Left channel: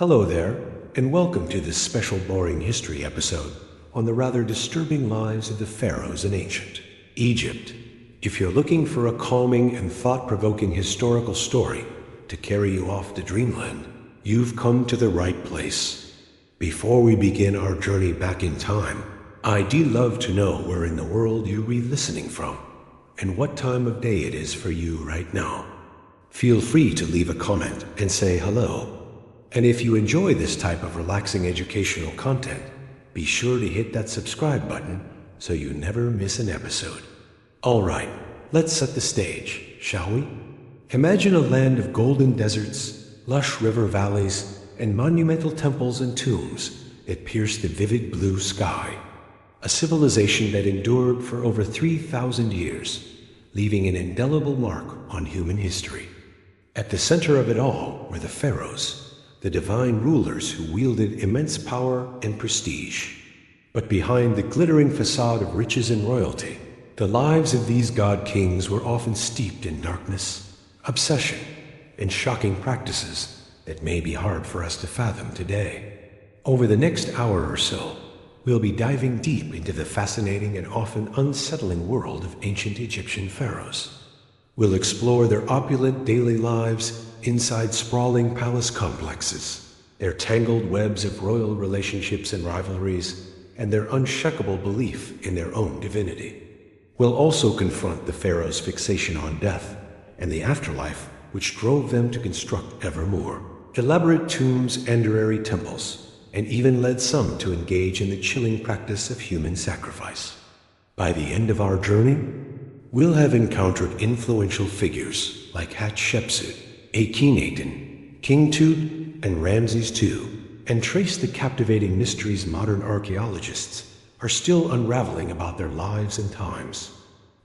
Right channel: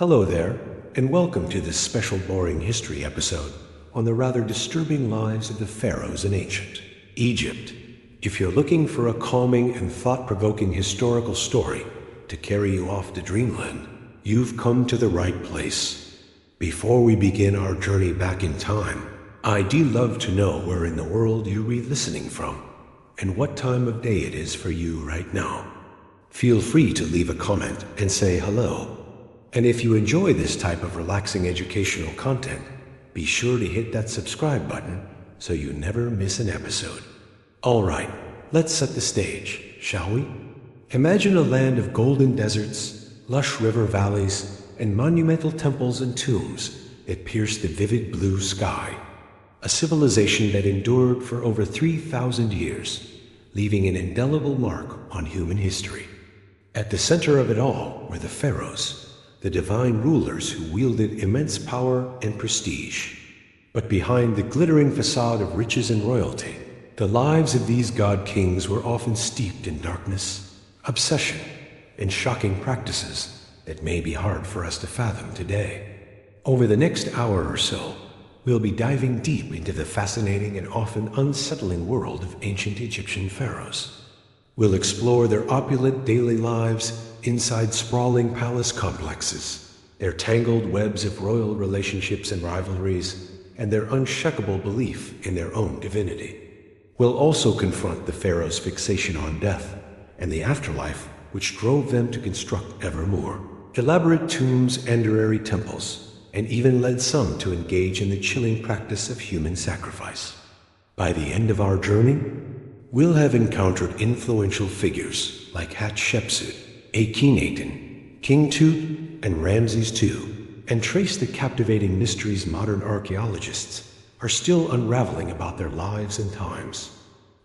Hello there, and welcome to this special boring history episode on the rather disturbing lives of the pharaohs in ancient Egypt. If you're looking for a calming and thought-provoking historical story to carry you off to dreamland, you've come to the right place. Before we begin our journey back in time, I'd love to know where in the world you're re-listening from and what time of day it is for you right now. Feel free to leave a comment and say hello. And if you enjoy this type of relaxing educational content, be sure to hit that subscribe button so you never miss an episode. All right, let's set the stage, shall we? Imagine a land of golden deserts, lush river valleys, and monumental temples and tombs that pierce the vivid blue sky. A civilization that endured for over 3,000 years, leaving an indelible mark on human history. At the center of it all were the pharaohs, the divine rulers who wielded immense power and prestige. But behind the glittering facade of riches and royalty, the lives of these god-kings were often steeped in darkness, obsession, and shocking practices that may be hard for us to fathom today. Over the next hour or so, we'll be diving deep into the fascinating and often unsettling world of ancient Egyptian pharaohs. We'll explore their opulent daily lives inside sprawling palace complexes, their tangled webs of royal relationships and rivalries, and their unshakable belief in their own divinity. We'll also confront the pharaohs' fixation on death and the afterlife which drove them to construct ever more elaborate tombs and temples, and even led some to engage in the chilling practice of human sacrifice. By the end of our journey, we'll have encountered influential figures like Hatshepsut, Akhenaten, King Tut, and Ramses II, and trace the captivating mysteries modern archaeologists are still unraveling about their lives and times.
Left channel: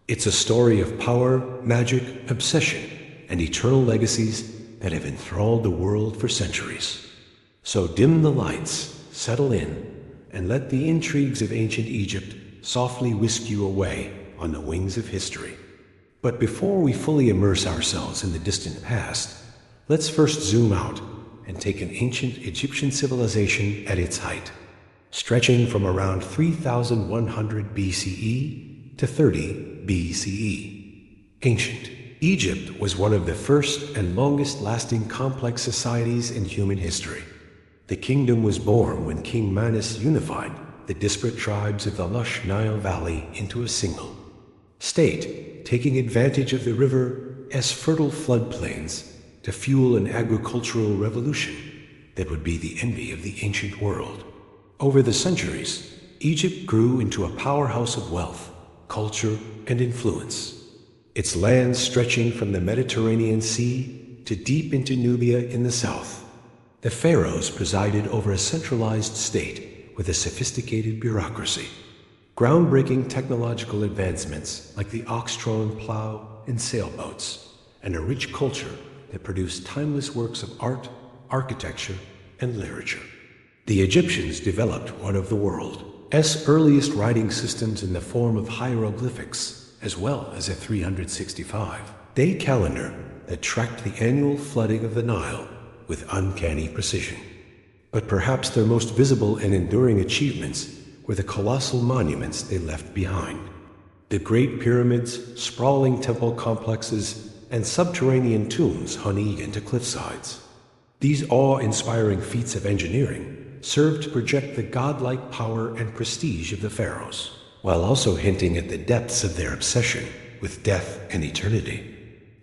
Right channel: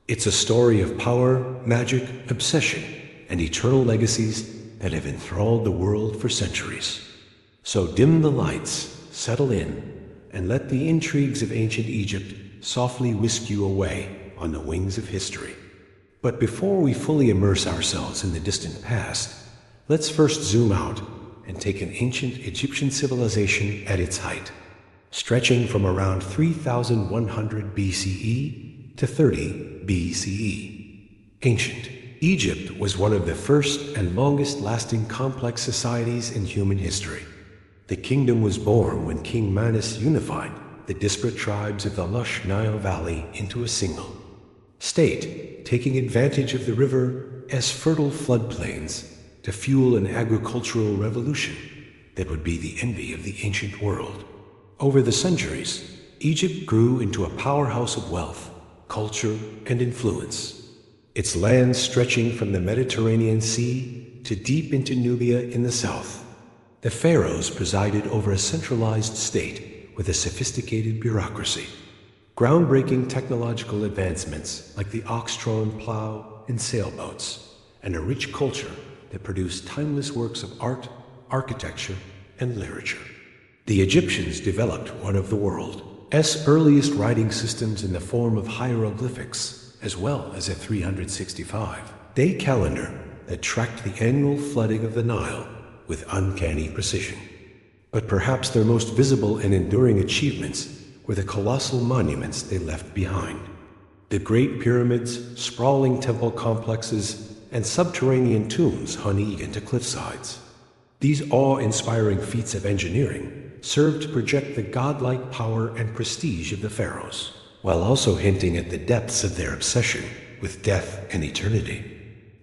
It's a story of power, magic, obsession, and eternal legacies that have enthralled the world for centuries. So dim the lights, settle in, and let the intrigues of ancient Egypt softly whisk you away on the wings of history. But before we fully immerse ourselves in the distant past, let's first zoom out and take an ancient Egyptian civilization at its height, stretching from around 3100 BCE to 30 BCE. Ancient Egypt was one of the first and longest-lasting complex societies in human history. The kingdom was born when King Manus unified the disparate tribes of the lush Nile Valley into a single state, taking advantage of the river's fertile floodplains to fuel an agricultural revolution that would be the envy of the ancient world. Over the centuries, Egypt grew into a powerhouse of wealth, culture, and influence. Its land stretching from the Mediterranean Sea to deep into Nubia in the south. The pharaohs presided over a centralized state with a sophisticated bureaucracy. Groundbreaking technological advancements like the ox-drawn plow and sailboats, and a rich culture that produced timeless works of art, architecture, and literature. The Egyptians developed one of the world's earliest writing systems in the form of hieroglyphics, as well as a 365-day calendar that tracked the annual flooding of the Nile with uncanny precision. But perhaps their most visible and enduring achievements were the colossal monuments they left behind. The Great Pyramids, sprawling temple complexes, and subterranean tombs honeyed into cliffsides. These awe-inspiring feats of engineering served to project the godlike power and prestige of the pharaohs, while also hinting at the depths of their obsession with death and eternity.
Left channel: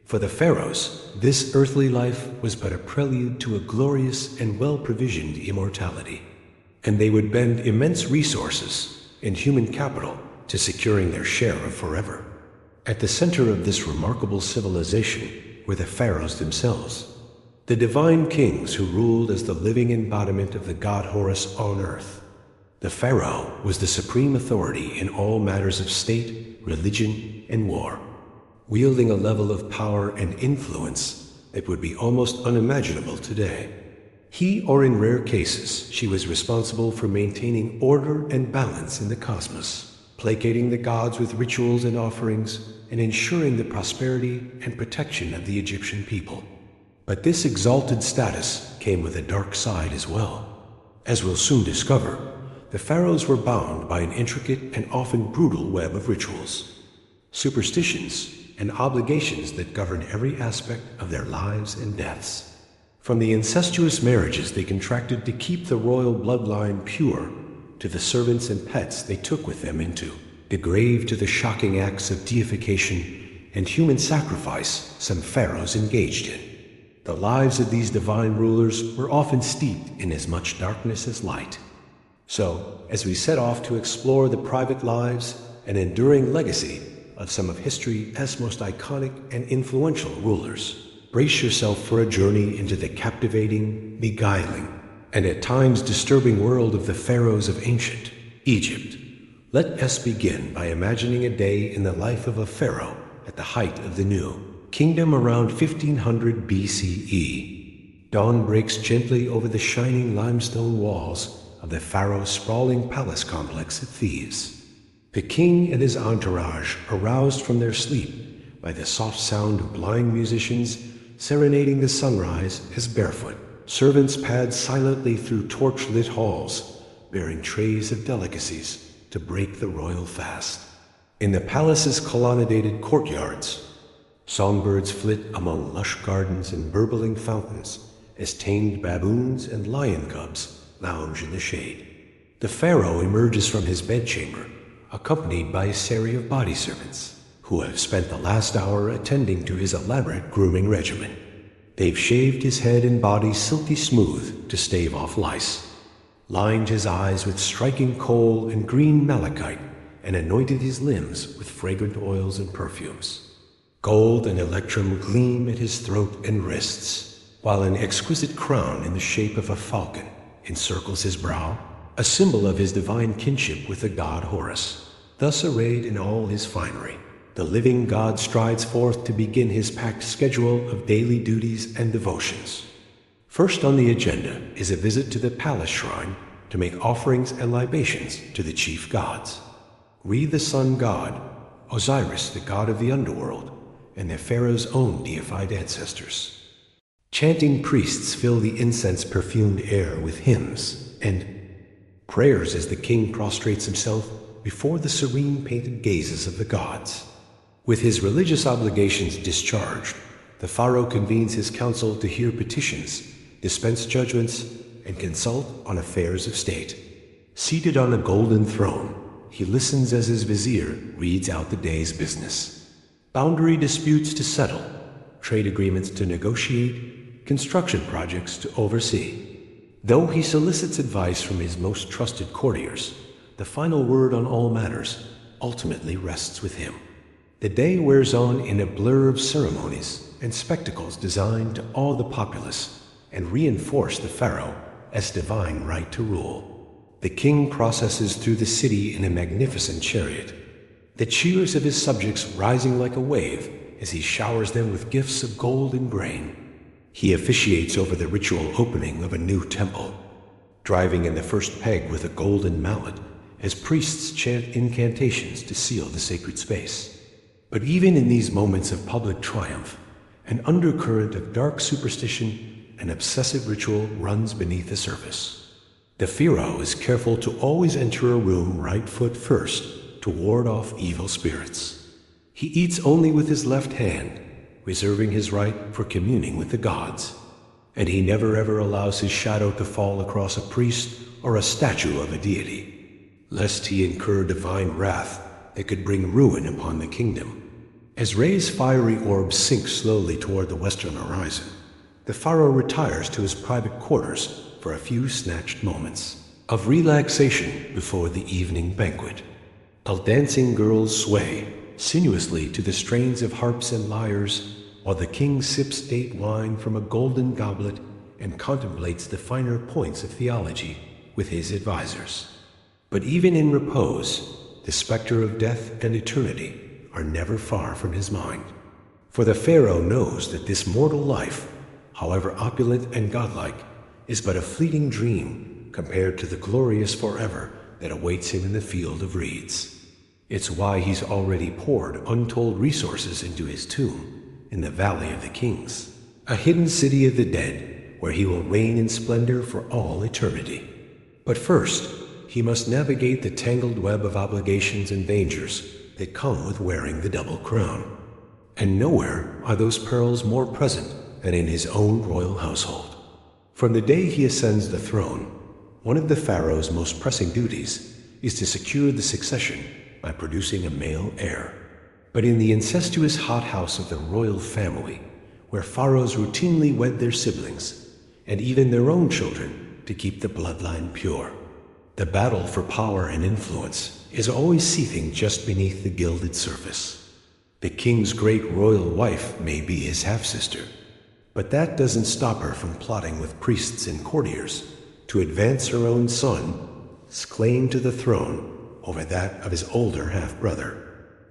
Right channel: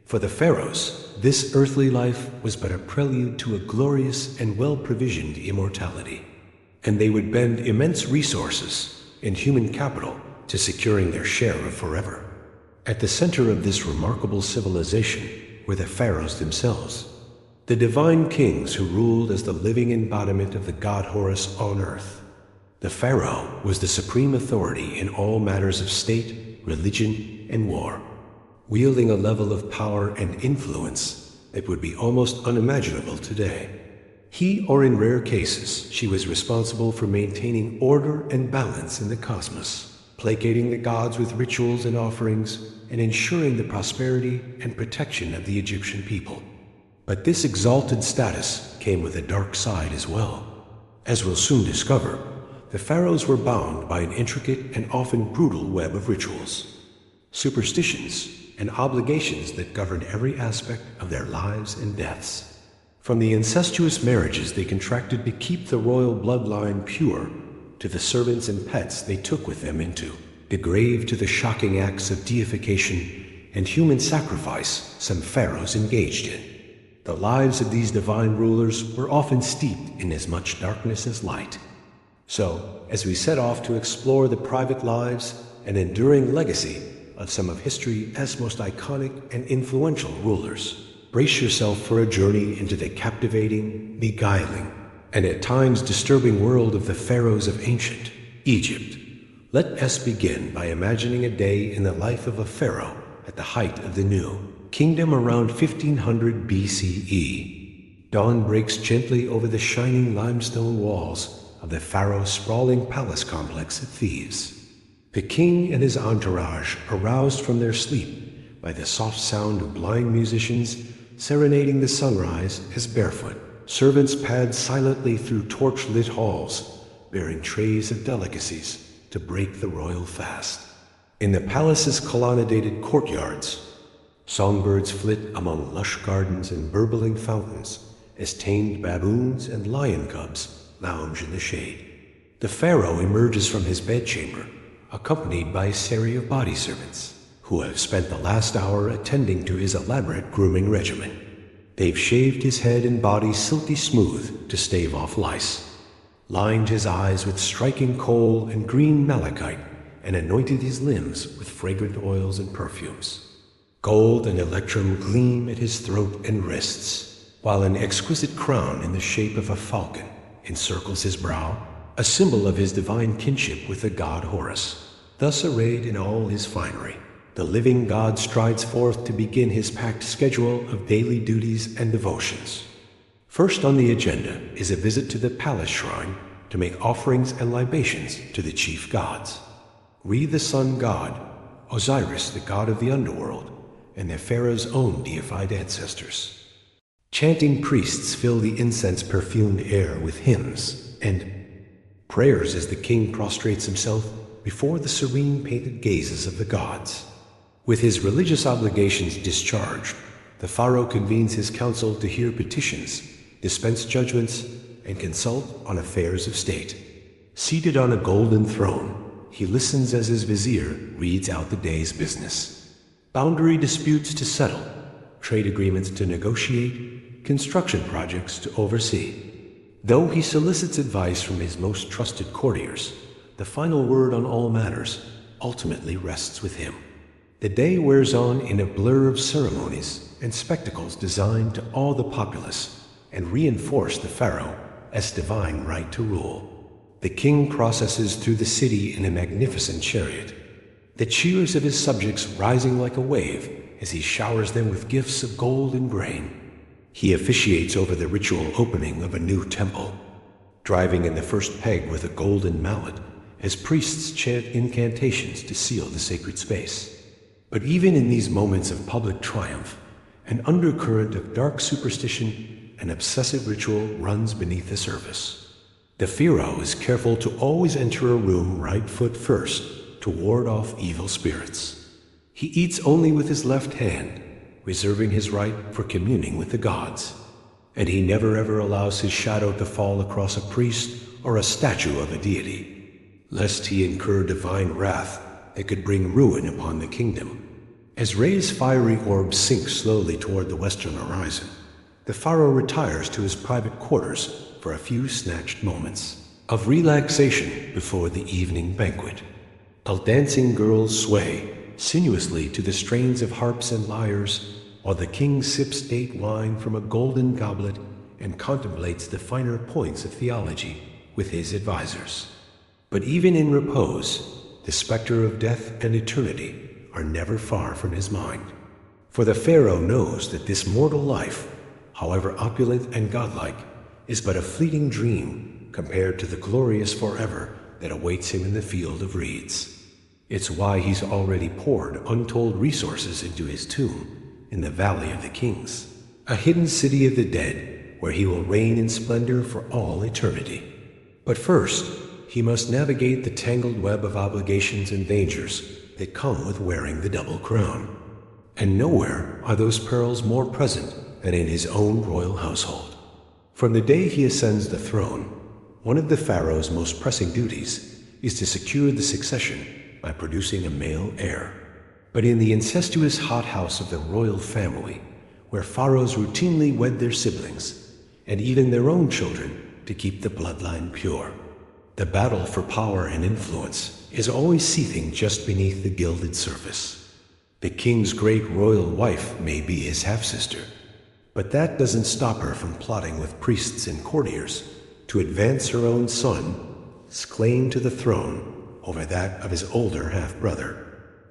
For the pharaohs, this earthly life was but a prelude to a glorious and well-provisioned immortality, and they would bend immense resources and human capital to securing their share of forever. At the center of this remarkable civilization were the pharaohs themselves, the divine kings who ruled as the living embodiment of the god Horus on earth. The pharaoh was the supreme authority in all matters of state, religion, and war, wielding a level of power and influence that would be almost unimaginable today. He, or in rare cases, she was responsible for maintaining order and balance in the cosmos, placating the gods with rituals and offerings, and ensuring the prosperity and protection of the Egyptian people. But this exalted status came with a dark side as well. As we'll soon discover, the pharaohs were bound by an intricate and often brutal web of rituals, superstitions, and obligations that govern every aspect of their lives and deaths. From the incestuous marriages they contracted to keep the royal bloodline pure, to the servants and pets they took with them into the grave, to the shocking acts of deification and human sacrifice some pharaohs engaged in. The lives of these divine rulers were often steeped in as much darkness as light. So, as we set off to explore the private lives and enduring legacy of some of history's most iconic and influential rulers, brace yourself for a journey into the captivating, beguiling, and at times disturbing world of the pharaohs of ancient Egypt. Let us begin by imagining a day in the life of a pharaoh at the height of the new kingdom around 1500 BCE. Dawn breaks gently over the shining limestone walls of the pharaoh's sprawling palace complex at Thebes. The king and his entourage, aroused from their sleep by the soft sound of blind musicians serenading the sunrise, as barefoot servants pad silently through torch-lit halls, bearing trays of delicacies to break the royal fast. In the palace's colonnaded courtyards, songbirds flit among lush gardens and burbling fountains as tamed baboons and lion cubs lounge in the shade. The pharaoh emerges from his bedchamber, accompanied by a series of body servants, who have spent the last hour attending to his elaborate grooming regimen. They've shaved his head and body silky smooth to stave off lice, lined his eyes with striking kohl and green malachite, and anointed his limbs with fragrant oils and perfumes. Gold and electrum gleam at his throat and wrists, while an exquisite crown in the shape of a falcon encircles his brow, a symbol of his divine kinship with the god Horus. Thus arrayed in all his finery, the living god strides forth to begin his packed schedule of daily duties and devotions. First on the agenda is a visit to the palace shrine to make offerings and libations to the chief gods. Re the sun god, Osiris the god of the underworld, and the pharaoh's own deified ancestors. Chanting priests fill the incense-perfumed air with hymns and prayers as the king prostrates himself before the serene painted gazes of the gods. With his religious obligations discharged, the pharaoh convenes his council to hear petitions, dispense judgments, and consult on affairs of state. Seated on a golden throne, he listens as his vizier reads out the day's business. Boundary disputes to settle, trade agreements to negotiate, construction projects to oversee. Though he solicits advice from his most trusted courtiers, the final word on all matters ultimately rests with him. The day wears on in a blur of ceremonies and spectacles designed to awe the populace and reinforce the pharaoh as divine right to rule. The king processes through the city in a magnificent chariot, the cheers of his subjects rising like a wave as he showers them with gifts of gold and grain. He officiates over the ritual opening of a new temple, driving in the first peg with a golden mallet as priests chant incantations to seal the sacred space. But even in these moments of public triumph, an undercurrent of dark superstition and obsessive ritual runs beneath the surface. The pharaoh is careful to always enter a room right foot first to ward off evil spirits. He eats only with his left hand, reserving his right for communing with the gods. And he never ever allows his shadow to fall across a priest or a statue of a deity, lest he incur divine wrath that could bring ruin upon the kingdom. As Re's fiery orb sinks slowly toward the western horizon, the pharaoh retires to his private quarters for a few snatched moments of relaxation before the evening banquet. While dancing girls sway sinuously to the strains of harps and lyres, while the king sips date wine from a golden goblet and contemplates the finer points of theology with his advisors. But even in repose, the specter of death and eternity are never far from his mind. For the pharaoh knows that this mortal life, however opulent and godlike, is but a fleeting dream compared to the glorious forever that awaits him in the field of reeds. It's why he's already poured untold resources into his tomb in the Valley of the Kings, a hidden city of the dead where he will reign in splendor for all eternity. But first, he must navigate the tangled web of obligations and dangers that come with wearing the double crown. And nowhere are those perils more present than in his own royal household. From the day he ascends the throne, one of the pharaoh's most pressing duties is to secure the succession by producing a male heir. But in the incestuous hothouse of the royal family, where pharaohs routinely wed their siblings, and even their own children, to keep the bloodline pure, the battle for power and influence is always seething just beneath the gilded surface. The king's great royal wife may be his half-sister, but that doesn't stop her from plotting with priests and courtiers to advance her own son's claim to the throne over that of his older half-brother.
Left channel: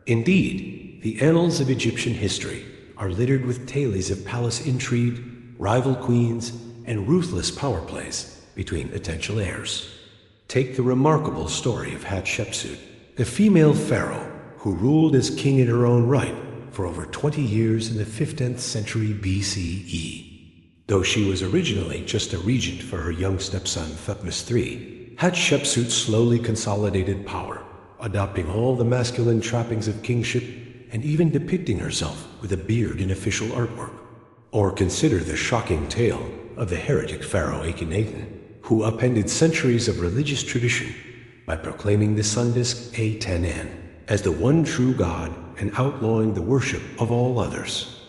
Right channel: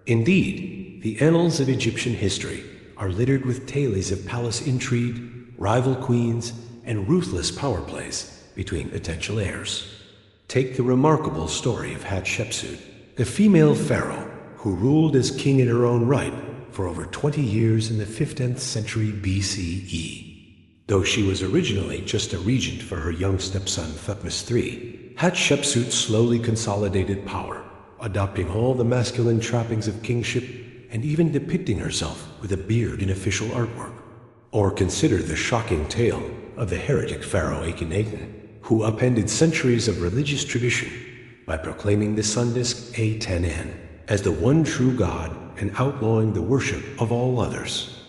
Indeed, the annals of Egyptian history are littered with tales of palace intrigue, rival queens, and ruthless power plays between potential heirs. Take the remarkable story of Hatshepsut, the female pharaoh who ruled as king in her own right for over 20 years in the 15th century BCE. Though she was originally just a regent for her young stepson Thutmose III, Hatshepsut slowly consolidated power, adopting all the masculine trappings of kingship and even depicting herself with a beard in official artwork. Or consider the shocking tale of the heretic pharaoh Akhenaten, who upended centuries of religious tradition by proclaiming the sun disk A10N as the one true God and outlawing the worship of all others.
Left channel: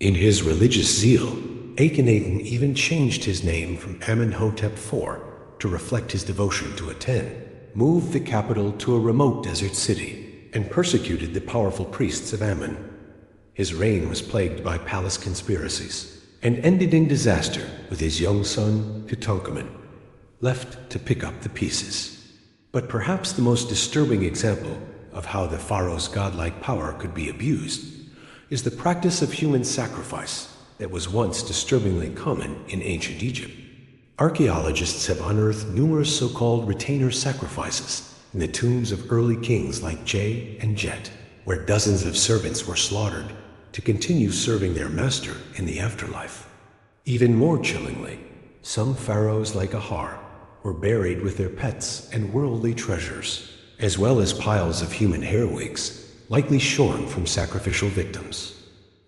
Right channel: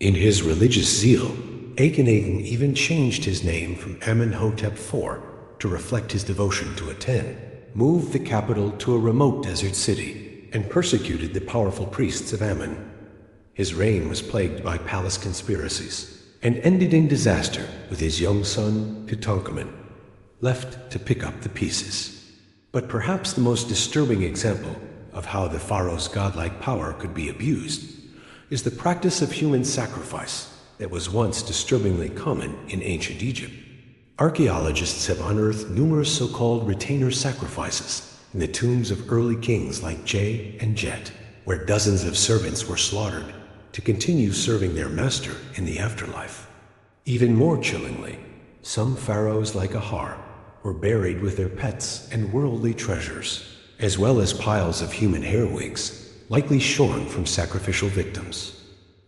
In his religious zeal, Akhenaten even changed his name from Amenhotep IV to reflect his devotion to Aten, moved the capital to a remote desert city, and persecuted the powerful priests of Amun. His reign was plagued by palace conspiracies and ended in disaster with his young son Tutankhamun left to pick up the pieces. But perhaps the most disturbing example of how the pharaoh's godlike power could be abused is the practice of human sacrifice that was once disturbingly common in ancient Egypt. Archaeologists have unearthed numerous so-called retainer sacrifices in the tombs of early kings like Je and Jet, where dozens of servants were slaughtered to continue serving their master in the afterlife. Even more chillingly, some pharaohs like Ahar were buried with their pets and worldly treasures, as well as piles of human hair wigs, likely shorn from sacrificial victims.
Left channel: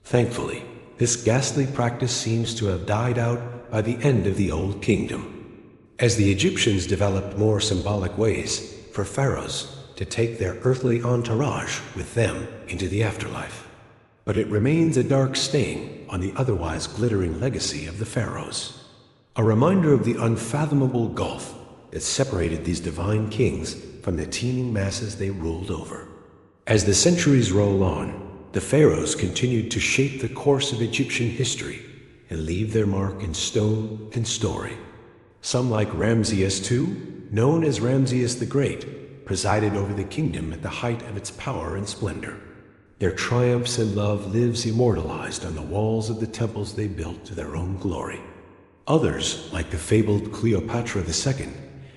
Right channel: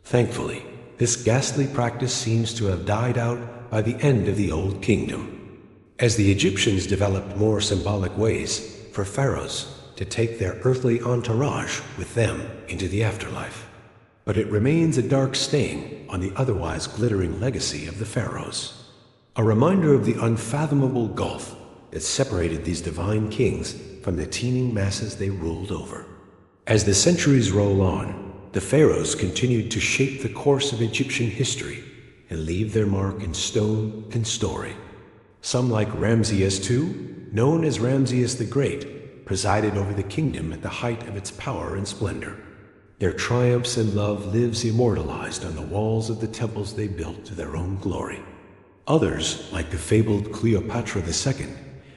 Thankfully, this ghastly practice seems to have died out by the end of the Old Kingdom, as the Egyptians developed more symbolic ways for pharaohs to take their earthly entourage with them into the afterlife. But it remains a dark stain on the otherwise glittering legacy of the pharaohs, a reminder of the unfathomable gulf that separated these divine kings from the teeming masses they ruled over. As the centuries roll on, the pharaohs continued to shape the course of Egyptian history and leave their mark in stone and story. Some, like Ramses II, known as Ramses the Great, presided over the kingdom at the height of its power and splendor. Their triumphs and love lives immortalized on the walls of the temples they built to their own glory. Others, like the fabled Cleopatra II,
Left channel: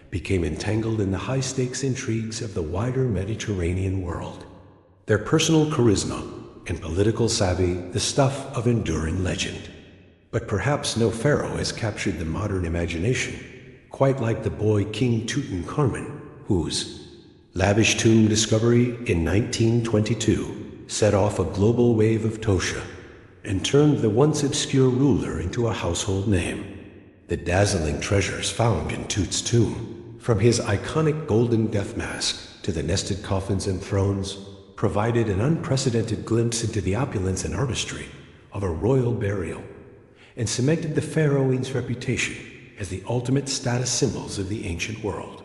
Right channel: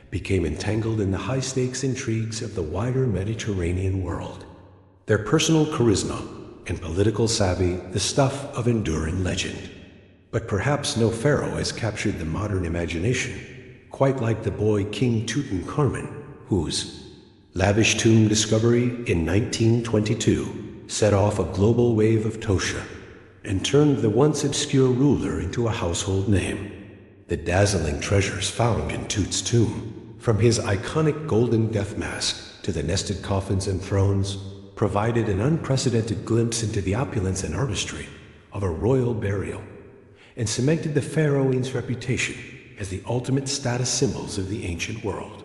became entangled in the high-stakes intrigues of the wider Mediterranean world. Their personal charisma and political savvy the stuff of enduring legend. But perhaps no pharaoh has captured the modern imagination quite like the boy King Tutankhamun, whose lavish tomb discovery in 1922 set off a global wave of Tosha and turned the once obscure ruler into a household name. The dazzling treasures found in Tut's tomb, from his iconic golden death mask to the nested coffins and thrones, provided an unprecedented glimpse into the opulence and artistry of a royal burial, and cemented the pharaoh's reputation as the ultimate status symbols of the ancient world.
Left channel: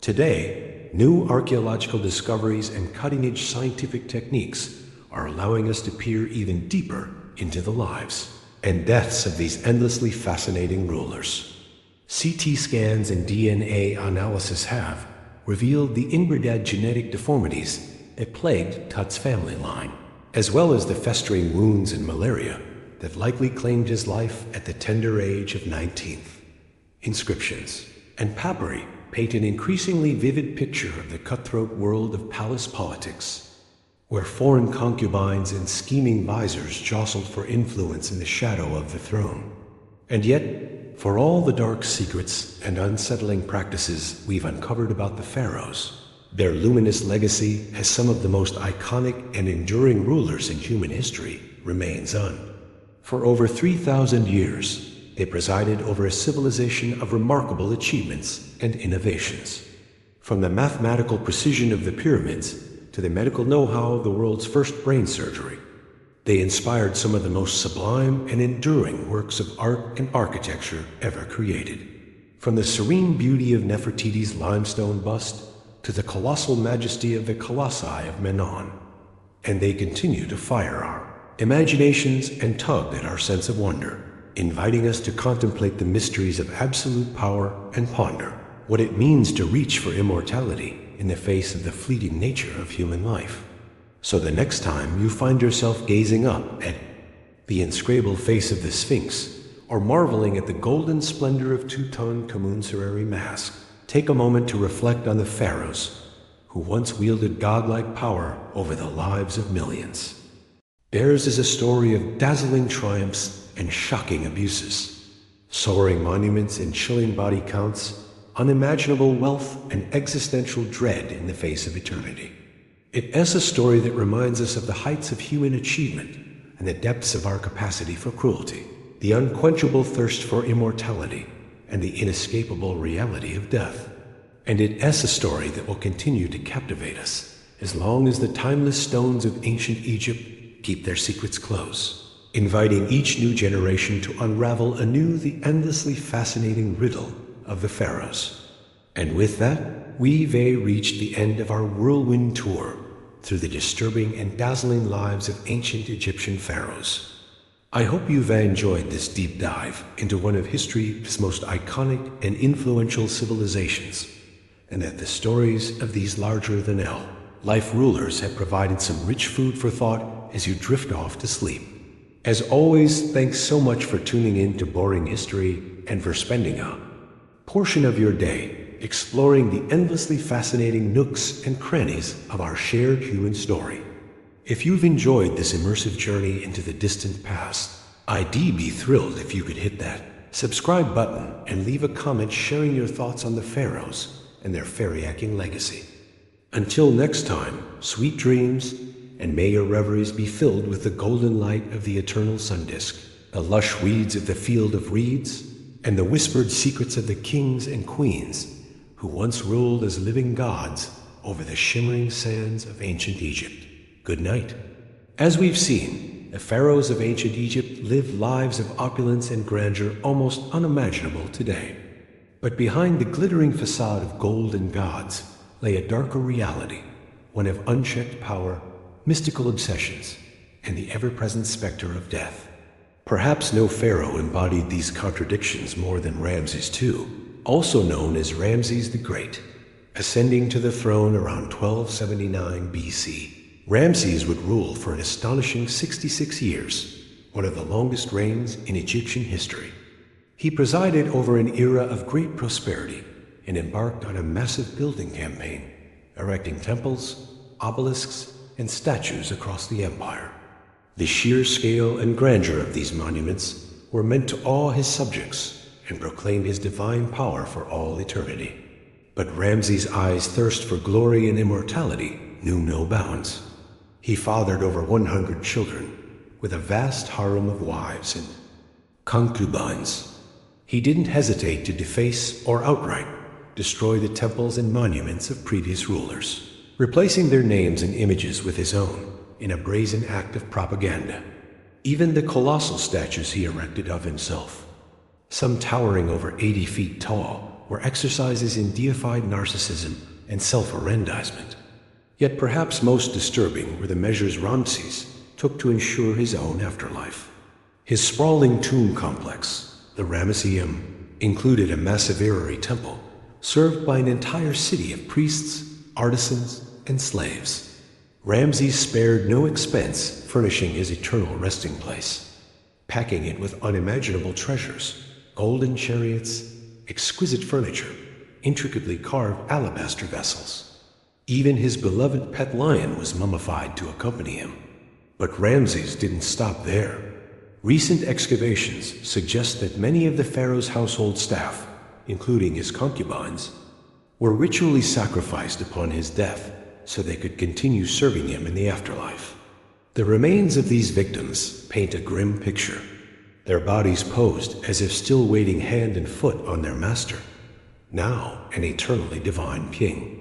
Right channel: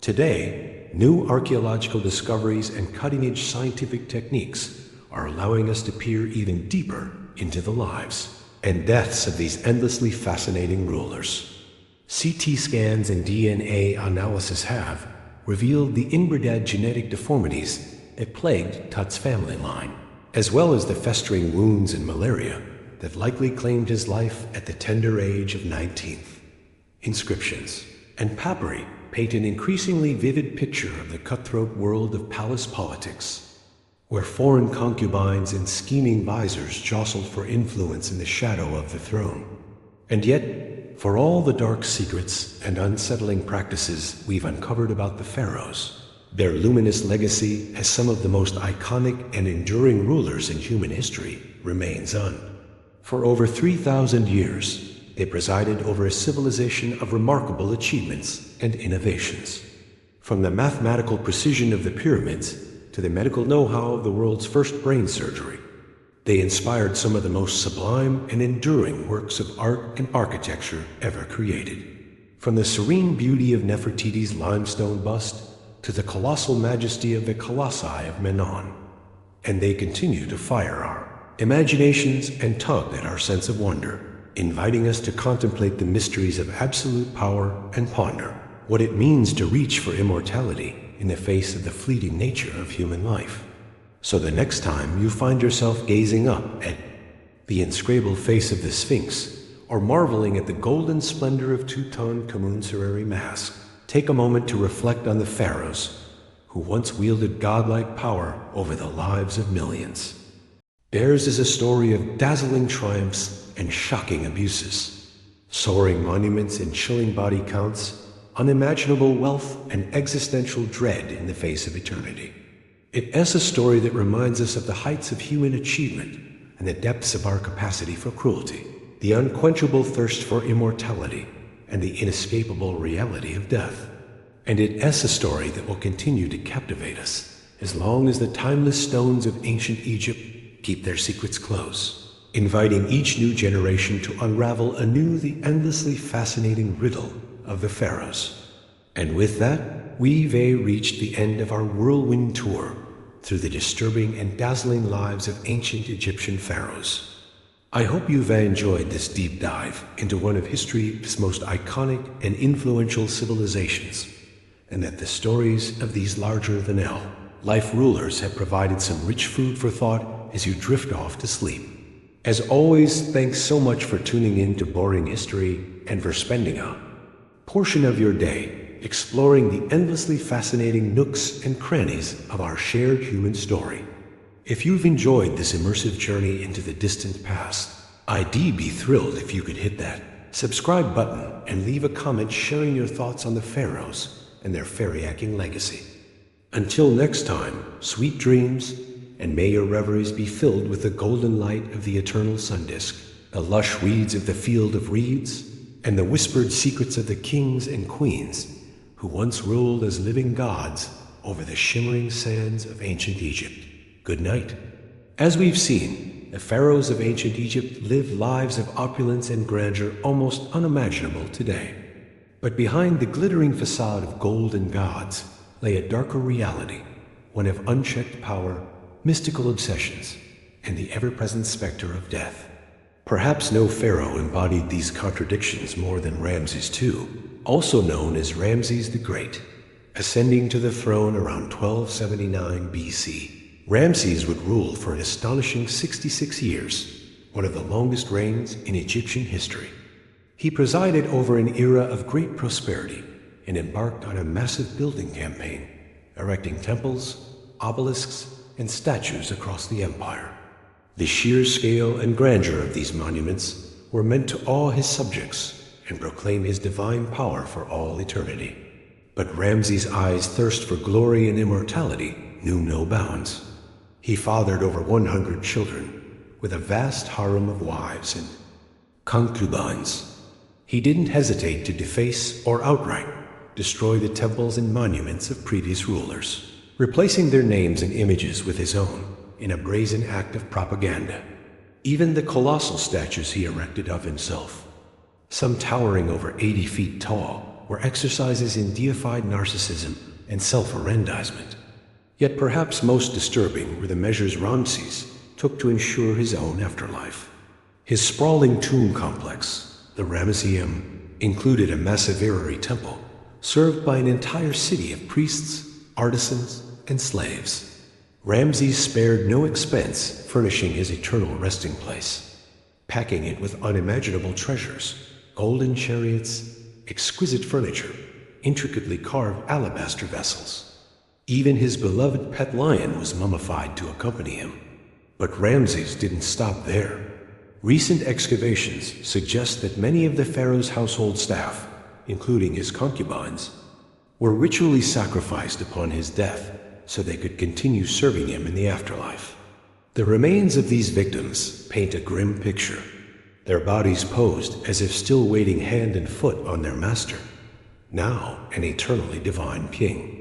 Today, new archaeological discoveries and cutting-edge scientific techniques are allowing us to peer even deeper into the lives and deaths of these endlessly fascinating rulers. CT scans and DNA analysis have revealed the inbred genetic deformities that plagued Tut's family line, as well as the festering wounds and malaria that likely claimed his life at the tender age of 19. Inscriptions and papyri paint an increasingly vivid picture of the cutthroat world of palace politics, where foreign concubines and scheming visors jostled for influence in the shadow of the throne. And yet, for all the dark secrets and unsettling practices we've uncovered about the pharaohs, their luminous legacy as some of the most iconic and enduring rulers in human history remains un. For over 3,000 years, they presided over a civilization of remarkable achievements and innovations. From the mathematical precision of the pyramids to the medical know-how of the world's first brain surgery, they inspired some of the most sublime and enduring works of art and architecture ever created. From the serene beauty of Nefertiti's limestone bust to the colossal majesty of the Colossi of Menon. And they continue to fire our imaginations and tug at our sense of wonder, inviting us to contemplate the mysteries of absolute power and ponder what it means to reach for immortality in the face of the fleeting nature of human life. So the next time you find yourself gazing up at the inscrutable face of the Sphinx, or marveling at the golden splendor of Tutankhamun's mask, take a moment to reflect on the pharaohs who once wielded godlike power over the lives of millions. Theirs is a story of dazzling triumphs and shocking abuses, soaring monuments and chilling body counts, unimaginable wealth and existential dread in the face of eternity. It is a story that reminds us of the heights of human achievement and the depths of our capacity for cruelty, the unquenchable thirst for immortality, and the inescapable reality of death. And it is a story that will continue to captivate us as long as the timeless stones of ancient Egypt keep their secrets close, inviting each new generation to unravel anew the endlessly fascinating riddle of the pharaohs. And with that, we've reached the end of our whirlwind tour through the disturbing and dazzling lives of ancient Egyptian pharaohs. I hope you've enjoyed this deep dive into one of history's most iconic and influential civilizations, and that the stories of these larger-than-life rulers have provided some rich food for thought as you drift off to sleep. As always, thanks so much for tuning in to Boring History and for spending a portion of your day exploring the endlessly fascinating nooks and crannies of our shared human story. If you've enjoyed this immersive journey into the distant past, I'd be thrilled if you could hit that subscribe button and leave a comment sharing your thoughts on the pharaohs and their fairy-acting legacy. Until next time, sweet dreams, and may your reveries be filled with the golden light of the eternal sun disk, the lush weeds of the field of reeds, and the whispered secrets of the kings and queens who once ruled as living gods over the shimmering sands of ancient Egypt. Good night. As we've seen, the pharaohs of ancient Egypt lived lives of opulence and grandeur almost unimaginable today. But behind the glittering facade of gold and gods lay a darker reality, one of unchecked power, mystical obsessions, and the ever-present specter of death. Perhaps no pharaoh embodied these contradictions more than Ramses II, also known as Ramses the Great. Ascending to the throne around 1279 BC, Ramses would rule for an astonishing 66 years, one of the longest reigns in Egyptian history. He presided over an era of great prosperity and embarked on a massive building campaign, erecting temples, obelisks, and statues across the empire. The sheer scale and grandeur of these monuments were meant to awe his subjects and proclaim his divine power for all eternity. But Ramses' eyes' thirst for glory and immortality knew no bounds. He fathered over 100 children, with a vast harem of wives and concubines. He didn't hesitate to deface or outright destroy the temples and monuments of previous rulers, replacing their names and images with his own in a brazen act of propaganda. Even the colossal statues he erected of himself, some towering over 80 feet tall, were exercises in deified narcissism and self-aggrandizement. Yet perhaps most disturbing were the measures Ramses took to ensure his own afterlife. His sprawling tomb complex, the Ramesseum, included a massive temple, served by an entire city of priests, artisans, and slaves. Ramses spared no expense furnishing his eternal resting place, packing it with unimaginable treasures, golden chariots, exquisite furniture, intricately carved alabaster vessels. Even his beloved pet lion was mummified to accompany him. But Ramses didn't stop there. Recent excavations suggest that many of the pharaoh's household staff, including his concubines, were ritually sacrificed upon his death so they could continue serving him in the afterlife. The remains of these victims paint a grim picture, their bodies posed as if still waiting hand and foot on their master, now an eternally divine king.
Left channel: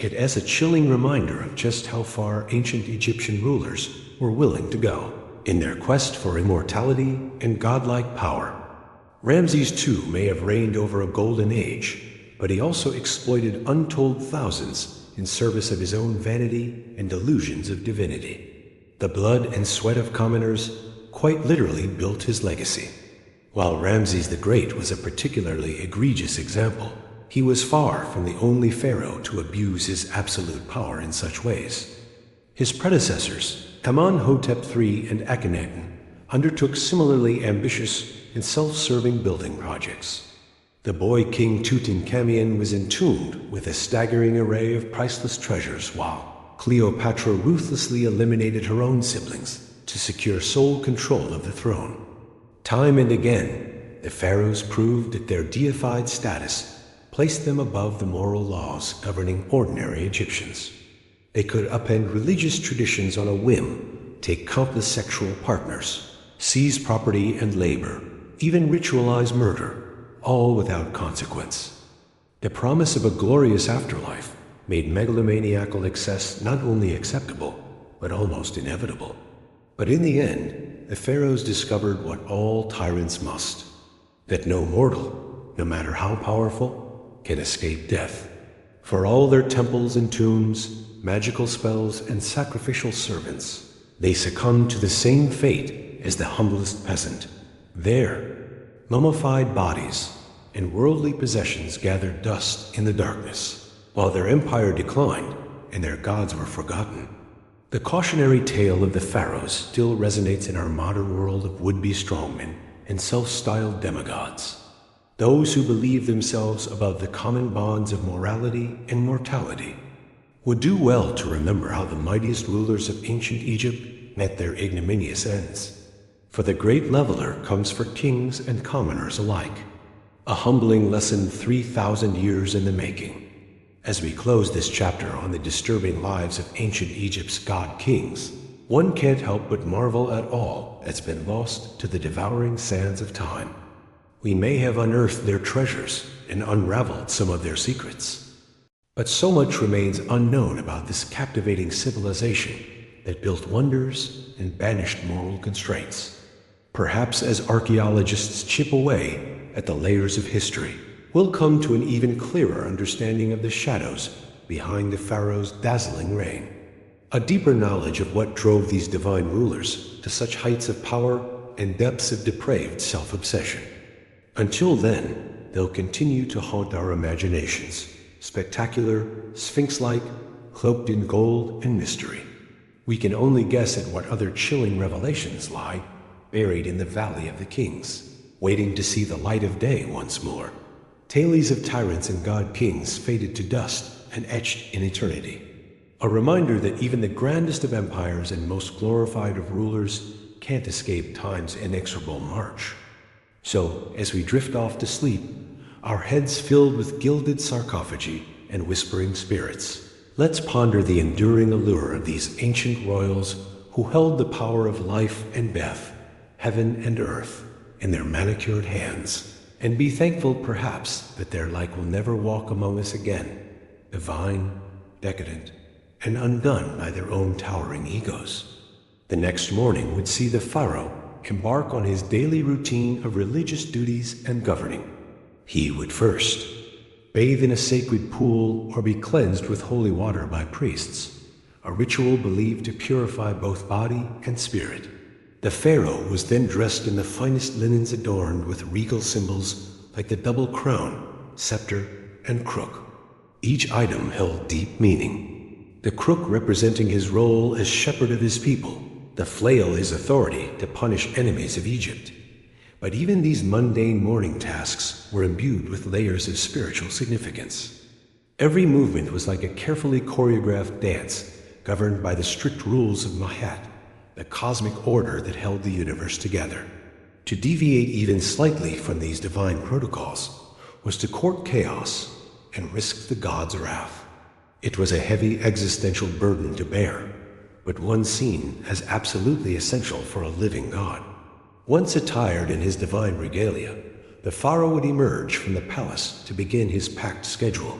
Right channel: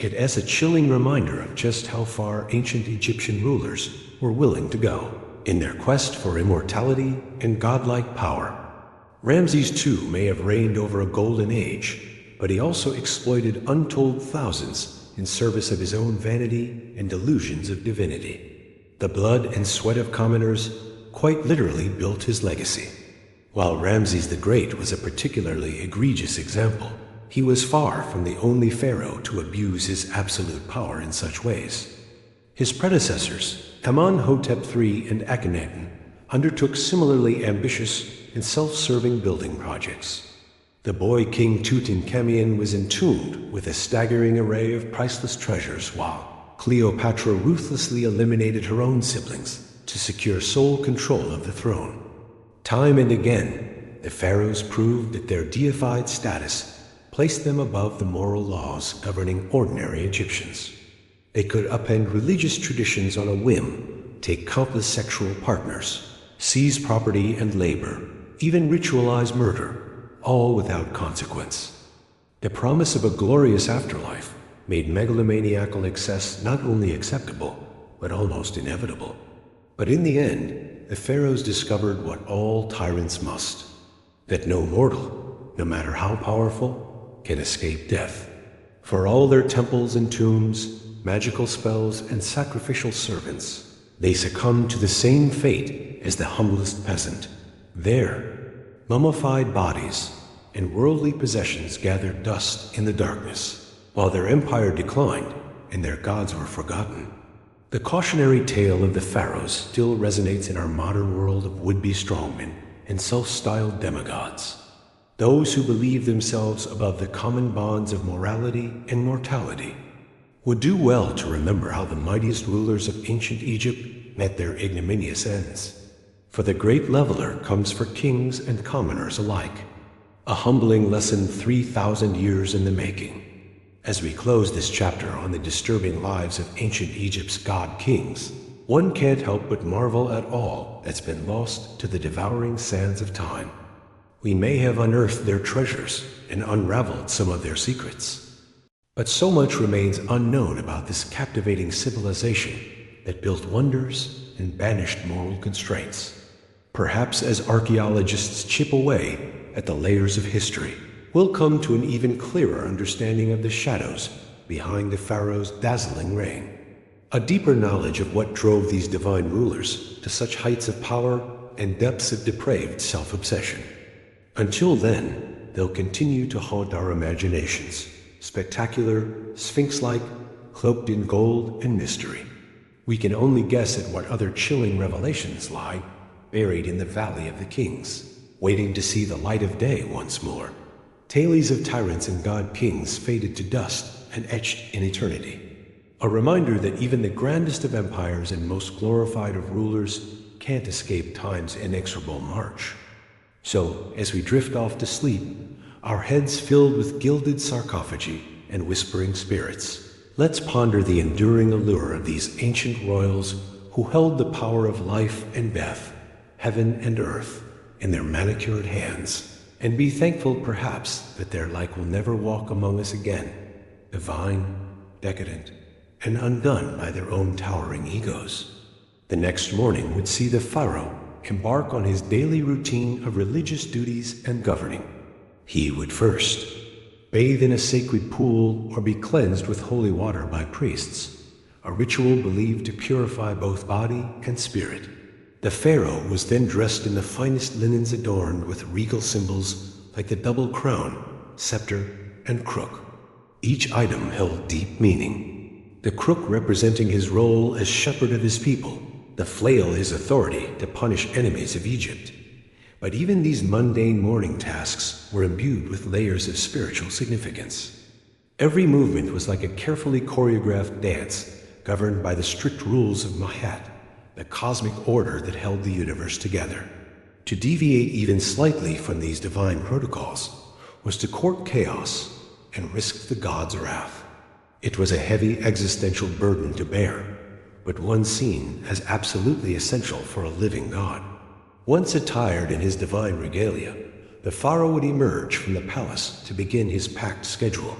It is a chilling reminder of just how far ancient Egyptian rulers were willing to go in their quest for immortality and godlike power. Ramses too may have reigned over a golden age, but he also exploited untold thousands in service of his own vanity and delusions of divinity. The blood and sweat of commoners quite literally built his legacy. While Ramses the Great was a particularly egregious example, he was far from the only pharaoh to abuse his absolute power in such ways. His predecessors, Amenhotep III and Akhenaten, undertook similarly ambitious and self-serving building projects. The boy king Tutankhamun was entombed with a staggering array of priceless treasures, while Cleopatra ruthlessly eliminated her own siblings to secure sole control of the throne. Time and again, the pharaohs proved that their deified status placed them above the moral laws governing ordinary Egyptians. They could upend religious traditions on a whim, take countless sexual partners, seize property and labor, even ritualize murder, all without consequence. The promise of a glorious afterlife made megalomaniacal excess not only acceptable, but almost inevitable. But in the end, the pharaohs discovered what all tyrants must, that no mortal, no matter how powerful, can escape death. For all their temples and tombs, magical spells, and sacrificial servants, they succumbed to the same fate as the humblest peasant. There, mummified bodies and worldly possessions gathered dust in the darkness, while their empire declined and their gods were forgotten. The cautionary tale of the pharaohs still resonates in our modern world of would-be strongmen and self-styled demigods. Those who believe themselves above the common bonds of morality and mortality would do well to remember how the mightiest rulers of ancient Egypt met their ignominious ends. For the great leveler comes for kings and commoners alike, a humbling lesson 3,000 years in the making. As we close this chapter on the disturbing lives of ancient Egypt's god-kings, one can't help but marvel at all that's been lost to the devouring sands of time. We may have unearthed their treasures and unraveled some of their secrets, but so much remains unknown about this captivating civilization that built wonders and banished moral constraints. Perhaps as archaeologists chip away at the layers of history, we'll come to an even clearer understanding of the shadows behind the pharaoh's dazzling reign, a deeper knowledge of what drove these divine rulers to such heights of power and depths of depraved self-obsession. Until then, they'll continue to haunt our imaginations, spectacular, sphinx-like, cloaked in gold and mystery. We can only guess at what other chilling revelations lie buried in the Valley of the Kings, waiting to see the light of day once more. Tales of tyrants and god-kings faded to dust and etched in eternity. A reminder that even the grandest of empires and most glorified of rulers can't escape time's inexorable march. So, as we drift off to sleep, our heads filled with gilded sarcophagi and whispering spirits, let's ponder the enduring allure of these ancient royals who held the power of life and death, heaven and earth, in their manicured hands, and be thankful perhaps that their like will never walk among us again, divine, decadent, and undone by their own towering egos. The next morning would see the pharaoh embark on his daily routine of religious duties and governing. He would first bathe in a sacred pool or be cleansed with holy water by priests, a ritual believed to purify both body and spirit. The pharaoh was then dressed in the finest linens adorned with regal symbols like the double crown, scepter, and crook. Each item held deep meaning. The crook representing his role as shepherd of his people, the flail his authority to punish enemies of Egypt. But even these mundane morning tasks were imbued with layers of spiritual significance. Every movement was like a carefully choreographed dance, governed by the strict rules of Mahat, the cosmic order that held the universe together. To deviate even slightly from these divine protocols was to court chaos and risk the gods' wrath. It was a heavy existential burden to bear, but one seen as absolutely essential for a living god. Once attired in his divine regalia, the pharaoh would emerge from the palace to begin his packed schedule.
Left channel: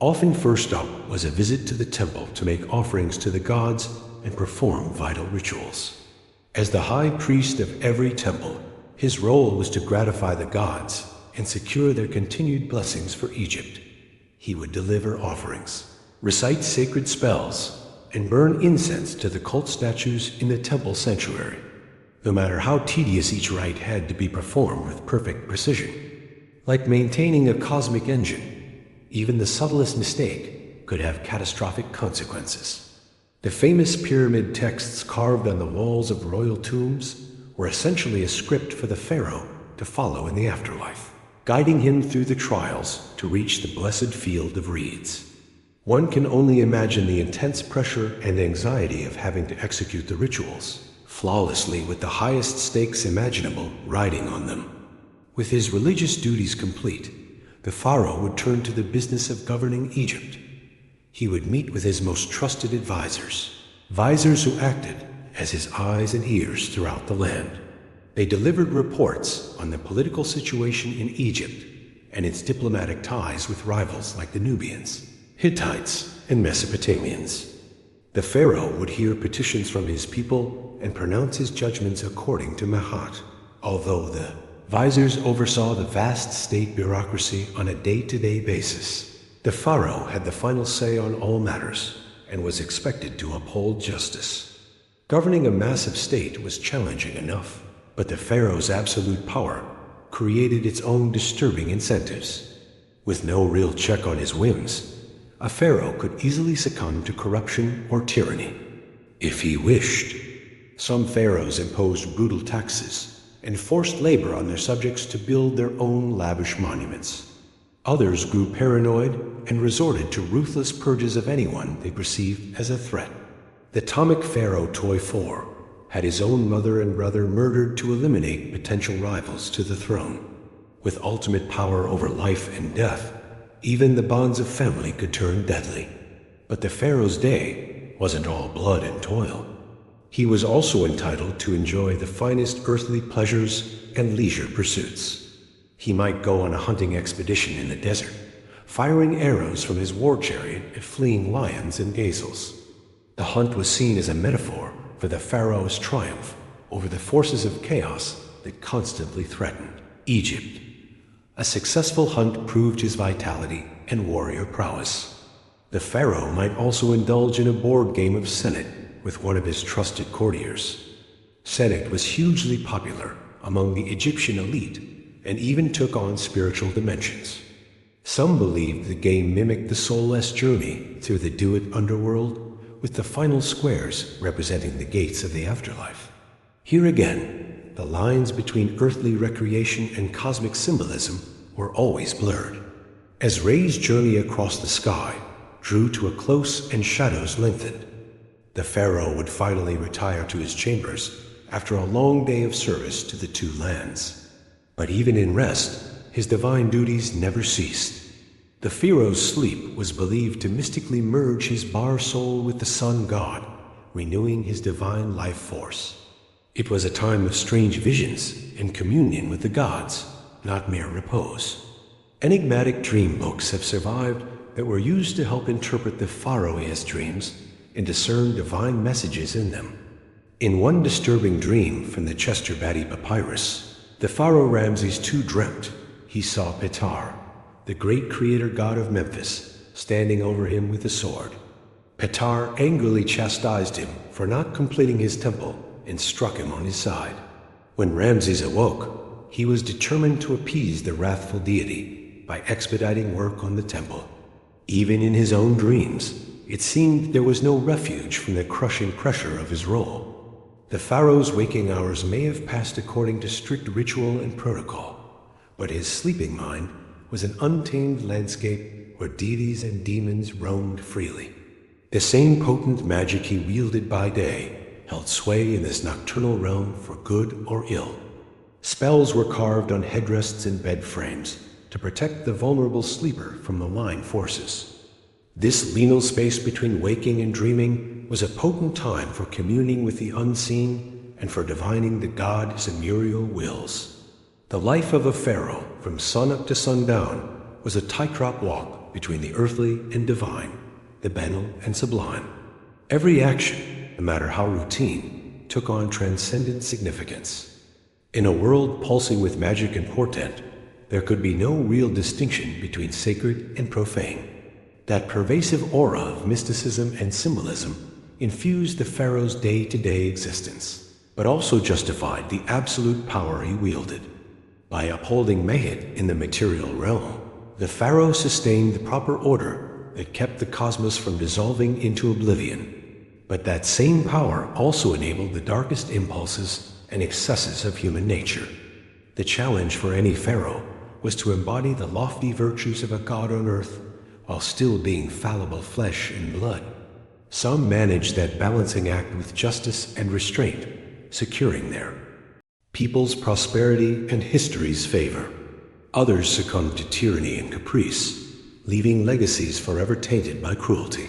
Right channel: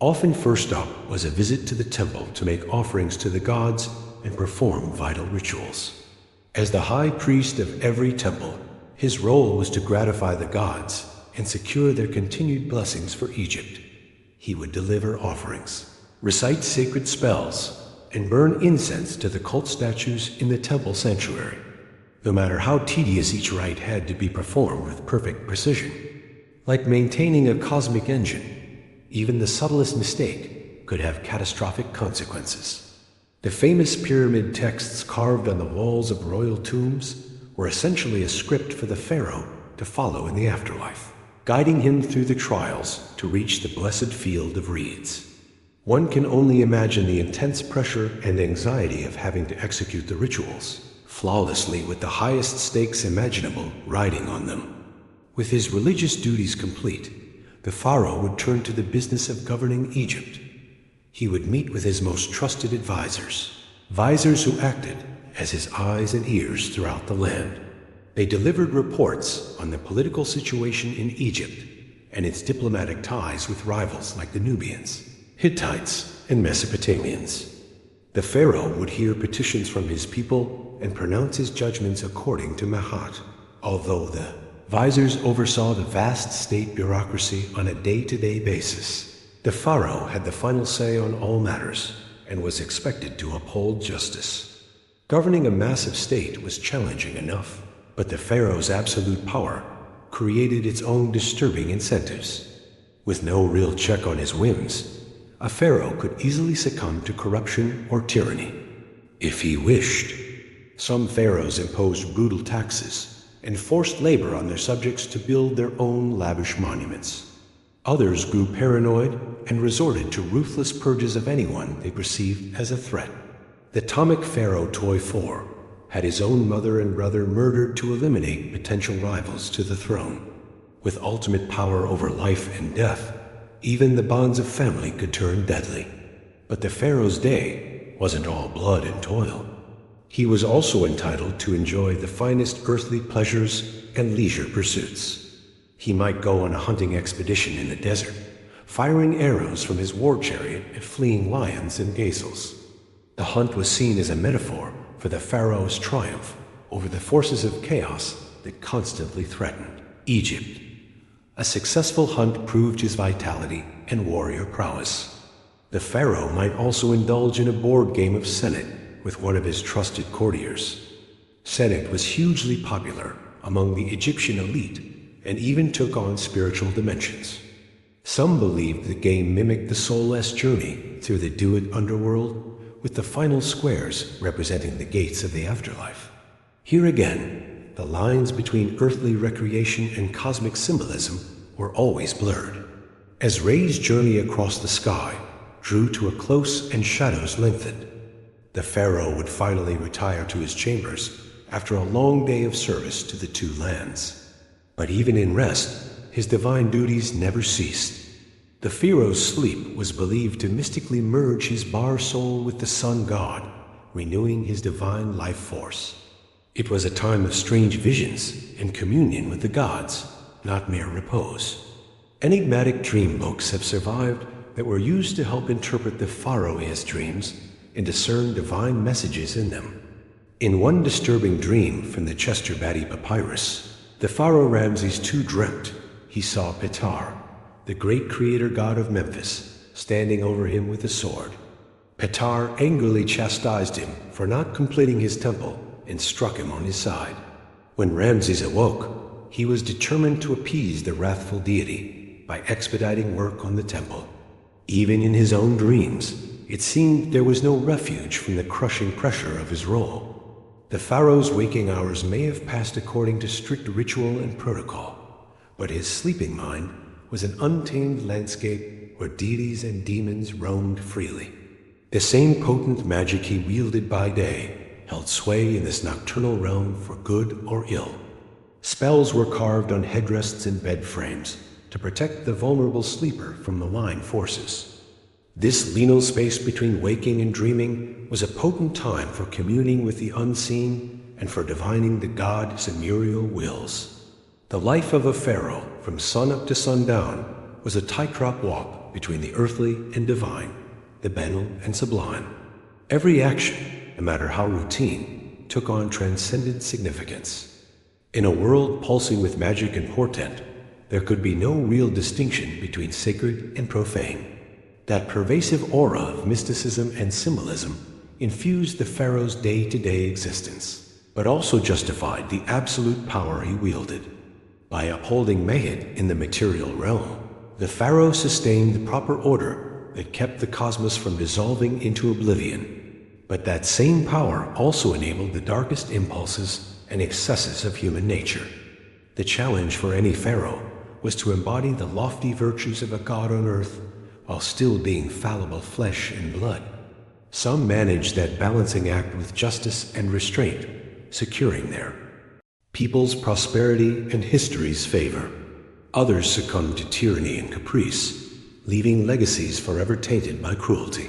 Often first up was a visit to the temple to make offerings to the gods and perform vital rituals. As the high priest of every temple, his role was to gratify the gods and secure their continued blessings for Egypt. He would deliver offerings, recite sacred spells, and burn incense to the cult statues in the temple sanctuary, no matter how tedious each rite had to be performed with perfect precision. Like maintaining a cosmic engine, even the subtlest mistake could have catastrophic consequences. The famous pyramid texts carved on the walls of royal tombs were essentially a script for the pharaoh to follow in the afterlife, guiding him through the trials to reach the blessed field of reeds. One can only imagine the intense pressure and anxiety of having to execute the rituals flawlessly with the highest stakes imaginable riding on them. With his religious duties complete, the pharaoh would turn to the business of governing Egypt. He would meet with his most trusted advisors who acted as his eyes and ears throughout the land. They delivered reports on the political situation in Egypt and its diplomatic ties with rivals like the Nubians, Hittites, and Mesopotamians. The pharaoh would hear petitions from his people and pronounce his judgments according to Mahat, although the advisors oversaw the vast state bureaucracy on a day-to-day basis. The pharaoh had the final say on all matters and was expected to uphold justice. Governing a massive state was challenging enough, but the pharaoh's absolute power created its own disturbing incentives. With no real check on his whims, a pharaoh could easily succumb to corruption or tyranny, if he wished. Some pharaohs imposed brutal taxes and forced labor on their subjects to build their own lavish monuments. Others grew paranoid and resorted to ruthless purges of anyone they perceived as a threat. The Ptolemaic pharaoh Toi had his own mother and brother murdered to eliminate potential rivals to the throne. With ultimate power over life and death, even the bonds of family could turn deadly. But the pharaoh's day wasn't all blood and toil. He was also entitled to enjoy the finest earthly pleasures and leisure pursuits. He might go on a hunting expedition in the desert, firing arrows from his war chariot at fleeing lions and gazelles. The hunt was seen as a metaphor for the pharaoh's triumph over the forces of chaos that constantly threatened Egypt. A successful hunt proved his vitality and warrior prowess. The pharaoh might also indulge in a board game of Senate with one of his trusted courtiers. Senate was hugely popular among the Egyptian elite and even took on spiritual dimensions. Some believed the game mimicked the soulless journey through the Duat underworld, with the final squares representing the gates of the afterlife. Here again, the lines between earthly recreation and cosmic symbolism were always blurred. As Ray's journey across the sky drew to a close and shadows lengthened, the pharaoh would finally retire to his chambers after a long day of service to the two lands. But even in rest, his divine duties never ceased. The pharaoh's sleep was believed to mystically merge his bar soul with the sun god, renewing his divine life force. It was a time of strange visions and communion with the gods, not mere repose. Enigmatic dream books have survived that were used to help interpret the pharaoh's dreams and discern divine messages in them. In one disturbing dream from the Chester Batty Papyrus, the pharaoh Ramses II dreamt he saw Ptah, the great creator god of Memphis, standing over him with a sword. Ptah angrily chastised him for not completing his temple and struck him on his side. When Ramses awoke, he was determined to appease the wrathful deity by expediting work on the temple. Even in his own dreams, it seemed there was no refuge from the crushing pressure of his role. The pharaoh's waking hours may have passed according to strict ritual and protocol, but his sleeping mind was an untamed landscape where deities and demons roamed freely. The same potent magic he wielded by day held sway in this nocturnal realm for good or ill. Spells were carved on headrests and bed frames to protect the vulnerable sleeper from malign forces. This liminal space between waking and dreaming was a potent time for communing with the unseen and for divining the god's immuable wills. The life of a pharaoh, from sunup to sundown, was a tightrope walk between the earthly and divine, the banal and sublime. Every action, no matter how routine, took on transcendent significance. In a world pulsing with magic and portent, there could be no real distinction between sacred and profane. That pervasive aura of mysticism and symbolism infused the pharaoh's day-to-day existence, but also justified the absolute power he wielded. By upholding Mayhet in the material realm, the pharaoh sustained the proper order that kept the cosmos from dissolving into oblivion. But that same power also enabled the darkest impulses and excesses of human nature. The challenge for any pharaoh was to embody the lofty virtues of a god on earth while still being fallible flesh and blood. Some managed that balancing act with justice and restraint, securing their people's prosperity and history's favor. Others succumbed to tyranny and caprice, leaving legacies forever tainted by cruelty.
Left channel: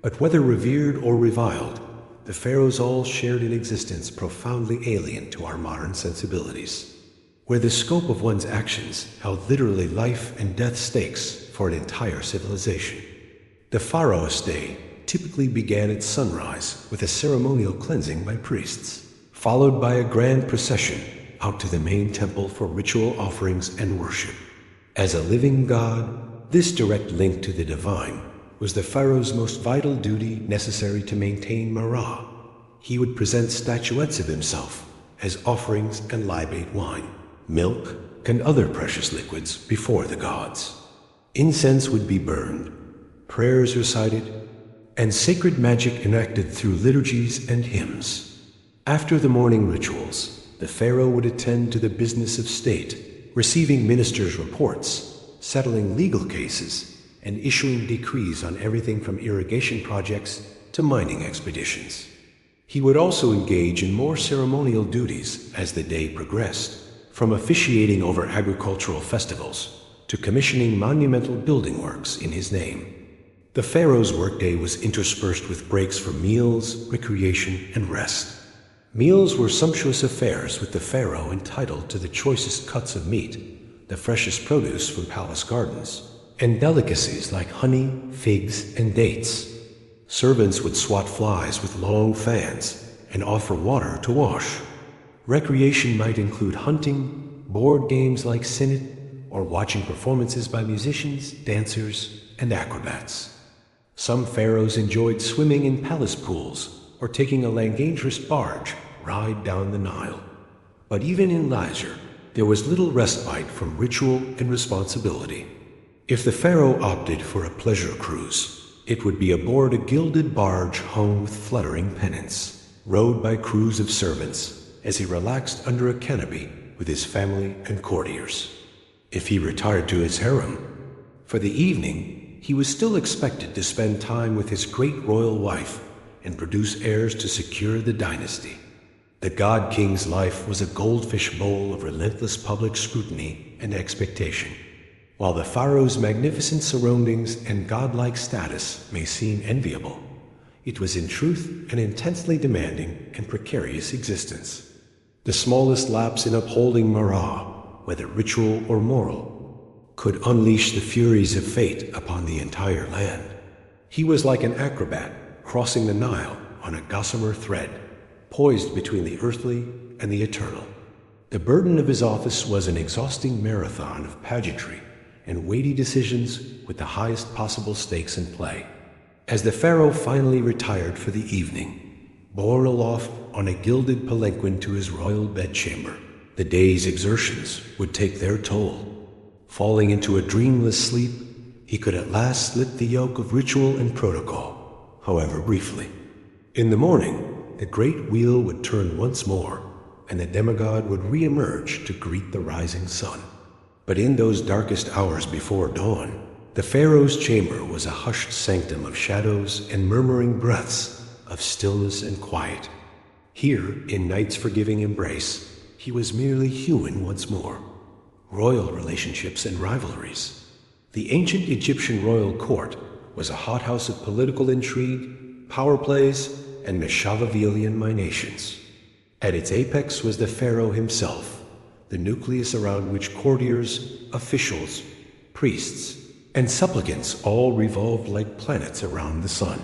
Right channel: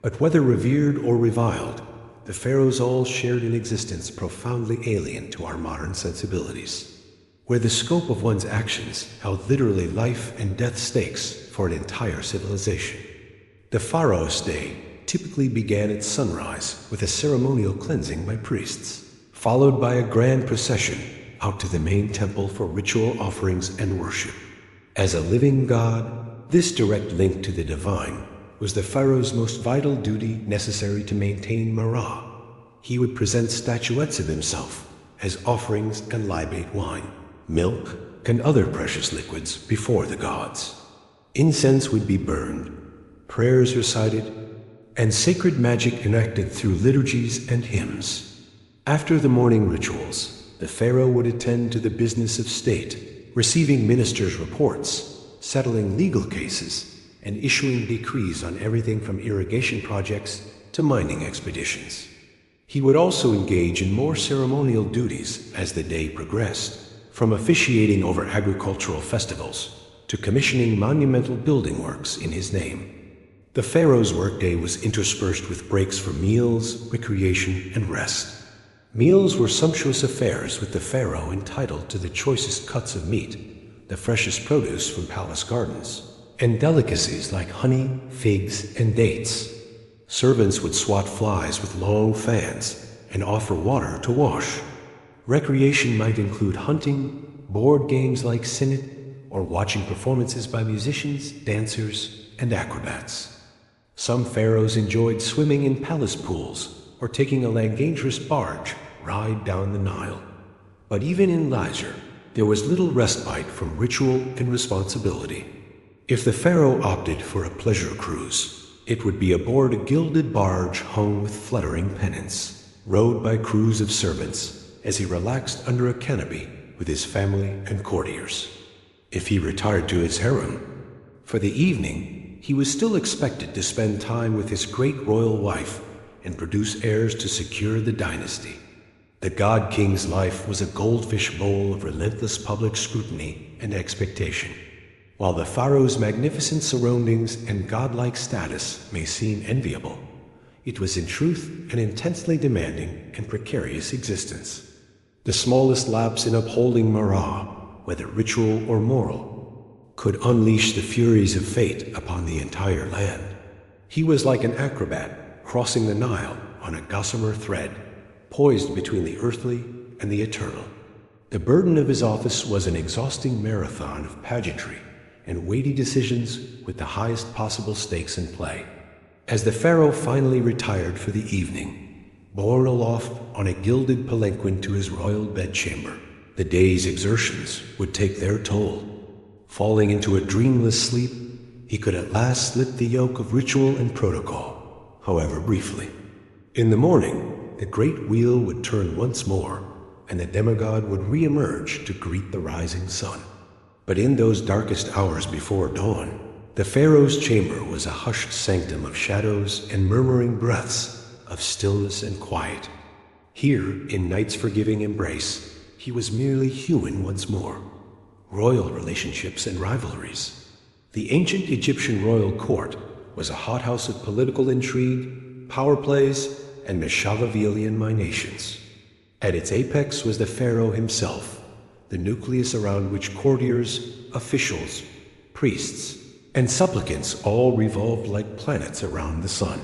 But whether revered or reviled, the pharaohs all shared an existence profoundly alien to our modern sensibilities, where the scope of one's actions held literally life and death stakes for an entire civilization. The pharaoh's day typically began at sunrise with a ceremonial cleansing by priests, followed by a grand procession out to the main temple for ritual offerings and worship. As a living god, this direct link to the divine was the pharaoh's most vital duty necessary to maintain Mara. He would present statuettes of himself as offerings and libate wine, milk, and other precious liquids before the gods. Incense would be burned, prayers recited, and sacred magic enacted through liturgies and hymns. After the morning rituals, the pharaoh would attend to the business of state, receiving ministers' reports, settling legal cases, and issuing decrees on everything from irrigation projects to mining expeditions. He would also engage in more ceremonial duties as the day progressed, from officiating over agricultural festivals to commissioning monumental building works in his name. The pharaoh's workday was interspersed with breaks for meals, recreation, and rest. Meals were sumptuous affairs, with the pharaoh entitled to the choicest cuts of meat, the freshest produce from palace gardens, and delicacies like honey, figs, and dates. Servants would swat flies with long fans and offer water to wash. Recreation might include hunting, board games like Sinet, or watching performances by musicians, dancers, and acrobats. Some pharaohs enjoyed swimming in palace pools or taking a langagerous barge ride down the Nile. But even in leisure, there was little respite from ritual and responsibility. If the pharaoh opted for a pleasure cruise, it would be aboard a gilded barge hung with fluttering pennants, rowed by crews of servants as he relaxed under a canopy with his family and courtiers. If he retired to his harem, for the evening, he was still expected to spend time with his great royal wife and produce heirs to secure the dynasty. The god king's life was a goldfish bowl of relentless public scrutiny and expectation. While the pharaoh's magnificent surroundings and godlike status may seem enviable, it was in truth an intensely demanding and precarious existence. The smallest lapse in upholding Mara, whether ritual or moral, could unleash the furies of fate upon the entire land. He was like an acrobat crossing the Nile on a gossamer thread, poised between the earthly and the eternal. The burden of his office was an exhausting marathon of pageantry and weighty decisions with the highest possible stakes in play. As the pharaoh finally retired for the evening, borne aloft on a gilded palanquin to his royal bedchamber, the day's exertions would take their toll. Falling into a dreamless sleep, he could at last slip the yoke of ritual and protocol, however briefly. In the morning, the great wheel would turn once more, and the demigod would re-emerge to greet the rising sun. But in those darkest hours before dawn, The pharaoh's chamber was a hushed sanctum of shadows and murmuring breaths of stillness and quiet. Here, in night's forgiving embrace, he was merely human once more. Royal relationships and rivalries. The ancient Egyptian royal court was a hothouse of political intrigue, power plays, and Machiavellian machinations. At its apex was the pharaoh himself, the nucleus around which courtiers, officials, priests, and supplicants all revolved like planets around the sun.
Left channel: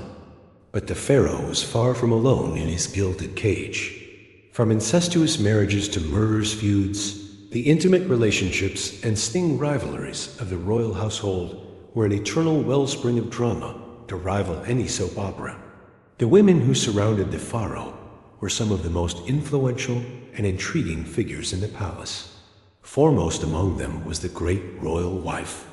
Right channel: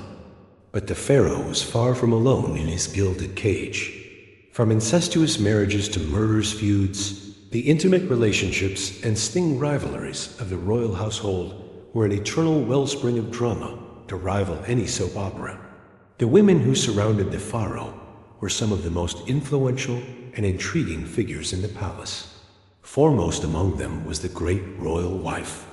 But the pharaoh was far from alone in his gilded cage. From incestuous marriages to murderous feuds, the intimate relationships and sting rivalries of the royal household were an eternal wellspring of drama to rival any soap opera. The women who surrounded the pharaoh were some of the most influential and intriguing figures in the palace. Foremost among them was the great royal wife,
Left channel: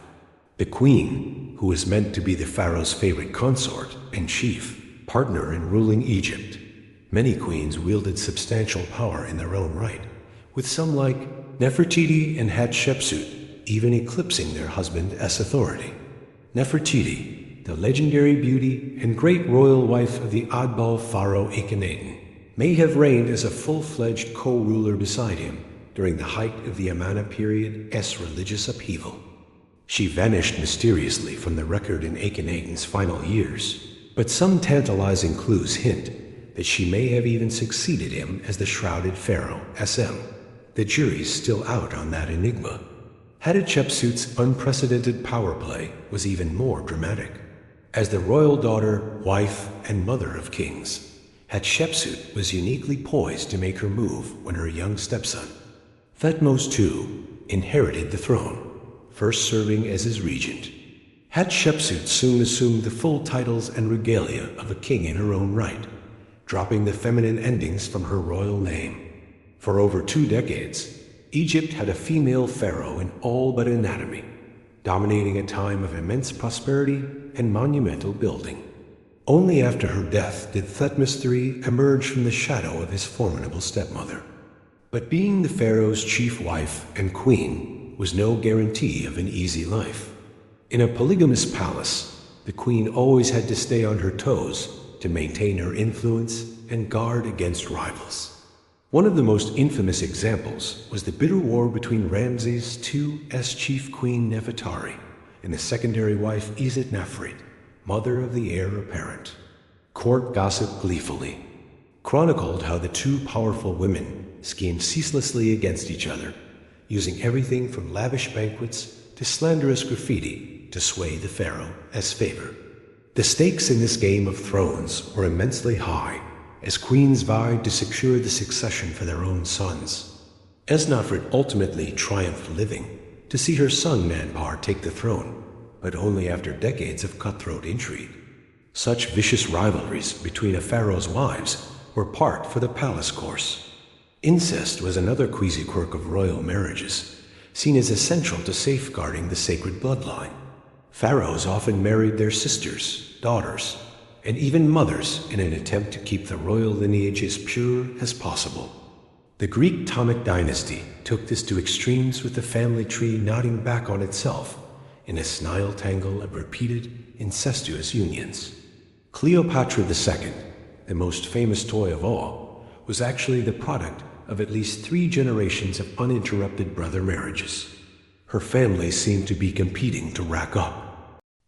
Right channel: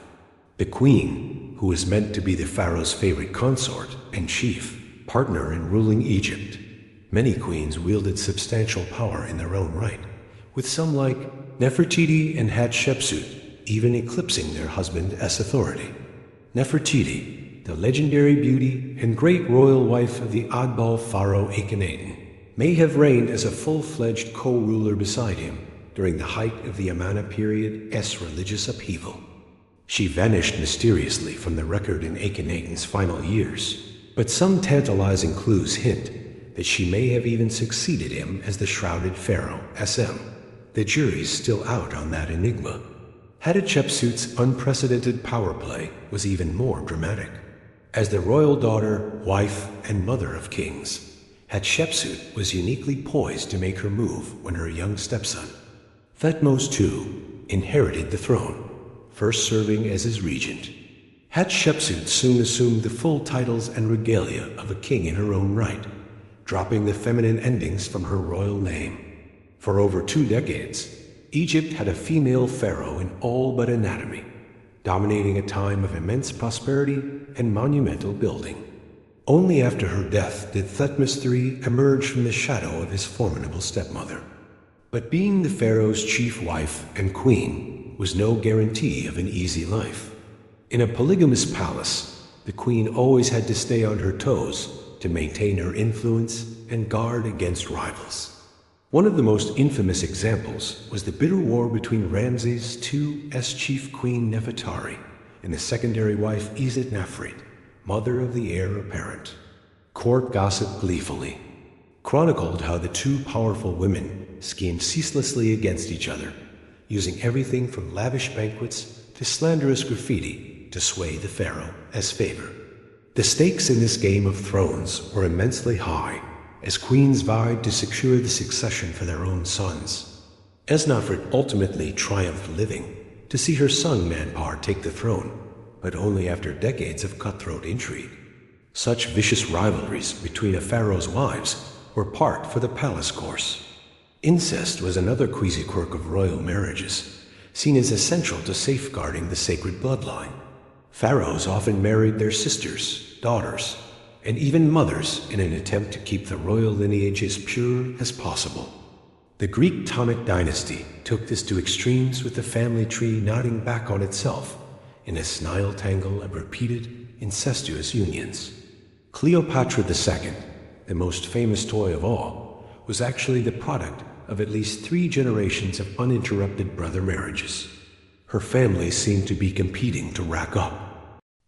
the queen, who was meant to be the pharaoh's favorite consort and chief partner in ruling Egypt. Many queens wielded substantial power in their own right, with some like Nefertiti and Hatshepsut even eclipsing their husband as authority. Nefertiti, the legendary beauty and great royal wife of the oddball pharaoh Akhenaten, may have reigned as a full-fledged co-ruler beside him during the height of the Amanna period's religious upheaval. She vanished mysteriously from the record in Akhenaten's final years, but some tantalizing clues hint that she may have even succeeded him as the shrouded pharaoh SM. The jury's still out on that enigma. Hatshepsut's unprecedented power play was even more dramatic. As the royal daughter, wife, and mother of kings, Hatshepsut was uniquely poised to make her move when her young stepson, Thutmose II, inherited the throne, first serving as his regent. Hatshepsut soon assumed the full titles and regalia of a king in her own right, dropping the feminine endings from her royal name. For over 2 decades, Egypt had a female pharaoh in all but anatomy, dominating a time of immense prosperity and monumental building. Only after her death did Thutmose III emerge from the shadow of his formidable stepmother. But being the pharaoh's chief wife and queen was no guarantee of an easy life. In a polygamous palace, the queen always had to stay on her toes to maintain her influence and guard against rivals. One of the most infamous examples was the bitter war between Ramses II's chief queen Nefertari and the secondary wife Isit-Nefret, mother of the heir apparent. Court gossip gleefully chronicled how the two powerful women schemed ceaselessly against each other, using everything from lavish banquets to slanderous graffiti to sway the pharaoh as favor. The stakes in this game of thrones were immensely high, as queens vied to secure the succession for their own sons. Esnafret ultimately triumphed living to see her son Manpar take the throne, but only after decades of cutthroat intrigue. Such vicious rivalries between a pharaoh's wives were part for the palace course. Incest was another queasy quirk of royal marriages, seen as essential to safeguarding the sacred bloodline. Pharaohs often married their sisters, daughters, and even mothers in an attempt to keep the royal lineage as pure as possible. The Greek Ptolemaic dynasty took this to extremes, with the family tree nodding back on itself in a snile tangle of repeated incestuous unions. Cleopatra II, the most famous toy of all, was actually the product of at least 3 generations of uninterrupted brother marriages. Her family seemed to be competing to rack up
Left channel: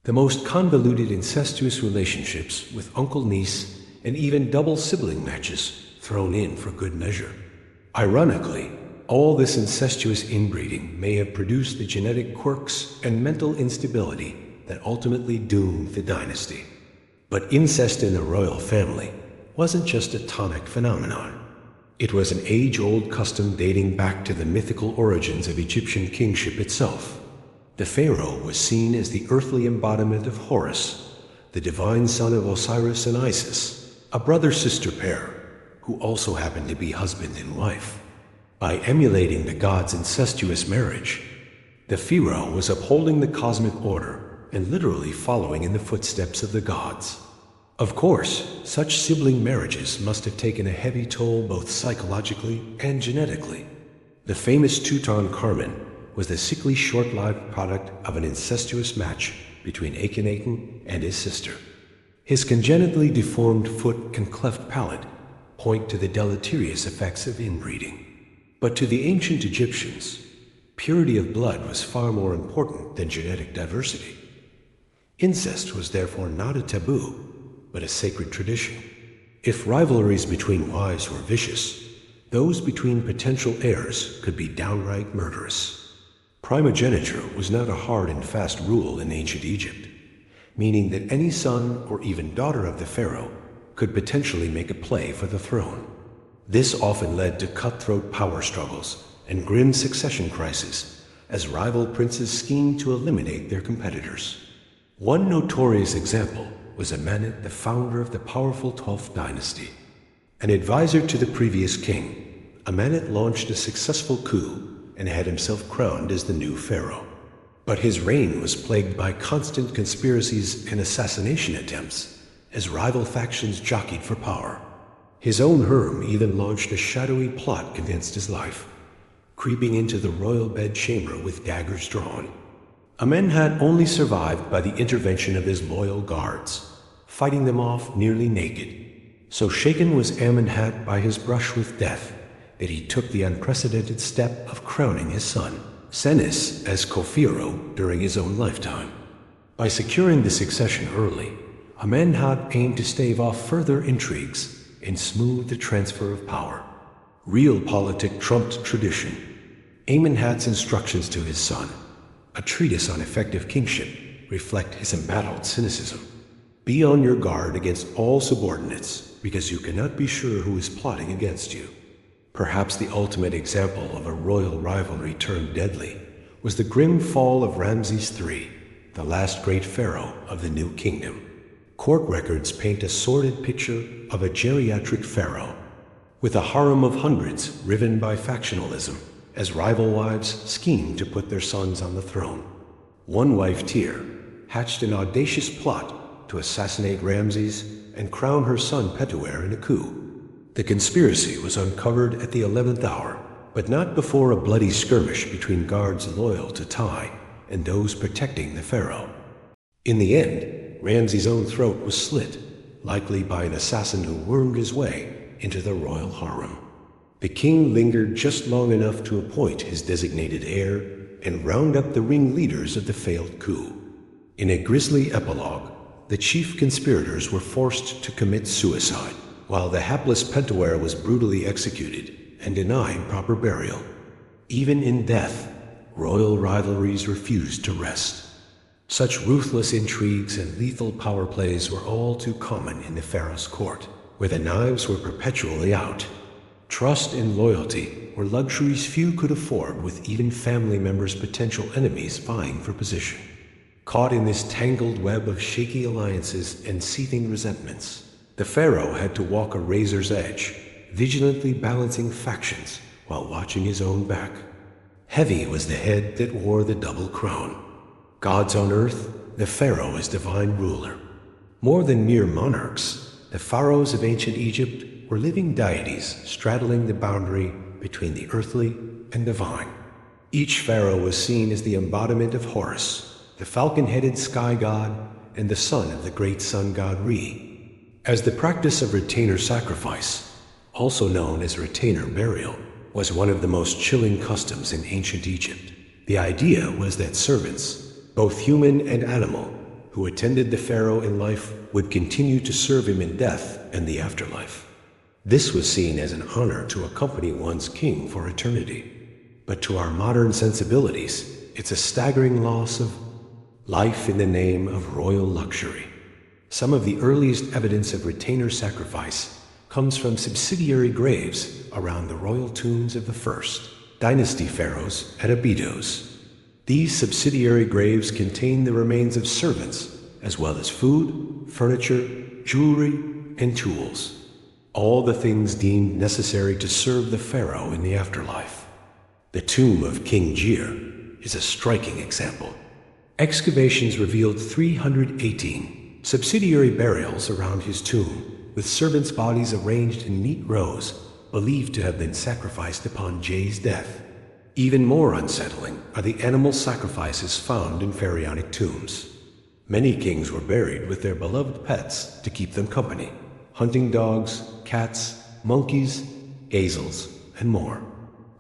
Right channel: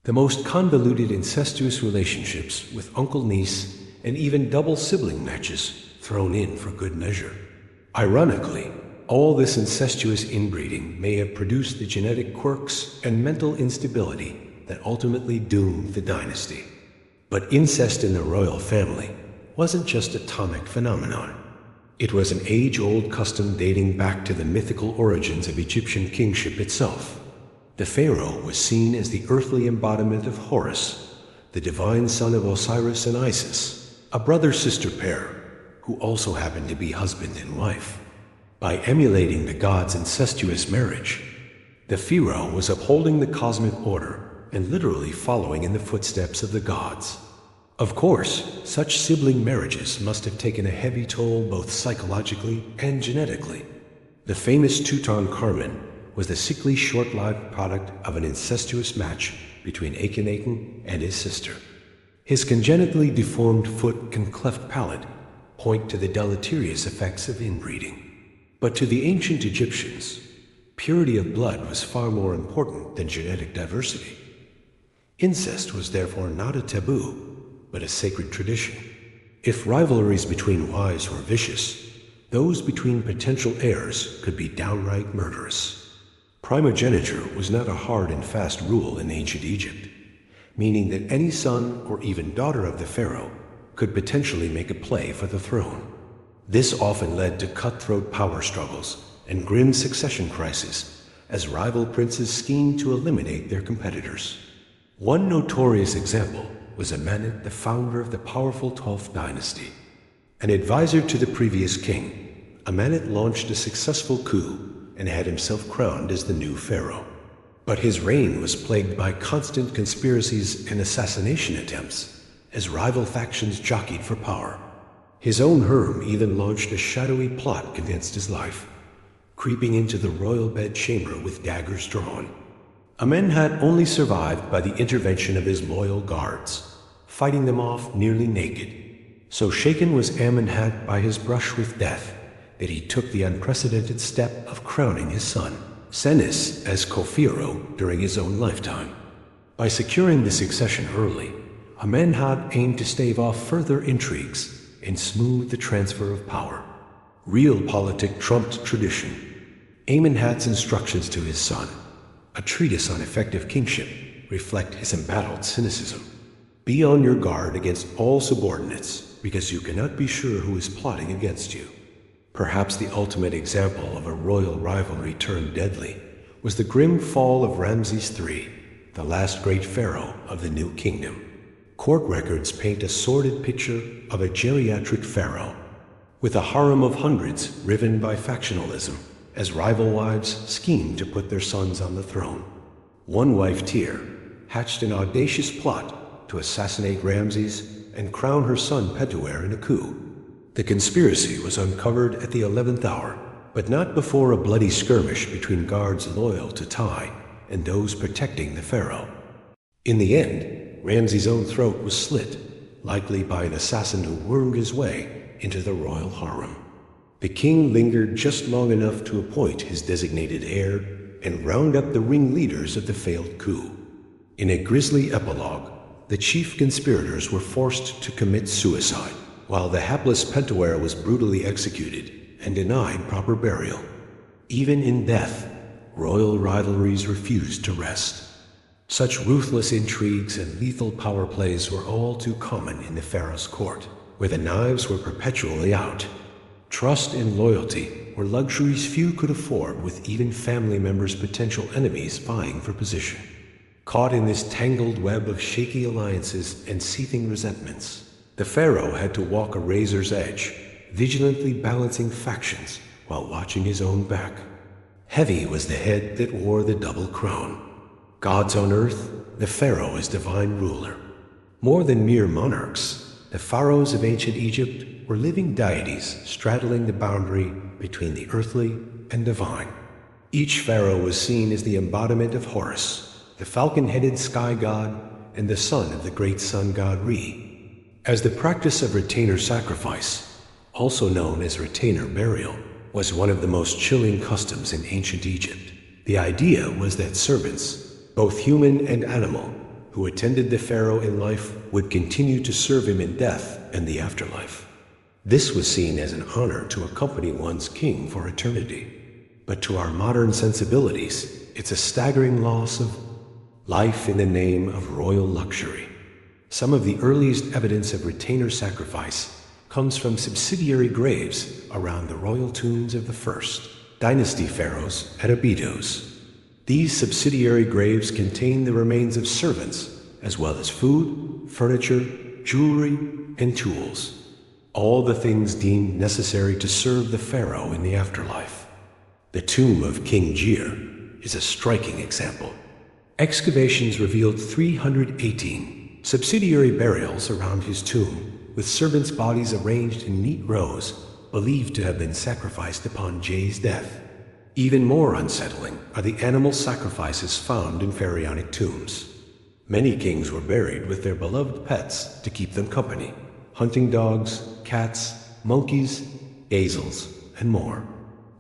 the most convoluted incestuous relationships, with uncle-niece and even double sibling matches thrown in for good measure. Ironically, all this incestuous inbreeding may have produced the genetic quirks and mental instability that ultimately doomed the dynasty. But incest in the royal family wasn't just a tonic phenomenon. It was an age-old custom dating back to the mythical origins of Egyptian kingship itself. The pharaoh was seen as the earthly embodiment of Horus, the divine son of Osiris and Isis, a brother-sister pair who also happened to be husband and wife. By emulating the gods' incestuous marriage, the pharaoh was upholding the cosmic order and literally following in the footsteps of the gods. Of course, such sibling marriages must have taken a heavy toll both psychologically and genetically. The famous Tutankhamun was the sickly, short-lived product of an incestuous match between Akhenaten and his sister. His congenitally deformed foot and cleft palate point to the deleterious effects of inbreeding. But to the ancient Egyptians, purity of blood was far more important than genetic diversity. Incest was therefore not a taboo, but a sacred tradition. If rivalries between wives were vicious, those between potential heirs could be downright murderous. Primogeniture was not a hard and fast rule in ancient Egypt, meaning that any son or even daughter of the pharaoh could potentially make a play for the throne. This often led to cutthroat power struggles and grim succession crises as rival princes schemed to eliminate their competitors. One notorious example was Amenhotep, the founder of the powerful 12th dynasty. An advisor to the previous king, Amenhotep launched a successful coup and had himself crowned as the new pharaoh. But his reign was plagued by constant conspiracies and assassination attempts as rival factions jockeyed for power. His own harem even launched a shadowy plot against his life, creeping into the royal bedchamber with daggers drawn. Amenhotep only survived by the intervention of his loyal guards, fighting them off nearly naked. So shaken was Amenhotep by his brush with death that he took the unprecedented step of crowning his son, Senes, as co-pharaoh during his own lifetime. By securing the succession early, Amenhotep aimed to stave off further intrigues and smooth the transfer of power. Realpolitik trumped tradition. Amenhotep's instructions to his son, a treatise on effective kingship, reflect his embattled cynicism. Be on your guard against all subordinates, because you cannot be sure who is plotting against you. Perhaps the ultimate example of a royal rivalry turned deadly was the grim fall of Ramses III, the last great pharaoh of the New Kingdom. Court records paint a sordid picture of a geriatric pharaoh, with a harem of hundreds riven by factionalism, as rival wives schemed to put their sons on the throne. One wife, Tyr, hatched an audacious plot to assassinate Ramses and crown her son Petuer in a coup. The conspiracy was uncovered at the 11th hour, but not before a bloody skirmish between guards loyal to Tai and those protecting the pharaoh. In the end, Ramses' own throat was slit, likely by an assassin who wormed his way into the royal harem. The king lingered just long enough to appoint his designated heir and round up the ringleaders of the failed coup. In a grisly epilogue, the chief conspirators were forced to commit suicide, while the hapless Petuer was brutally executed and denied proper burial. Even in death, royal rivalries refused to rest. Such ruthless intrigues and lethal power plays were all too common in the pharaoh's court, where the knives were perpetually out. Trust and loyalty were luxuries few could afford, with even family members' potential enemies vying for position. Caught in this tangled web of shaky alliances and seething resentments, the pharaoh had to walk a razor's edge, vigilantly balancing factions while watching his own back. Heavy was the head that wore the double crown. Gods on earth, the pharaoh is divine ruler. More than mere monarchs, the pharaohs of ancient Egypt were living deities straddling the boundary between the earthly and divine. Each pharaoh was seen as the embodiment of Horus, the falcon-headed sky god and the son of the great sun god Re. As the practice of retainer sacrifice, also known as retainer burial, was one of the most chilling customs in ancient Egypt, the idea was that servants, both human and animal, who attended the pharaoh in life would continue to serve him in death and the afterlife. This was seen as an honor to accompany one's king for eternity. But to our modern sensibilities, it's a staggering loss of life in the name of royal luxury. Some of the earliest evidence of retainer sacrifice comes from subsidiary graves around the royal tombs of the first dynasty pharaohs at Abydos. These subsidiary graves contain the remains of servants, as well as food, furniture, jewelry, and tools. All the things deemed necessary to serve the pharaoh in the afterlife. The tomb of King Jir is a striking example. Excavations revealed 318 subsidiary burials around his tomb, with servants' bodies arranged in neat rows, believed to have been sacrificed upon Jay's death. Even more unsettling are the animal sacrifices found in pharaonic tombs. Many kings were buried with their beloved pets to keep them company: hunting dogs, cats, monkeys, gazelles, and more.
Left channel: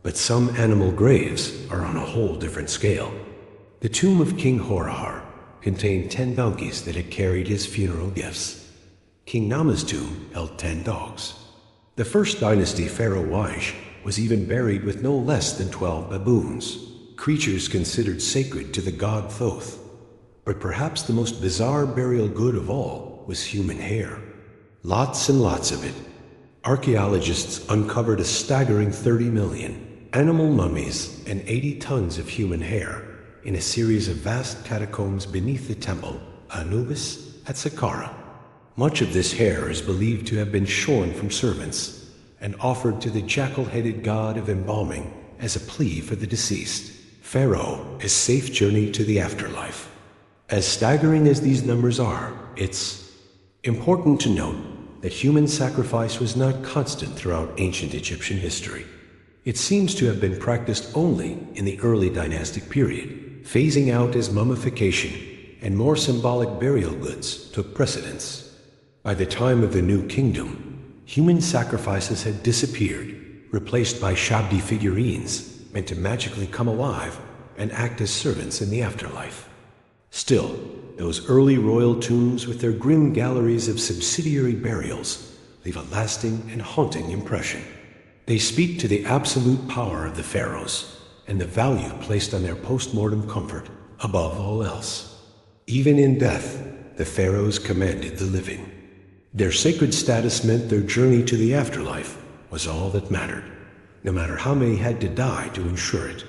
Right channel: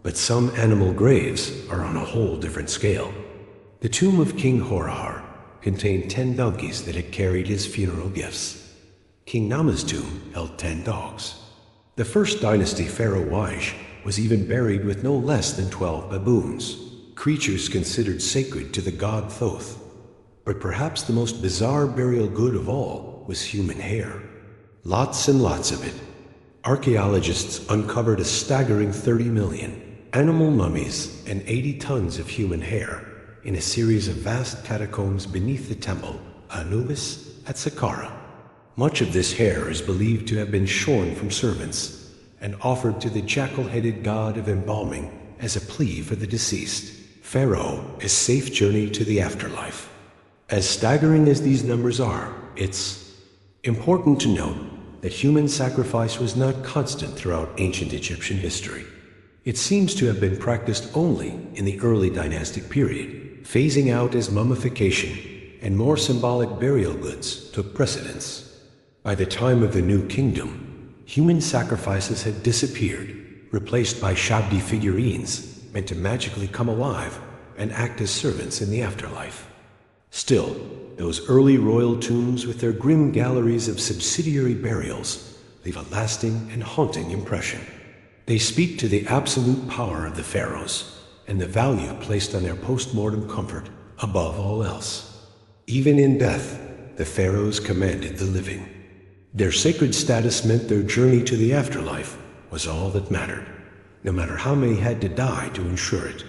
But some animal graves are on a whole different scale. The tomb of King Horahar contained 10 donkeys that had carried his funeral gifts. King Nama's tomb held 10 dogs. The first dynasty Pharaoh Waish was even buried with no less than 12 baboons, creatures considered sacred to the god Thoth. But perhaps the most bizarre burial good of all was human hair. Lots and lots of it. Archaeologists uncovered a staggering 30 million animal mummies and 80 tons of human hair in a series of vast catacombs beneath the temple Anubis at Saqqara. Much of this hair is believed to have been shorn from servants and offered to the jackal-headed god of embalming as a plea for the deceased. Pharaoh, a safe journey to the afterlife. As staggering as these numbers are, it's important to note that human sacrifice was not constant throughout ancient Egyptian history. It seems to have been practiced only in the early dynastic period, phasing out as mummification and more symbolic burial goods took precedence. By the time of the New Kingdom, human sacrifices had disappeared, replaced by shabdi figurines meant to magically come alive and act as servants in the afterlife. Still, those early royal tombs with their grim galleries of subsidiary burials leave a lasting and haunting impression. They speak to the absolute power of the pharaohs and the value placed on their post-mortem comfort above all else. Even in death, the pharaohs commanded the living. Their sacred status meant their journey to the afterlife was all that mattered, no matter how many had to die to ensure it.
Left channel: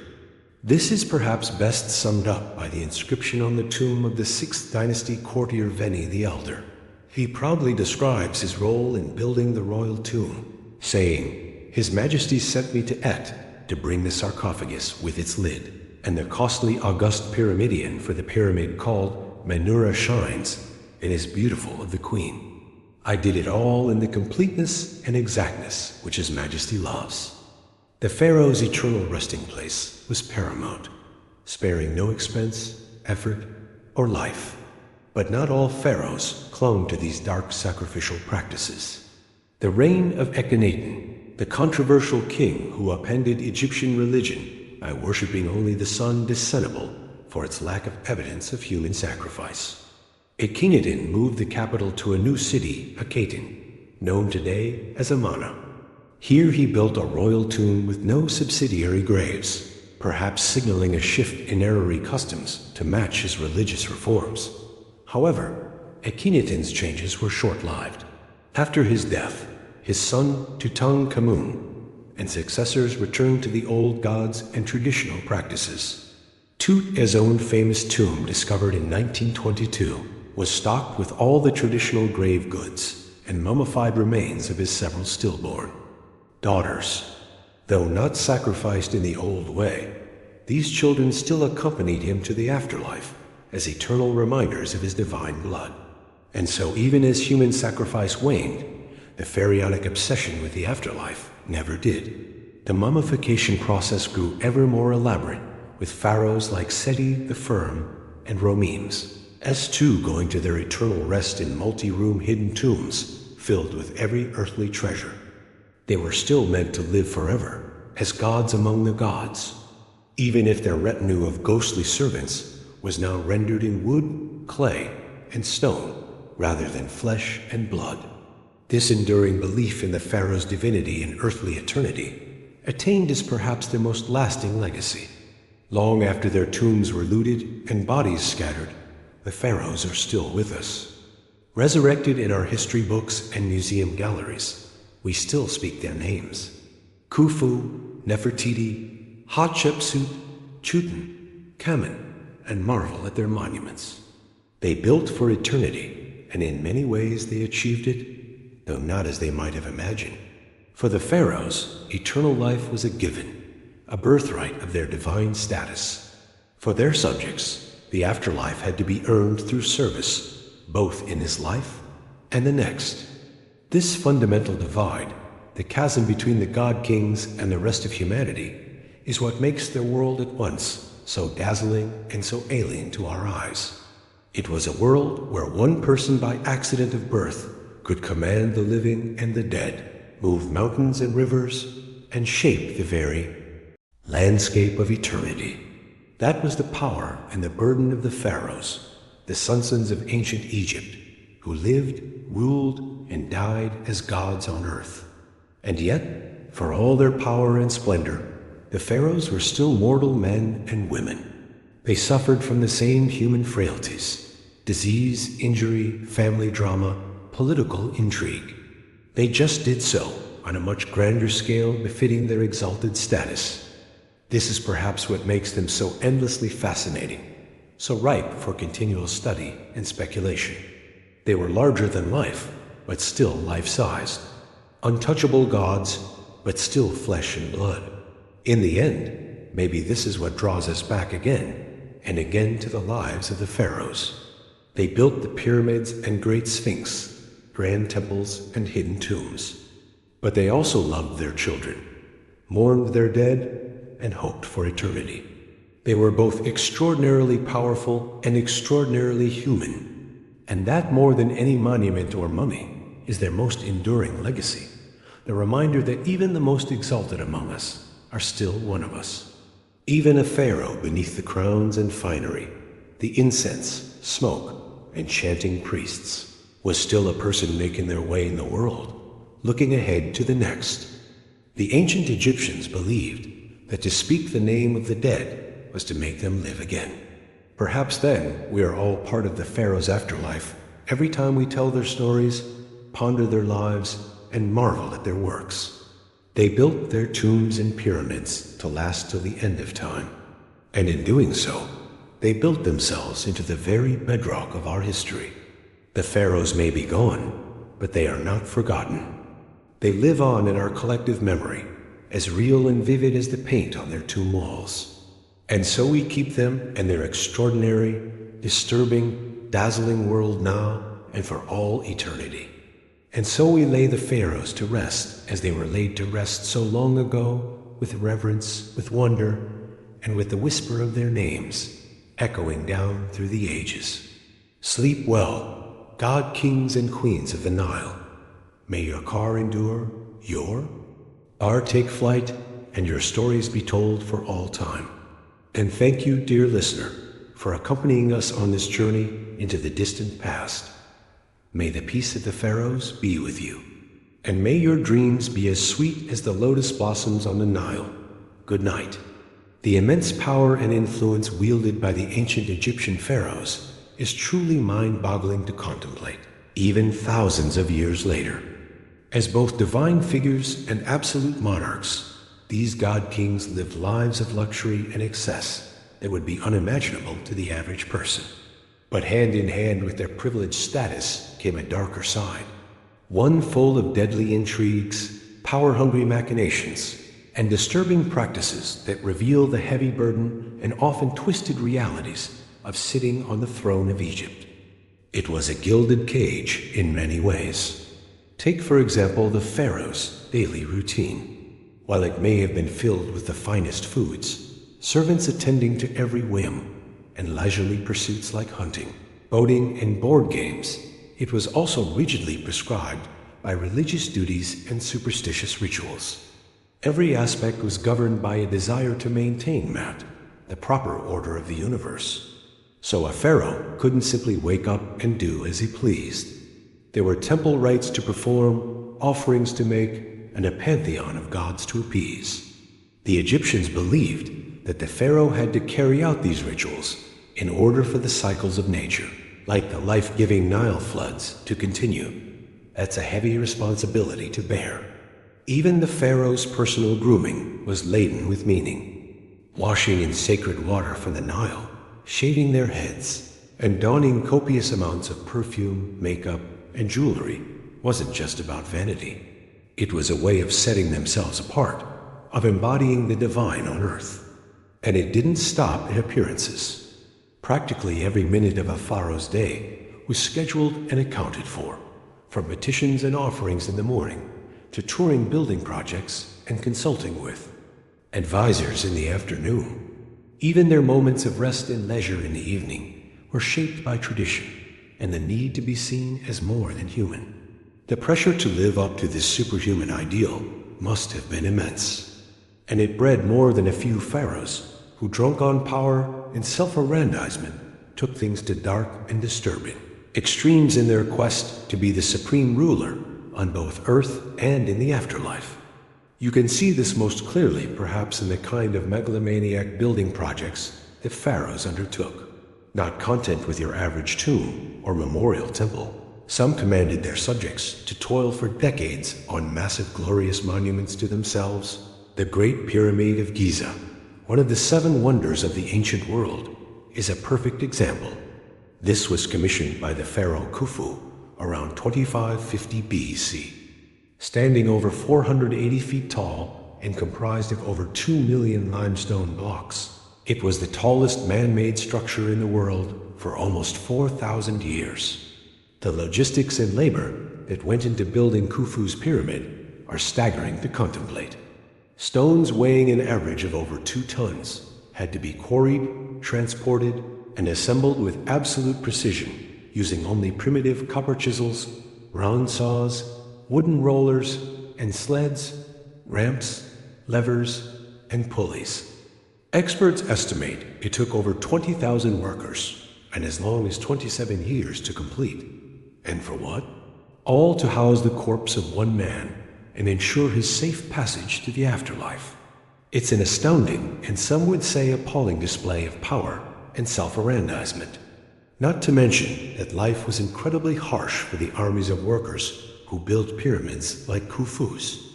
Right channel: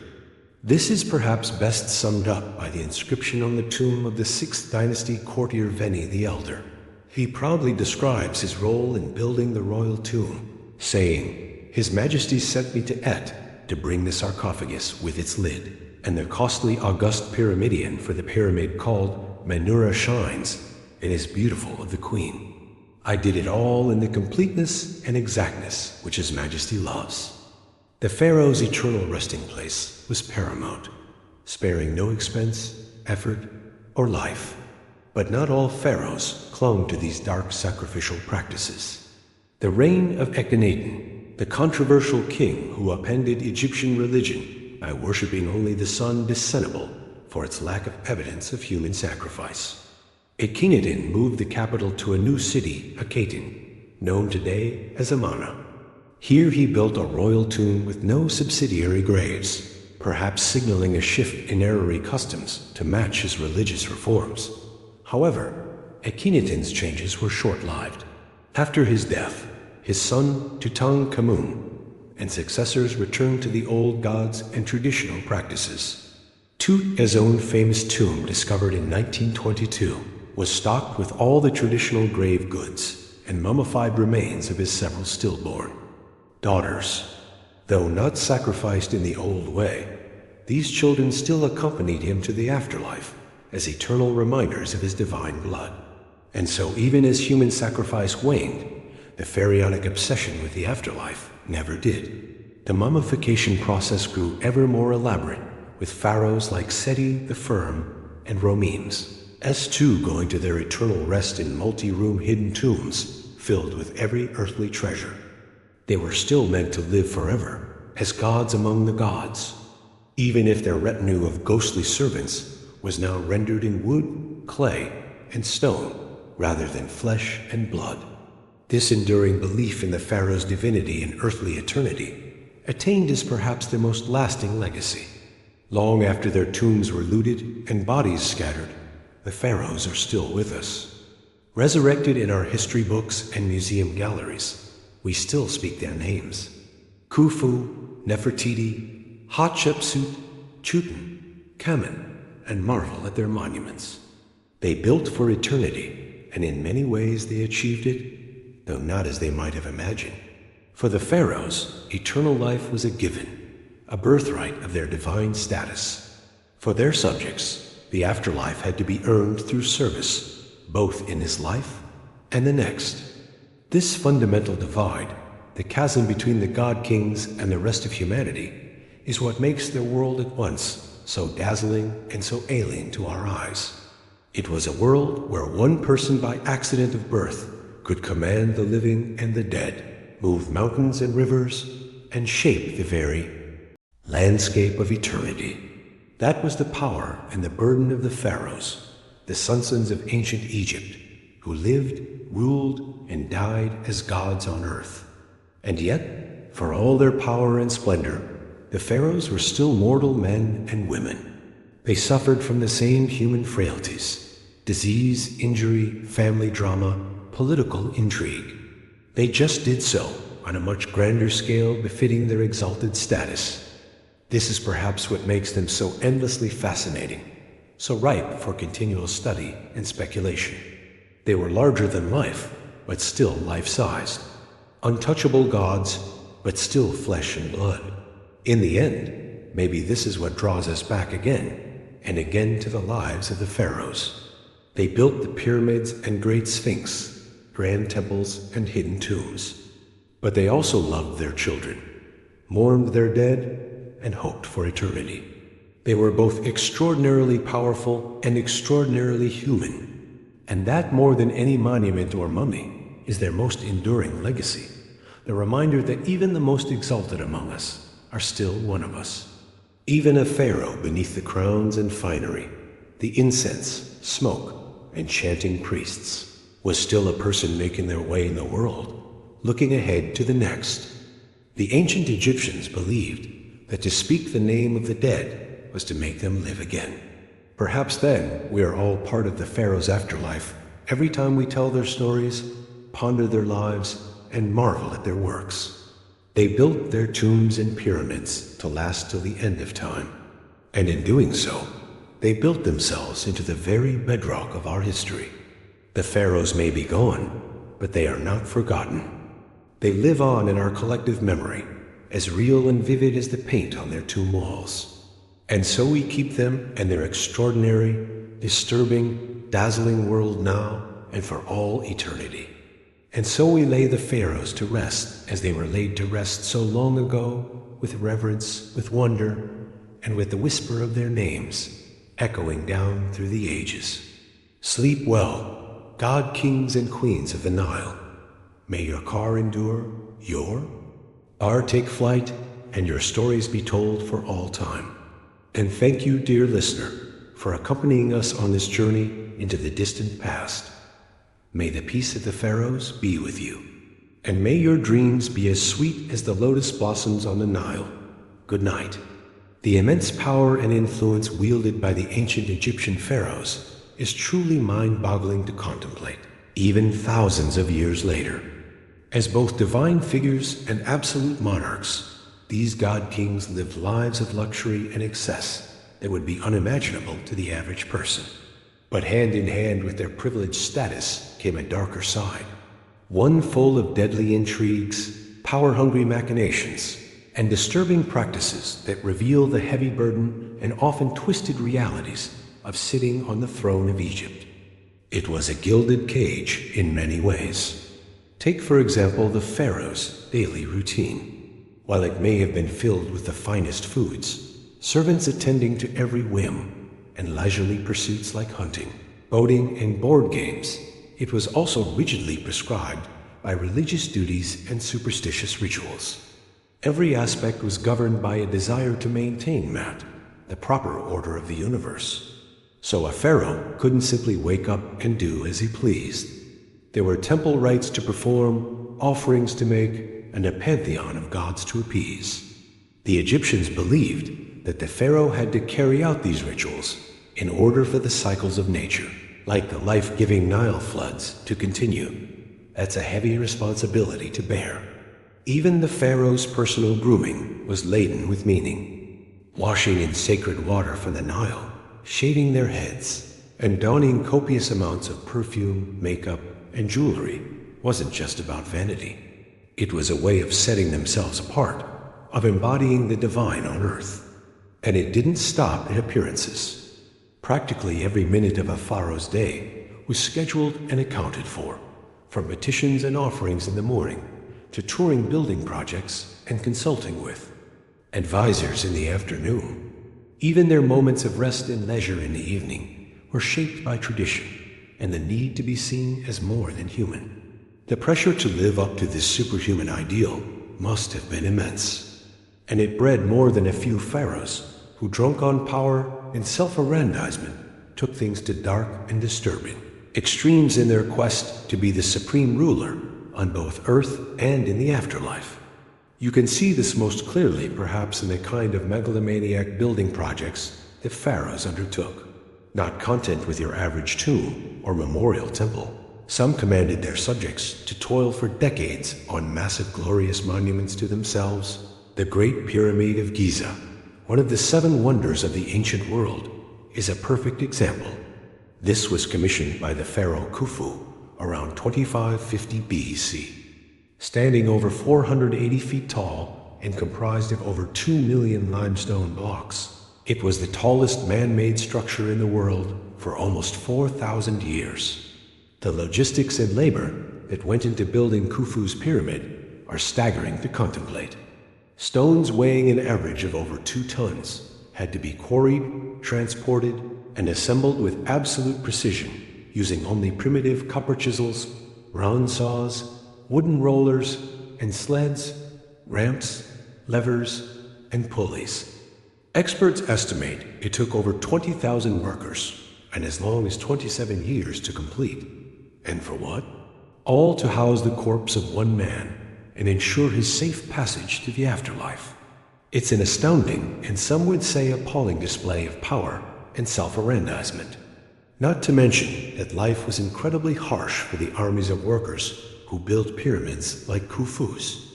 This is perhaps best summed up by the inscription on the tomb of the 6th dynasty courtier Veni the Elder. He proudly describes his role in building the royal tomb, saying, "His Majesty sent me to Et to bring the sarcophagus with its lid, and the costly august pyramidion for the pyramid called Menura Shines. It is beautiful of the Queen. I did it all in the completeness and exactness which His Majesty loves." The Pharaoh's eternal resting place was paramount, sparing no expense, effort, or life. But not all pharaohs clung to these dark sacrificial practices. The reign of Akhenaten, the controversial king who upended Egyptian religion by worshipping only the sun, discernible for its lack of evidence of human sacrifice. Akhenaten moved the capital to a new city, Akhenaten, known today as Amarna. Here he built a royal tomb with no subsidiary graves, perhaps signaling a shift in Arari customs to match his religious reforms. However, Akhenaten's changes were short-lived. After his death, his son Tutankhamun and successors returned to the old gods and traditional practices. Tut-'s own famous tomb, discovered in 1922, was stocked with all the traditional grave goods and mummified remains of his several stillborn daughters. Though not sacrificed in the old way, these children still accompanied him to the afterlife as eternal reminders of his divine blood. And so even as human sacrifice waned, the pharaonic obsession with the afterlife never did. The mummification process grew ever more elaborate, with pharaohs like Seti the Firm and Romemes, S2 going to their eternal rest in multi-room hidden tombs filled with every earthly treasure. They were still meant to live forever, as gods among the gods, even if their retinue of ghostly servants was now rendered in wood, clay, and stone, rather than flesh and blood. This enduring belief in the pharaoh's divinity and earthly eternity attained as perhaps their most lasting legacy. Long after their tombs were looted and bodies scattered, the pharaohs are still with us. Resurrected in our history books and museum galleries, we still speak their names: Khufu, Nefertiti, Hatshepsut, Chutin, Kamen, and marvel at their monuments. They built for eternity, and in many ways they achieved it, though not as they might have imagined. For the pharaohs, eternal life was a given, a birthright of their divine status. For their subjects, the afterlife had to be earned through service, both in this life and the next. This fundamental divide, the chasm between the god-kings and the rest of humanity, is what makes their world at once so dazzling and so alien to our eyes. It was a world where one person by accident of birth could command the living and the dead, move mountains and rivers, and shape the very landscape of eternity. That was the power and the burden of the pharaohs, the sons of ancient Egypt, who lived, ruled, and died as gods on earth. And yet, for all their power and splendor, the pharaohs were still mortal men and women. They suffered from the same human frailties: disease, injury, family drama, political intrigue. They just did so on a much grander scale befitting their exalted status. This is perhaps what makes them so endlessly fascinating, so ripe for continual study and speculation. They were larger than life, but still life-sized. Untouchable gods, but still flesh and blood. In the end, maybe this is what draws us back again and again to the lives of the pharaohs. They built the pyramids and great sphinx, grand temples and hidden tombs. But they also loved their children, mourned their dead, and hoped for eternity. They were both extraordinarily powerful and extraordinarily human. And that, more than any monument or mummy, is their most enduring legacy. The reminder that even the most exalted among us are still one of us. Even a pharaoh beneath the crowns and finery, the incense, smoke, and chanting priests, was still a person making their way in the world, looking ahead to the next. The ancient Egyptians believed that to speak the name of the dead was to make them live again. Perhaps then we are all part of the pharaoh's afterlife every time we tell their stories, ponder their lives, and marvel at their works. They built their tombs and pyramids to last till the end of time. And in doing so, they built themselves into the very bedrock of our history. The pharaohs may be gone, but they are not forgotten. They live on in our collective memory, as real and vivid as the paint on their tomb walls. And so we keep them and their extraordinary, disturbing, dazzling world now and for all eternity. And so we lay the pharaohs to rest as they were laid to rest so long ago, with reverence, with wonder, and with the whisper of their names echoing down through the ages. Sleep well, god kings and queens of the Nile. May your car endure, our take flight, and your stories be told for all time. And thank you, dear listener, for accompanying us on this journey into the distant past. May the peace of the pharaohs be with you, and may your dreams be as sweet as the lotus blossoms on the Nile. Good night. The immense power and influence wielded by the ancient Egyptian pharaohs is truly mind-boggling to contemplate, even thousands of years later. As both divine figures and absolute monarchs, these god-kings lived lives of luxury and excess that would be unimaginable to the average person. But hand in hand with their privileged status came a darker side, one full of deadly intrigues, power-hungry machinations, and disturbing practices that reveal the heavy burden and often twisted realities of sitting on the throne of Egypt. It was a gilded cage in many ways. Take, for example, the pharaoh's daily routine. While it may have been filled with the finest foods, servants attending to every whim, and leisurely pursuits like hunting, boating, and board games, it was also rigidly prescribed by religious duties and superstitious rituals. Every aspect was governed by a desire to maintain the proper order of the universe. So a pharaoh couldn't simply wake up and do as he pleased. There were temple rites to perform, offerings to make, and a pantheon of gods to appease. The Egyptians believed that the pharaoh had to carry out these rituals in order for the cycles of nature, like the life-giving Nile floods, to continue. That's a heavy responsibility to bear. Even the pharaoh's personal grooming was laden with meaning. Washing in sacred water from the Nile, shaving their heads, and donning copious amounts of perfume, makeup, and jewelry wasn't just about vanity. It was a way of setting themselves apart, of embodying the divine on earth. And it didn't stop at appearances. Practically every minute of a pharaoh's day was scheduled and accounted for, from petitions and offerings in the morning to touring building projects and consulting with advisors in the afternoon. Even their moments of rest and leisure in the evening were shaped by tradition and the need to be seen as more than human. The pressure to live up to this superhuman ideal must have been immense, and it bred more than a few pharaohs who, drunk on power and self-aggrandizement, took things to dark and disturbing extremes in their quest to be the supreme ruler on both earth and in the afterlife. You can see this most clearly perhaps in the kind of megalomaniac building projects the pharaohs undertook. Not content with your average tomb or memorial temple, some commanded their subjects to toil for decades on massive glorious monuments to themselves. The Great Pyramid of Giza, one of the 7 wonders of the ancient world, is a perfect example. This was commissioned by the pharaoh Khufu around 2550 BC. Standing over 480 feet tall and comprised of over 2 million limestone blocks, it was the tallest man-made structure in the world for almost 4,000 years. The logistics and labor that went into building Khufu's pyramid are staggering to contemplate. Stones weighing an average of over 2 tons had to be quarried, transported, and assembled with absolute precision, using only primitive copper chisels, round saws, wooden rollers, and sleds, ramps, levers, and pulleys. Experts estimate it took over 20,000 workers and as long as 27 years to complete. And for what? All to house the corpse of one man and ensure his safe passage to the afterlife. It's an astounding, and some would say appalling, display of power and self-aggrandizement. Not to mention that life was incredibly harsh for the armies of workers who built pyramids like Khufu's.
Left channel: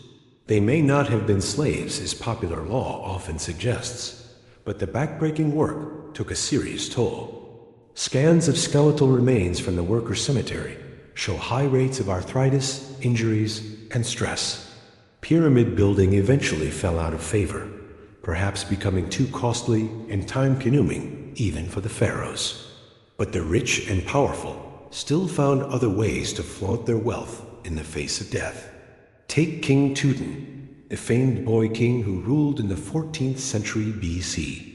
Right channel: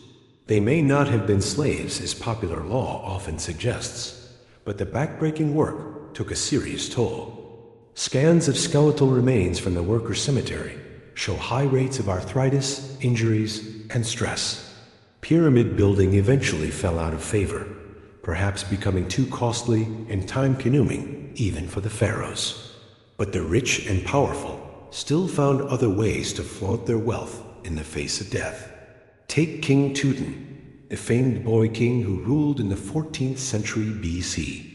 They may not have been slaves, as popular law often suggests, but the backbreaking work took a serious toll. Scans of skeletal remains from the worker cemetery show high rates of arthritis, injuries, and stress. Pyramid building eventually fell out of favor, perhaps becoming too costly and time-consuming even for the pharaohs. But the rich and powerful still found other ways to flaunt their wealth in the face of death. Take King Tutankhamun, the famed boy king who ruled in the 14th century BC.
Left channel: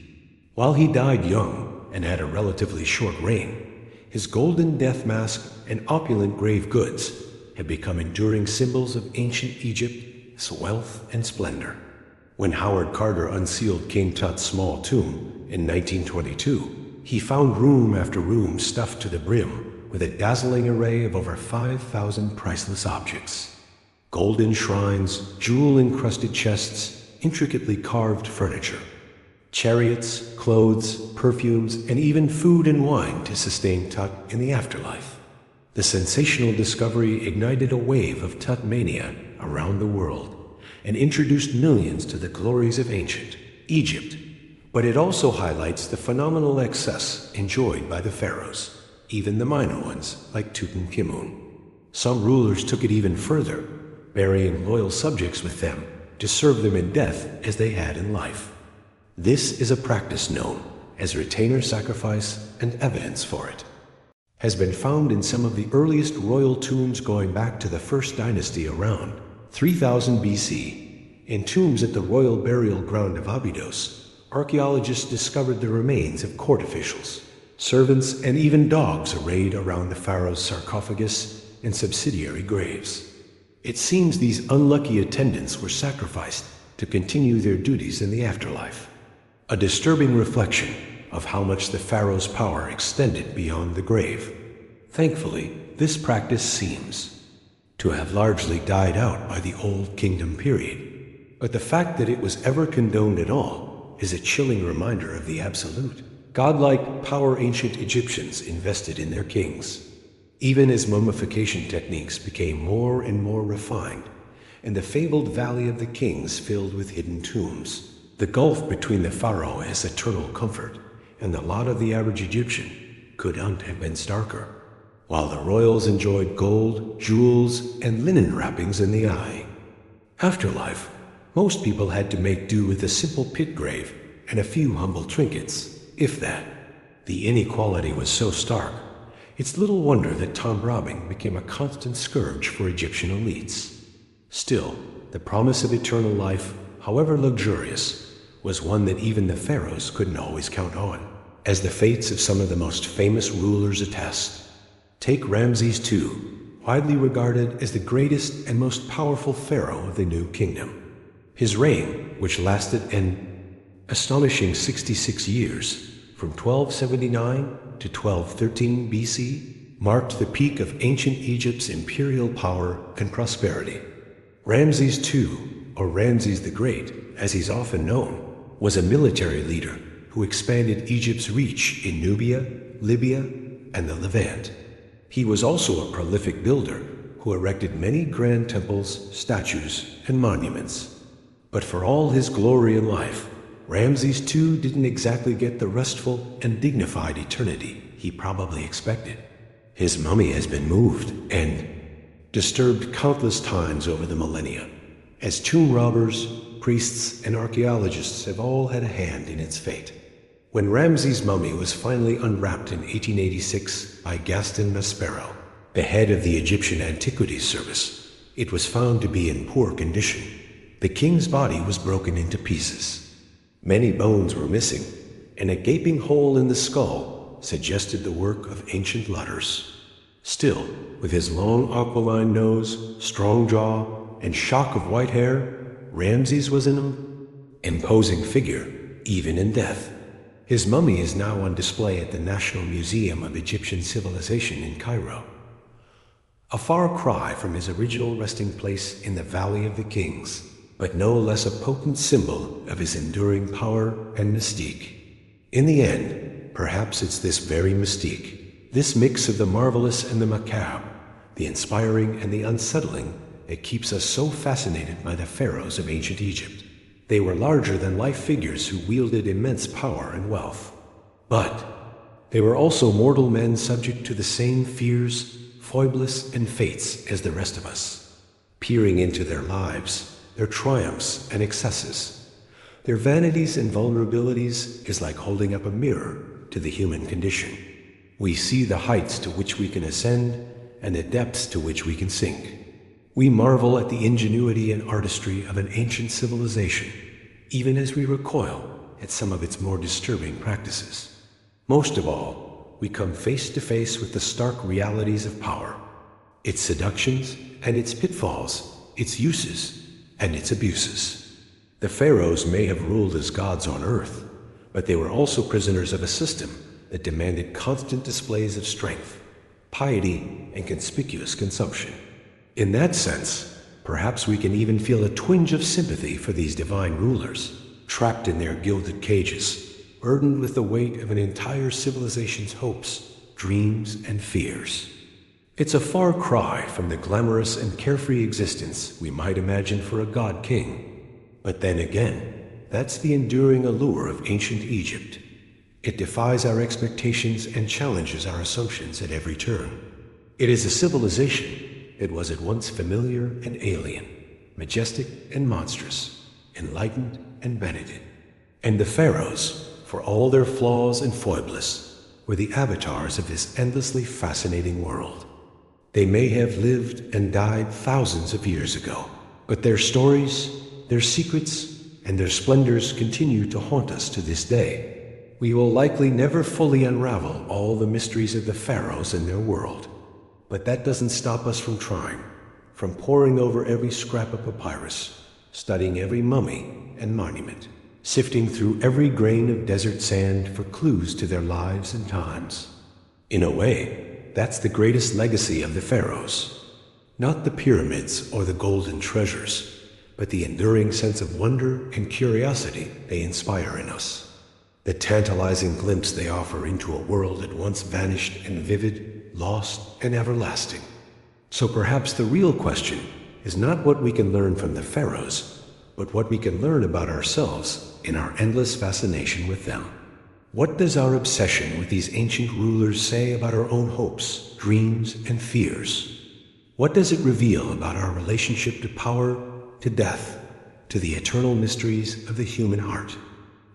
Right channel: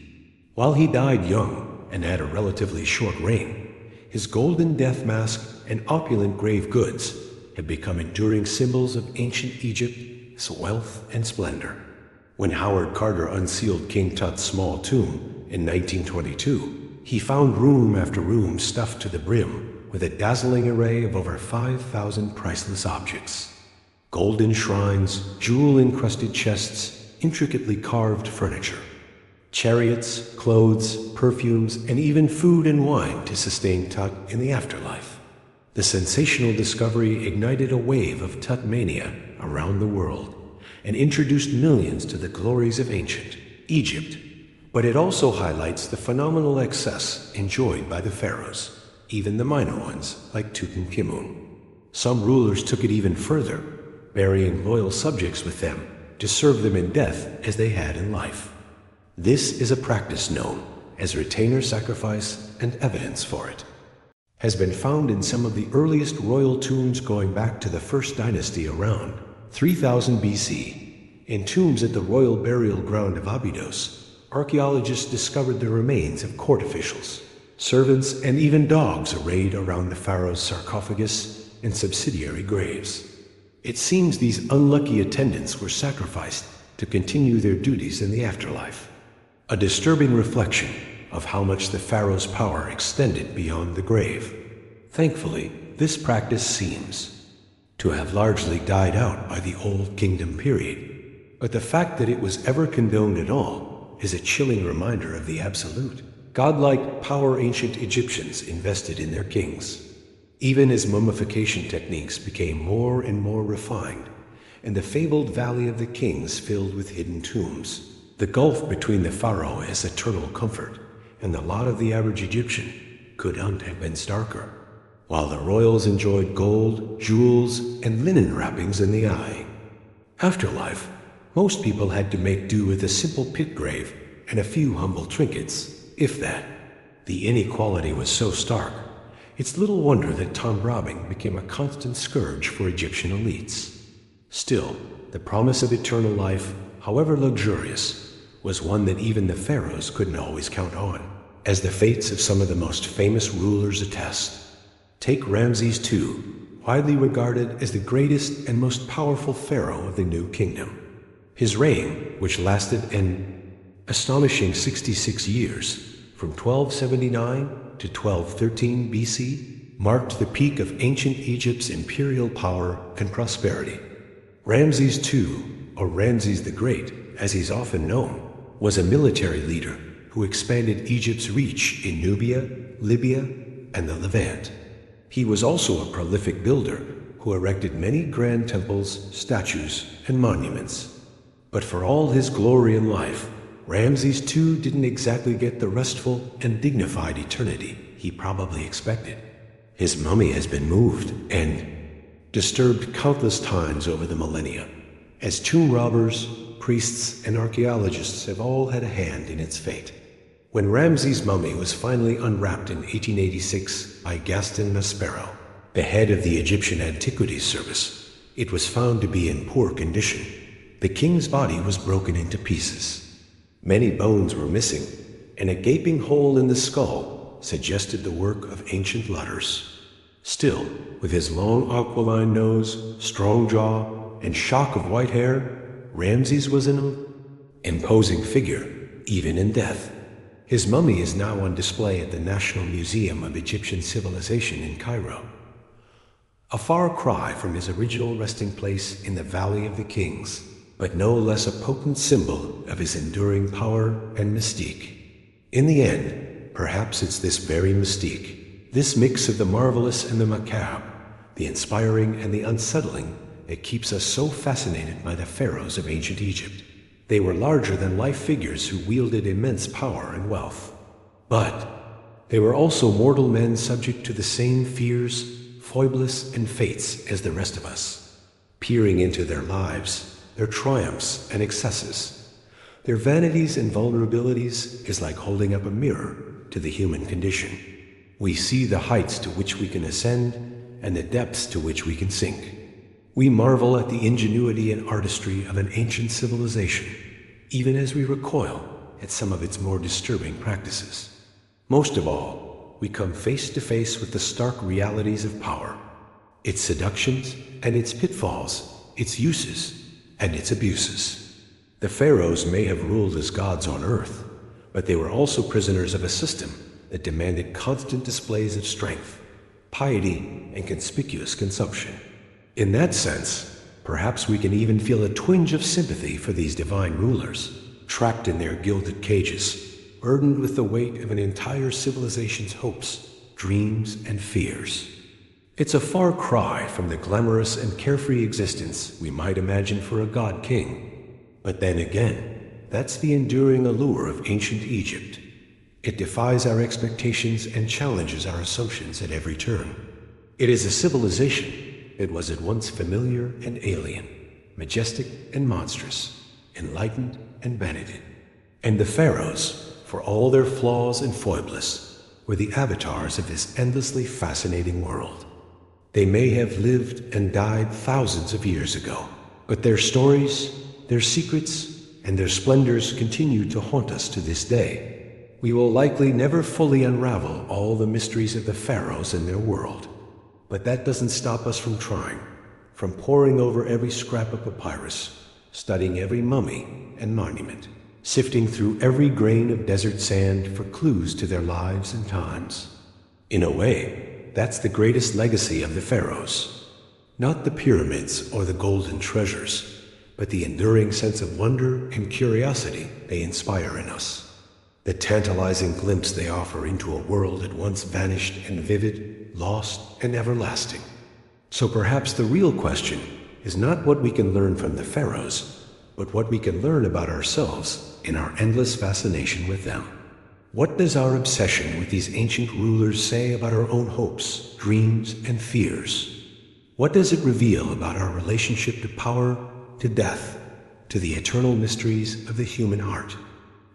While he died young and had a relatively short reign, his golden death mask and opulent grave goods had become enduring symbols of ancient Egypt's wealth and splendor. When Howard Carter unsealed King Tut's small tomb in 1922, he found room after room stuffed to the brim with a dazzling array of over 5,000 priceless objects. Golden shrines, jewel-encrusted chests, intricately carved furniture, chariots, clothes, perfumes, and even food and wine to sustain Tut in the afterlife. The sensational discovery ignited a wave of Tut mania around the world and introduced millions to the glories of ancient Egypt. But it also highlights the phenomenal excess enjoyed by the pharaohs, even the minor ones like Tutankhamun. Some rulers took it even further, burying loyal subjects with them to serve them in death as they had in life. This is a practice known as retainer sacrifice, and evidence for it has been found in some of the earliest royal tombs going back to the first dynasty around 3000 BC. In tombs at the royal burial ground of Abydos, archaeologists discovered the remains of court officials, servants, and even dogs arrayed around the pharaoh's sarcophagus and subsidiary graves. It seems these unlucky attendants were sacrificed to continue their duties in the afterlife. A disturbing reflection of how much the pharaoh's power extended beyond the grave. Thankfully, this practice seems to have largely died out by the Old Kingdom period. But the fact that it was ever condoned at all is a chilling reminder of the absolute, godlike power ancient Egyptians invested in their kings. Even as mummification techniques became more and more refined, and the fabled Valley of the Kings filled with hidden tombs, the gulf between the pharaoh and his eternal comfort and the lot of the average Egyptian couldn't have been starker. While the royals enjoyed gold, jewels, and linen wrappings in the eye. Afterlife, most people had to make do with a simple pit grave and a few humble trinkets, if that. The inequality was so stark, it's little wonder that tomb robbing became a constant scourge for Egyptian elites. Still, the promise of eternal life, however luxurious, was one that even the pharaohs couldn't always count on. as the fates of some of the most famous rulers attest. Take Ramses II, widely regarded as the greatest and most powerful pharaoh of the New Kingdom. His reign, which lasted an astonishing 66 years, from 1279 to 1213 BC, marked the peak of ancient Egypt's imperial power and prosperity. Ramses II, or Ramses the Great, as he's often known, was a military leader who expanded Egypt's reach in Nubia, Libya, and the Levant. He was also a prolific builder who erected many grand temples, statues, and monuments. But for all his glory in life, Ramses II didn't exactly get the restful and dignified eternity he probably expected. His mummy has been moved and disturbed countless times over the millennia, as tomb robbers, priests, and archaeologists have all had a hand in its fate. When Ramses' mummy was finally unwrapped in 1886 by Gaston Maspero, the head of the Egyptian Antiquities Service, it was found to be in poor condition. The king's body was broken into pieces. Many bones were missing, and a gaping hole in the skull suggested the work of ancient lutters. Still, with his long aquiline nose, strong jaw, and shock of white hair, Ramses was an imposing figure, even in death. His mummy is now on display at the National Museum of Egyptian Civilization in Cairo. A far cry from his original resting place in the Valley of the Kings, but no less a potent symbol of his enduring power and mystique. In the end, perhaps it's this very mystique, this mix of the marvelous and the macabre, the inspiring and the unsettling, that keeps us so fascinated by the pharaohs of ancient Egypt. They were larger-than-life figures who wielded immense power and wealth. But they were also mortal men subject to the same fears, foibles, and fates as the rest of us. Peering into their lives, their triumphs and excesses, their vanities and vulnerabilities is like holding up a mirror to the human condition. We see the heights to which we can ascend and the depths to which we can sink. We marvel at the ingenuity and artistry of an ancient civilization, even as we recoil at some of its more disturbing practices. Most of all, we come face to face with the stark realities of power, its seductions and its pitfalls, its uses and its abuses. The pharaohs may have ruled as gods on earth, but they were also prisoners of a system that demanded constant displays of strength, piety, and conspicuous consumption. In that sense, perhaps we can even feel a twinge of sympathy for these divine rulers, trapped in their gilded cages, burdened with the weight of an entire civilization's hopes, dreams, and fears. It's a far cry from the glamorous and carefree existence we might imagine for a god-king. But then again, that's the enduring allure of ancient Egypt. It defies our expectations and challenges our assumptions at every turn. It is a civilization that was at once familiar and alien, majestic and monstrous, enlightened and benighted. And the pharaohs, for all their flaws and foibles, were the avatars of this endlessly fascinating world. They may have lived and died thousands of years ago, but their stories, their secrets, and their splendors continue to haunt us to this day. We will likely never fully unravel all the mysteries of the pharaohs and their world. But that doesn't stop us from trying, from poring over every scrap of papyrus, studying every mummy and monument, sifting through every grain of desert sand for clues to their lives and times. In a way, that's the greatest legacy of the pharaohs. Not the pyramids or the golden treasures, but the enduring sense of wonder and curiosity they inspire in us. The tantalizing glimpse they offer into a world at once vanished and vivid, lost and everlasting. So perhaps the real question is not what we can learn from the pharaohs, but what we can learn about ourselves in our endless fascination with them. What does our obsession with these ancient rulers say about our own hopes, dreams, and fears? What does it reveal about our relationship to power, to death, to the eternal mysteries of the human heart?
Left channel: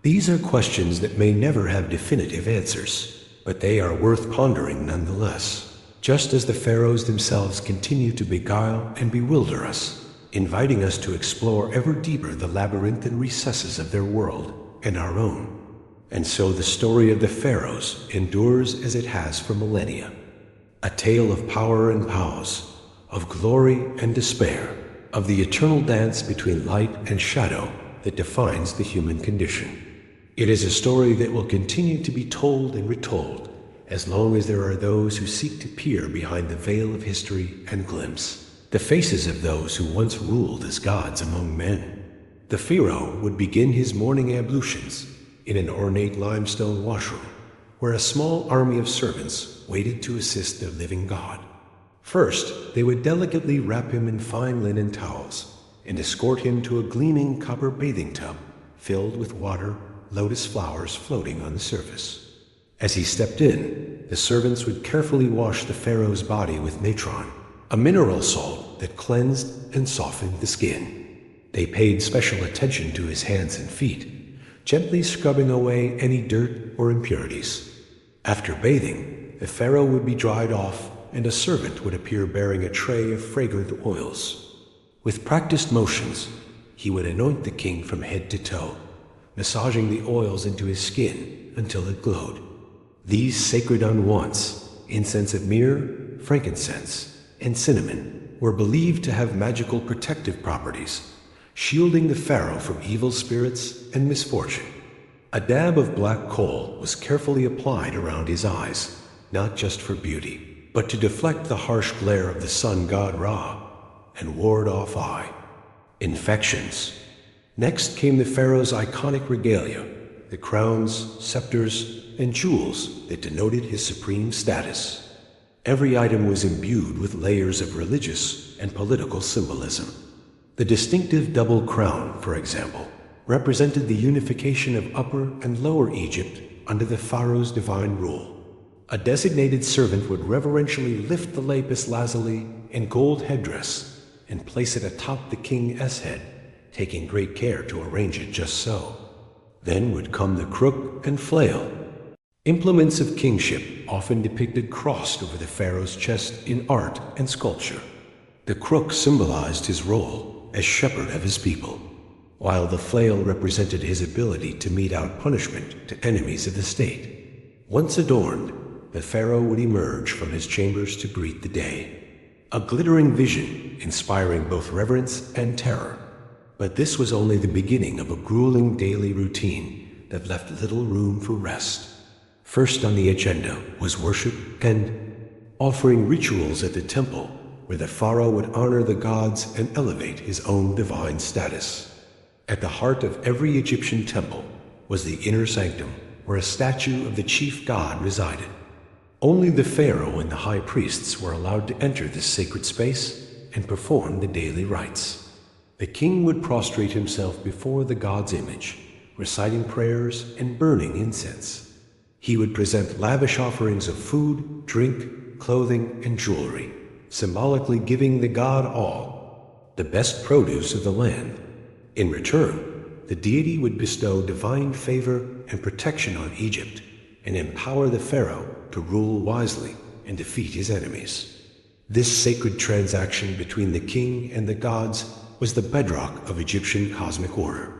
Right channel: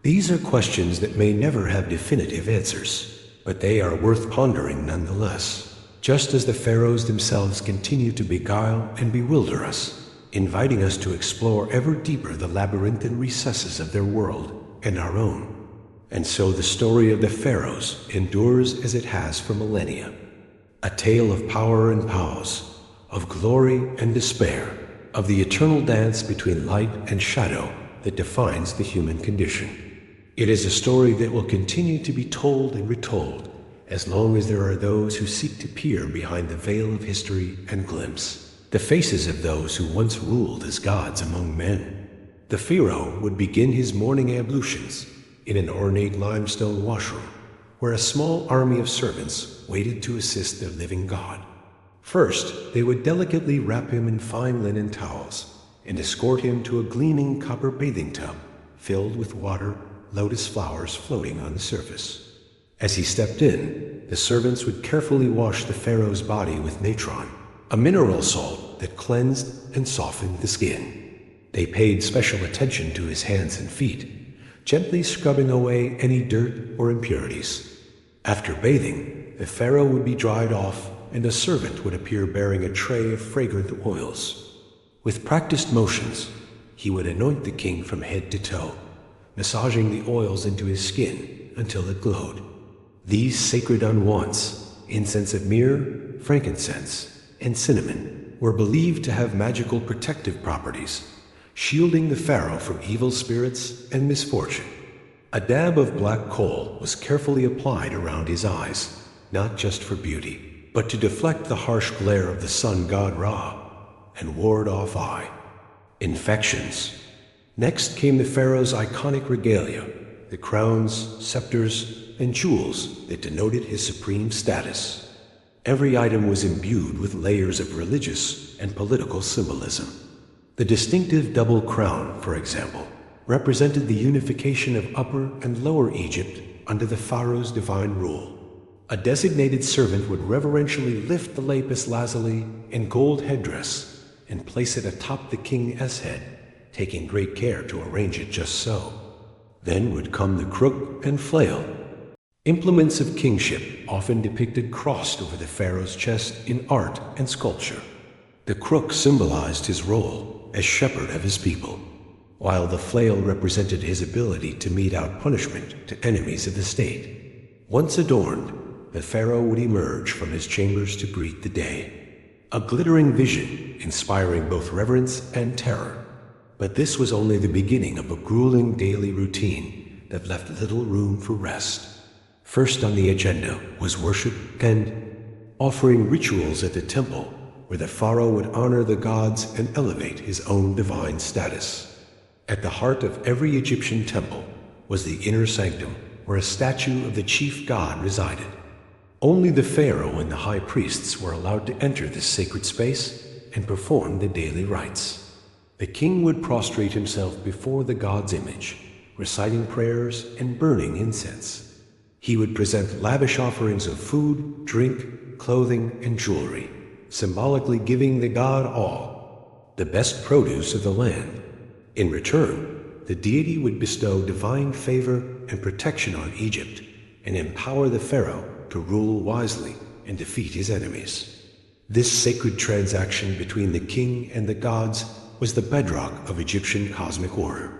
These are questions that may never have definitive answers, but they are worth pondering nonetheless, just as the pharaohs themselves continue to beguile and bewilder us, inviting us to explore ever deeper the labyrinthine recesses of their world and our own. And so the story of the pharaohs endures as it has for millennia. A tale of power and pause, of glory and despair, of the eternal dance between light and shadow that defines the human condition. It is a story that will continue to be told and retold as long as there are those who seek to peer behind the veil of history and glimpse the faces of those who once ruled as gods among men. The Pharaoh would begin his morning ablutions in an ornate limestone washroom where a small army of servants waited to assist their living god. First, they would delicately wrap him in fine linen towels and escort him to a gleaming copper bathing tub filled with water, lotus flowers floating on the surface. As he stepped in, the servants would carefully wash the pharaoh's body with natron, a mineral salt that cleansed and softened the skin. They paid special attention to his hands and feet, gently scrubbing away any dirt or impurities. After bathing, the pharaoh would be dried off and a servant would appear bearing a tray of fragrant oils. With practiced motions, he would anoint the king from head to toe, massaging the oils into his skin until it glowed. These sacred unguents, incense of myrrh, frankincense, and cinnamon, were believed to have magical protective properties, shielding the pharaoh from evil spirits and misfortune. A dab of black coal was carefully applied around his eyes, not just for beauty, but to deflect the harsh glare of the sun god Ra and ward off eye infections. Next came the pharaoh's iconic regalia, the crowns, scepters, and jewels that denoted his supreme status. Every item was imbued with layers of religious and political symbolism. The distinctive double crown, for example, represented the unification of Upper and Lower Egypt under the pharaoh's divine rule. A designated servant would reverentially lift the lapis lazuli in gold headdress and place it atop the king's head, taking great care to arrange it just so. Then would come the crook and flail, implements of kingship often depicted crossed over the pharaoh's chest in art and sculpture. The crook symbolized his role as shepherd of his people, while the flail represented his ability to mete out punishment to enemies of the state. Once adorned, the pharaoh would emerge from his chambers to greet the day, a glittering vision inspiring both reverence and terror. But this was only the beginning of a grueling daily routine that left little room for rest. First on the agenda was worship and offering rituals at the temple, where the pharaoh would honor the gods and elevate his own divine status. At the heart of every Egyptian temple was the inner sanctum, where a statue of the chief god resided. Only the pharaoh and the high priests were allowed to enter this sacred space and perform the daily rites. The king would prostrate himself before the god's image, reciting prayers and burning incense. He would present lavish offerings of food, drink, clothing, and jewelry, symbolically giving the god all, the best produce of the land. In return, the deity would bestow divine favor and protection on Egypt and empower the pharaoh to rule wisely and defeat his enemies. This sacred transaction between the king and the gods was the bedrock of Egyptian cosmic order.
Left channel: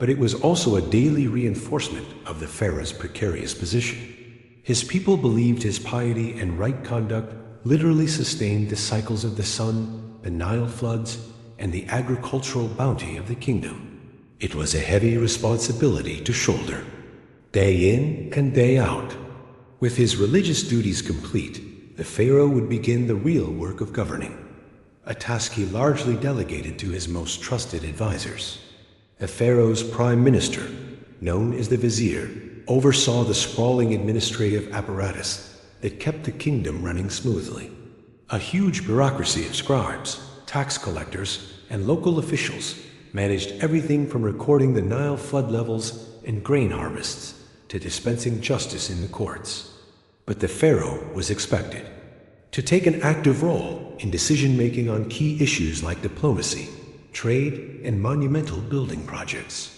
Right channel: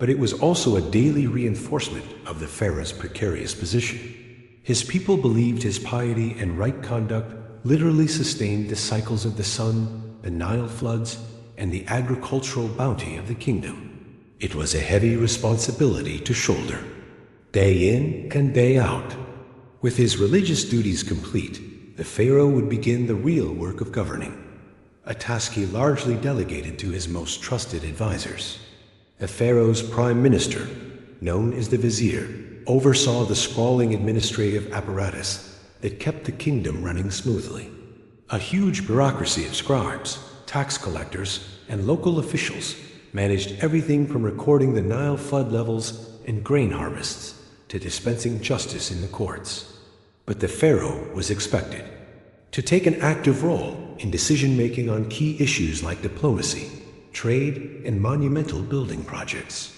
But it was also a daily reinforcement of the pharaoh's precarious position. His people believed his piety and right conduct literally sustained the cycles of the sun, the Nile floods, and the agricultural bounty of the kingdom. It was a heavy responsibility to shoulder, day in and day out. With his religious duties complete, the pharaoh would begin the real work of governing, a task he largely delegated to his most trusted advisors. The pharaoh's prime minister, known as the vizier, oversaw the sprawling administrative apparatus that kept the kingdom running smoothly. A huge bureaucracy of scribes, tax collectors, and local officials managed everything from recording the Nile flood levels and grain harvests to dispensing justice in the courts. But the pharaoh was expected to take an active role in decision-making on key issues like diplomacy, trade, and monumental building projects.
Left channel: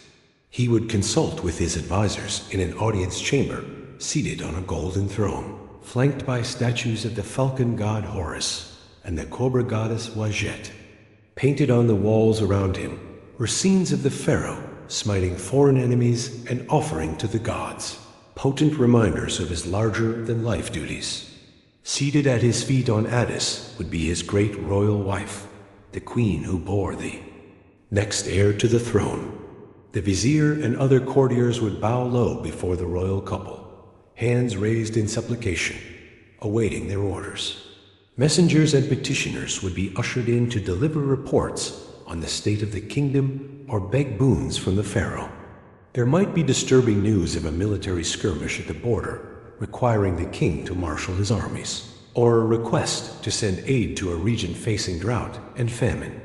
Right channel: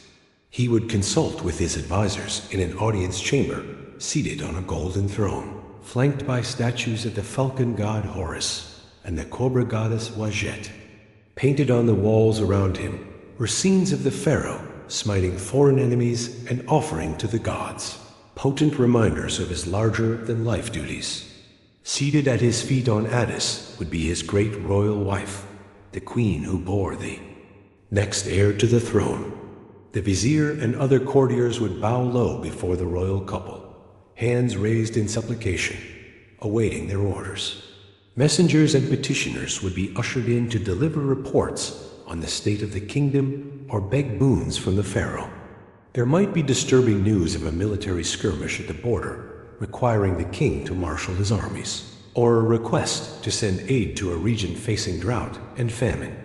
He would consult with his advisors in an audience chamber, seated on a golden throne, flanked by statues of the falcon god Horus and the cobra goddess Wajet. Painted on the walls around him were scenes of the pharaoh smiting foreign enemies and offering to the gods, potent reminders of his larger-than-life duties. Seated at his feet on Addis would be his great royal wife, the queen who bore thee. Next heir to the throne, the vizier and other courtiers would bow low before the royal couple, hands raised in supplication, awaiting their orders. Messengers and petitioners would be ushered in to deliver reports on the state of the kingdom or beg boons from the pharaoh. There might be disturbing news of a military skirmish at the border, requiring the king to marshal his armies, or a request to send aid to a region facing drought and famine.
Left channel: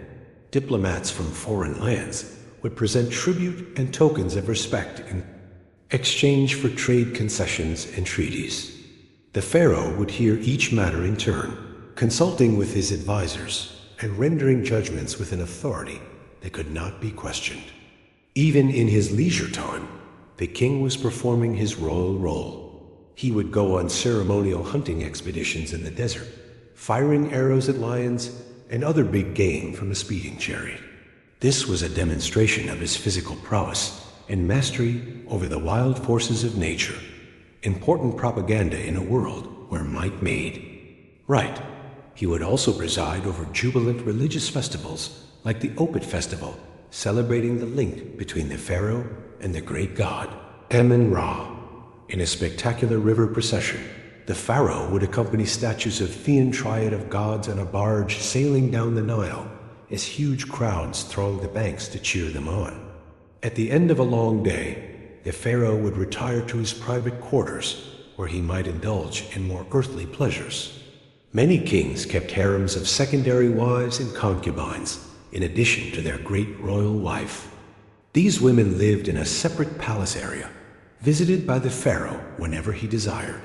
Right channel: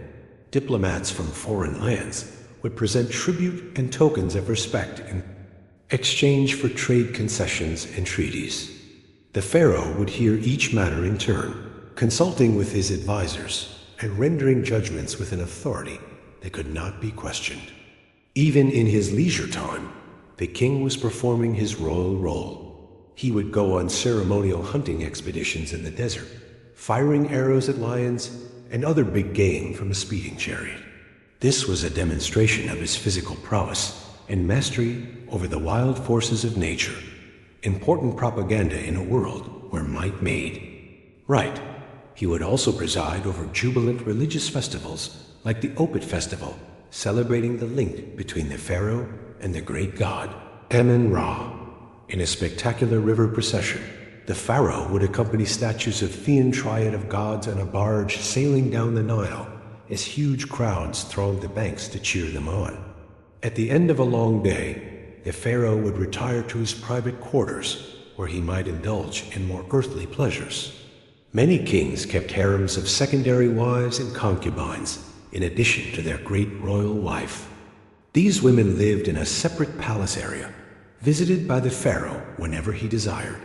Diplomats from foreign lands would present tribute and tokens of respect in exchange for trade concessions and treaties. The pharaoh would hear each matter in turn, consulting with his advisors and rendering judgments with an authority that could not be questioned. Even in his leisure time, the king was performing his royal role. He would go on ceremonial hunting expeditions in the desert, firing arrows at lions and other big game from a speeding chariot. This was a demonstration of his physical prowess and mastery over the wild forces of nature, important propaganda in a world where might made right. He would also preside over jubilant religious festivals like the Opet Festival, celebrating the link between the pharaoh and the great god, Amun-Ra. In a spectacular river procession, the pharaoh would accompany statues of Thean triad of gods on a barge sailing down the Nile as huge crowds thronged the banks to cheer them on. At the end of a long day, the pharaoh would retire to his private quarters, where he might indulge in more earthly pleasures. Many kings kept harems of secondary wives and concubines, in addition to their great royal wife. These women lived in a separate palace area, visited by the pharaoh whenever he desired.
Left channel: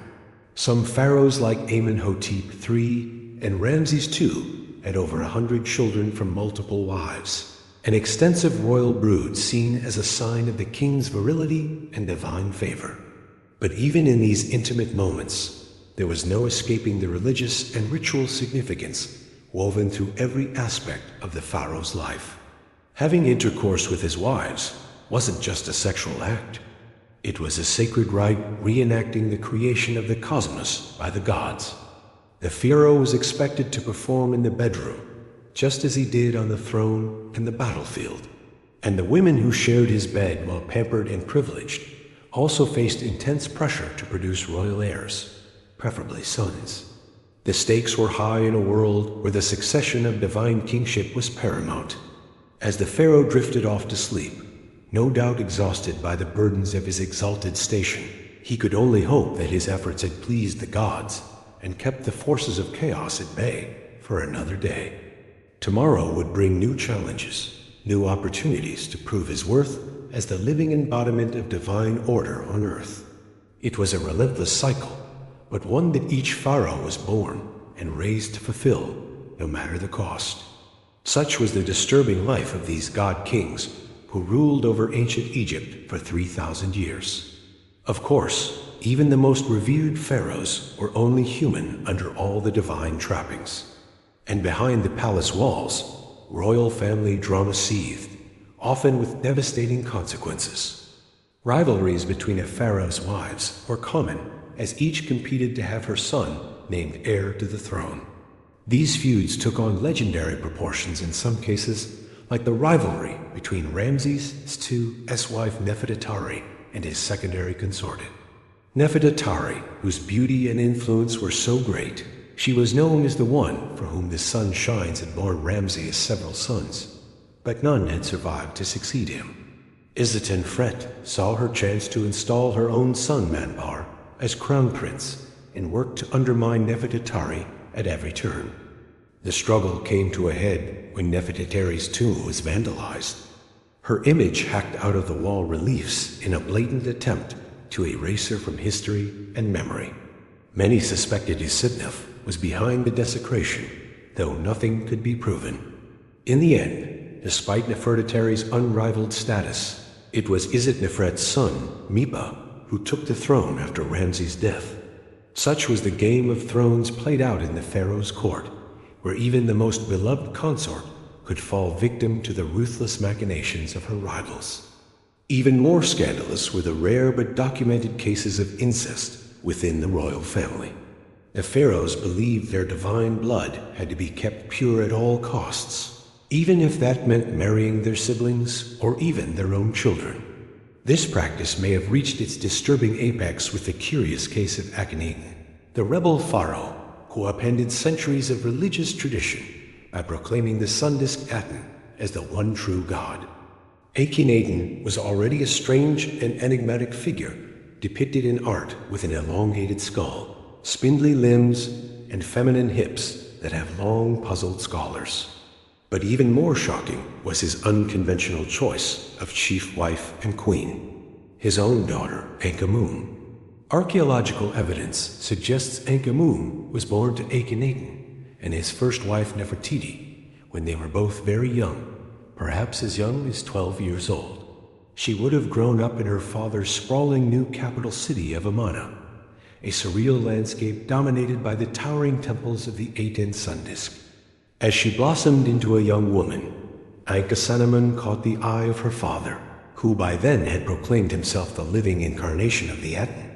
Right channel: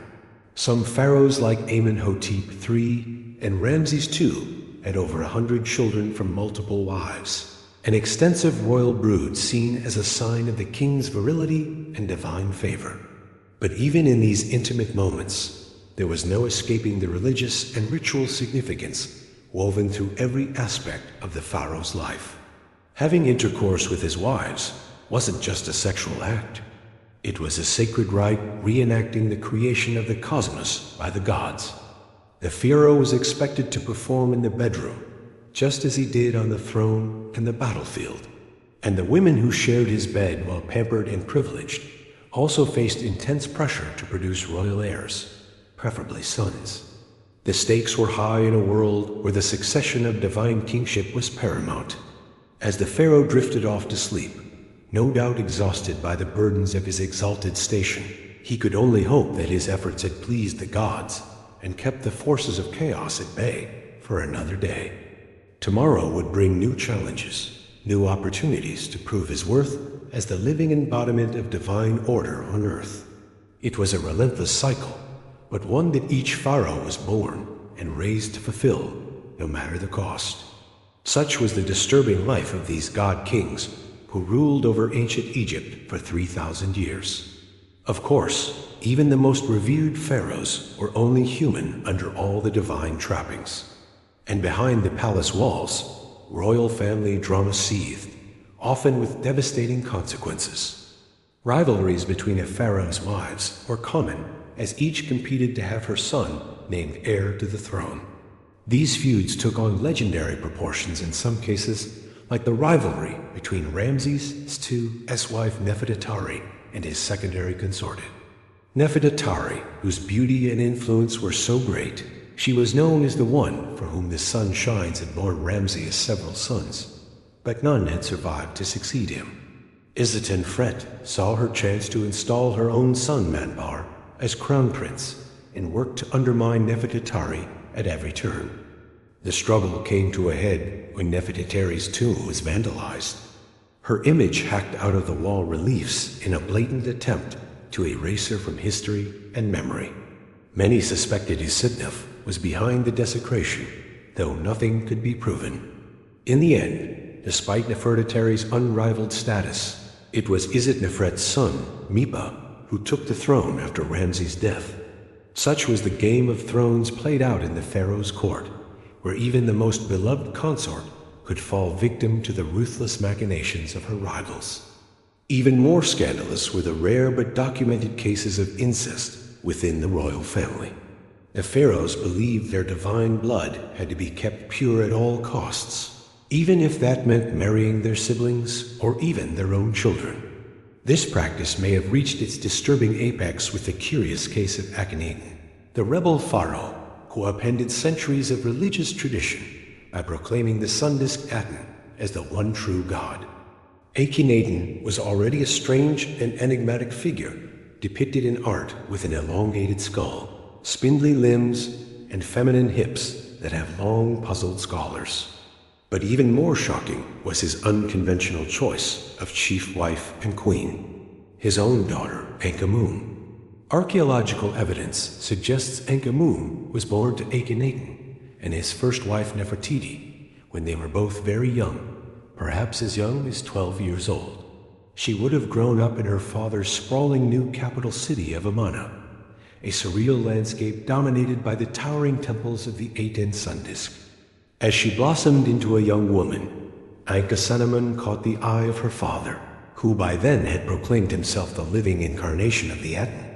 Some pharaohs like Amenhotep III and Ramses II had over 100 children from multiple wives, an extensive royal brood seen as a sign of the king's virility and divine favor. But even in these intimate moments, there was no escaping the religious and ritual significance woven through every aspect of the pharaoh's life. Having intercourse with his wives wasn't just a sexual act. It was a sacred rite reenacting the creation of the cosmos by the gods. The pharaoh was expected to perform in the bedroom, just as he did on the throne and the battlefield. And the women who shared his bed while pampered and privileged also faced intense pressure to produce royal heirs, preferably sons. The stakes were high in a world where the succession of divine kingship was paramount. As the pharaoh drifted off to sleep, no doubt exhausted by the burdens of his exalted station, he could only hope that his efforts had pleased the gods and kept the forces of chaos at bay for another day. Tomorrow would bring new challenges, new opportunities to prove his worth as the living embodiment of divine order on earth. It was a relentless cycle, but one that each pharaoh was born and raised to fulfill, no matter the cost. Such was the disturbing life of these god kings who ruled over ancient Egypt for 3,000 years. Of course, even the most revered pharaohs were only human under all the divine trappings. And behind the palace walls, royal family drama seethed, often with devastating consequences. Rivalries between a pharaoh's wives were common, as each competed to have her son named heir to the throne. These feuds took on legendary proportions in some cases, like the rivalry between Ramses II's wife Nefertari and his secondary consorted. Nefertari, whose beauty and influence were so great, she was known as the one for whom the sun shines, had borne Ramses several sons, but none had survived to succeed him. Isetenfret saw her chance to install her own son Manbar as crown prince and worked to undermine Nefertari at every turn. The struggle came to a head when Nefertari's tomb was vandalized. Her image hacked out of the wall reliefs in a blatant attempt to erase her from history and memory. Many suspected Isidnaf was behind the desecration, though nothing could be proven. In the end, despite Nefertari's unrivaled status, it was Isetnefret's son, Mipa, who took the throne after Ramses' death. Such was the Game of Thrones played out in the pharaoh's court, where even the most beloved consort could fall victim to the ruthless machinations of her rivals. Even more scandalous were the rare but documented cases of incest within the royal family. The pharaohs believed their divine blood had to be kept pure at all costs, even if that meant marrying their siblings or even their own children. This practice may have reached its disturbing apex with the curious case of Akhenaten, the rebel pharaoh who upended centuries of religious tradition by proclaiming the sun disk Aten as the one true god. Akhenaten was already a strange and enigmatic figure depicted in art with an elongated skull, spindly limbs, and feminine hips that have long puzzled scholars. But even more shocking was his unconventional choice of chief wife and queen, his own daughter, Enkamun. Archaeological evidence suggests Enkamun was born to Akhenaten and his first wife Nefertiti when they were both very young, perhaps as young as 12 years old. She would have grown up in her father's sprawling new capital city of Amarna, a surreal landscape dominated by the towering temples of the Aten sun disk. As she blossomed into a young woman, Ankhesenamun caught the eye of her father, who by then had proclaimed himself the living incarnation of the Aten,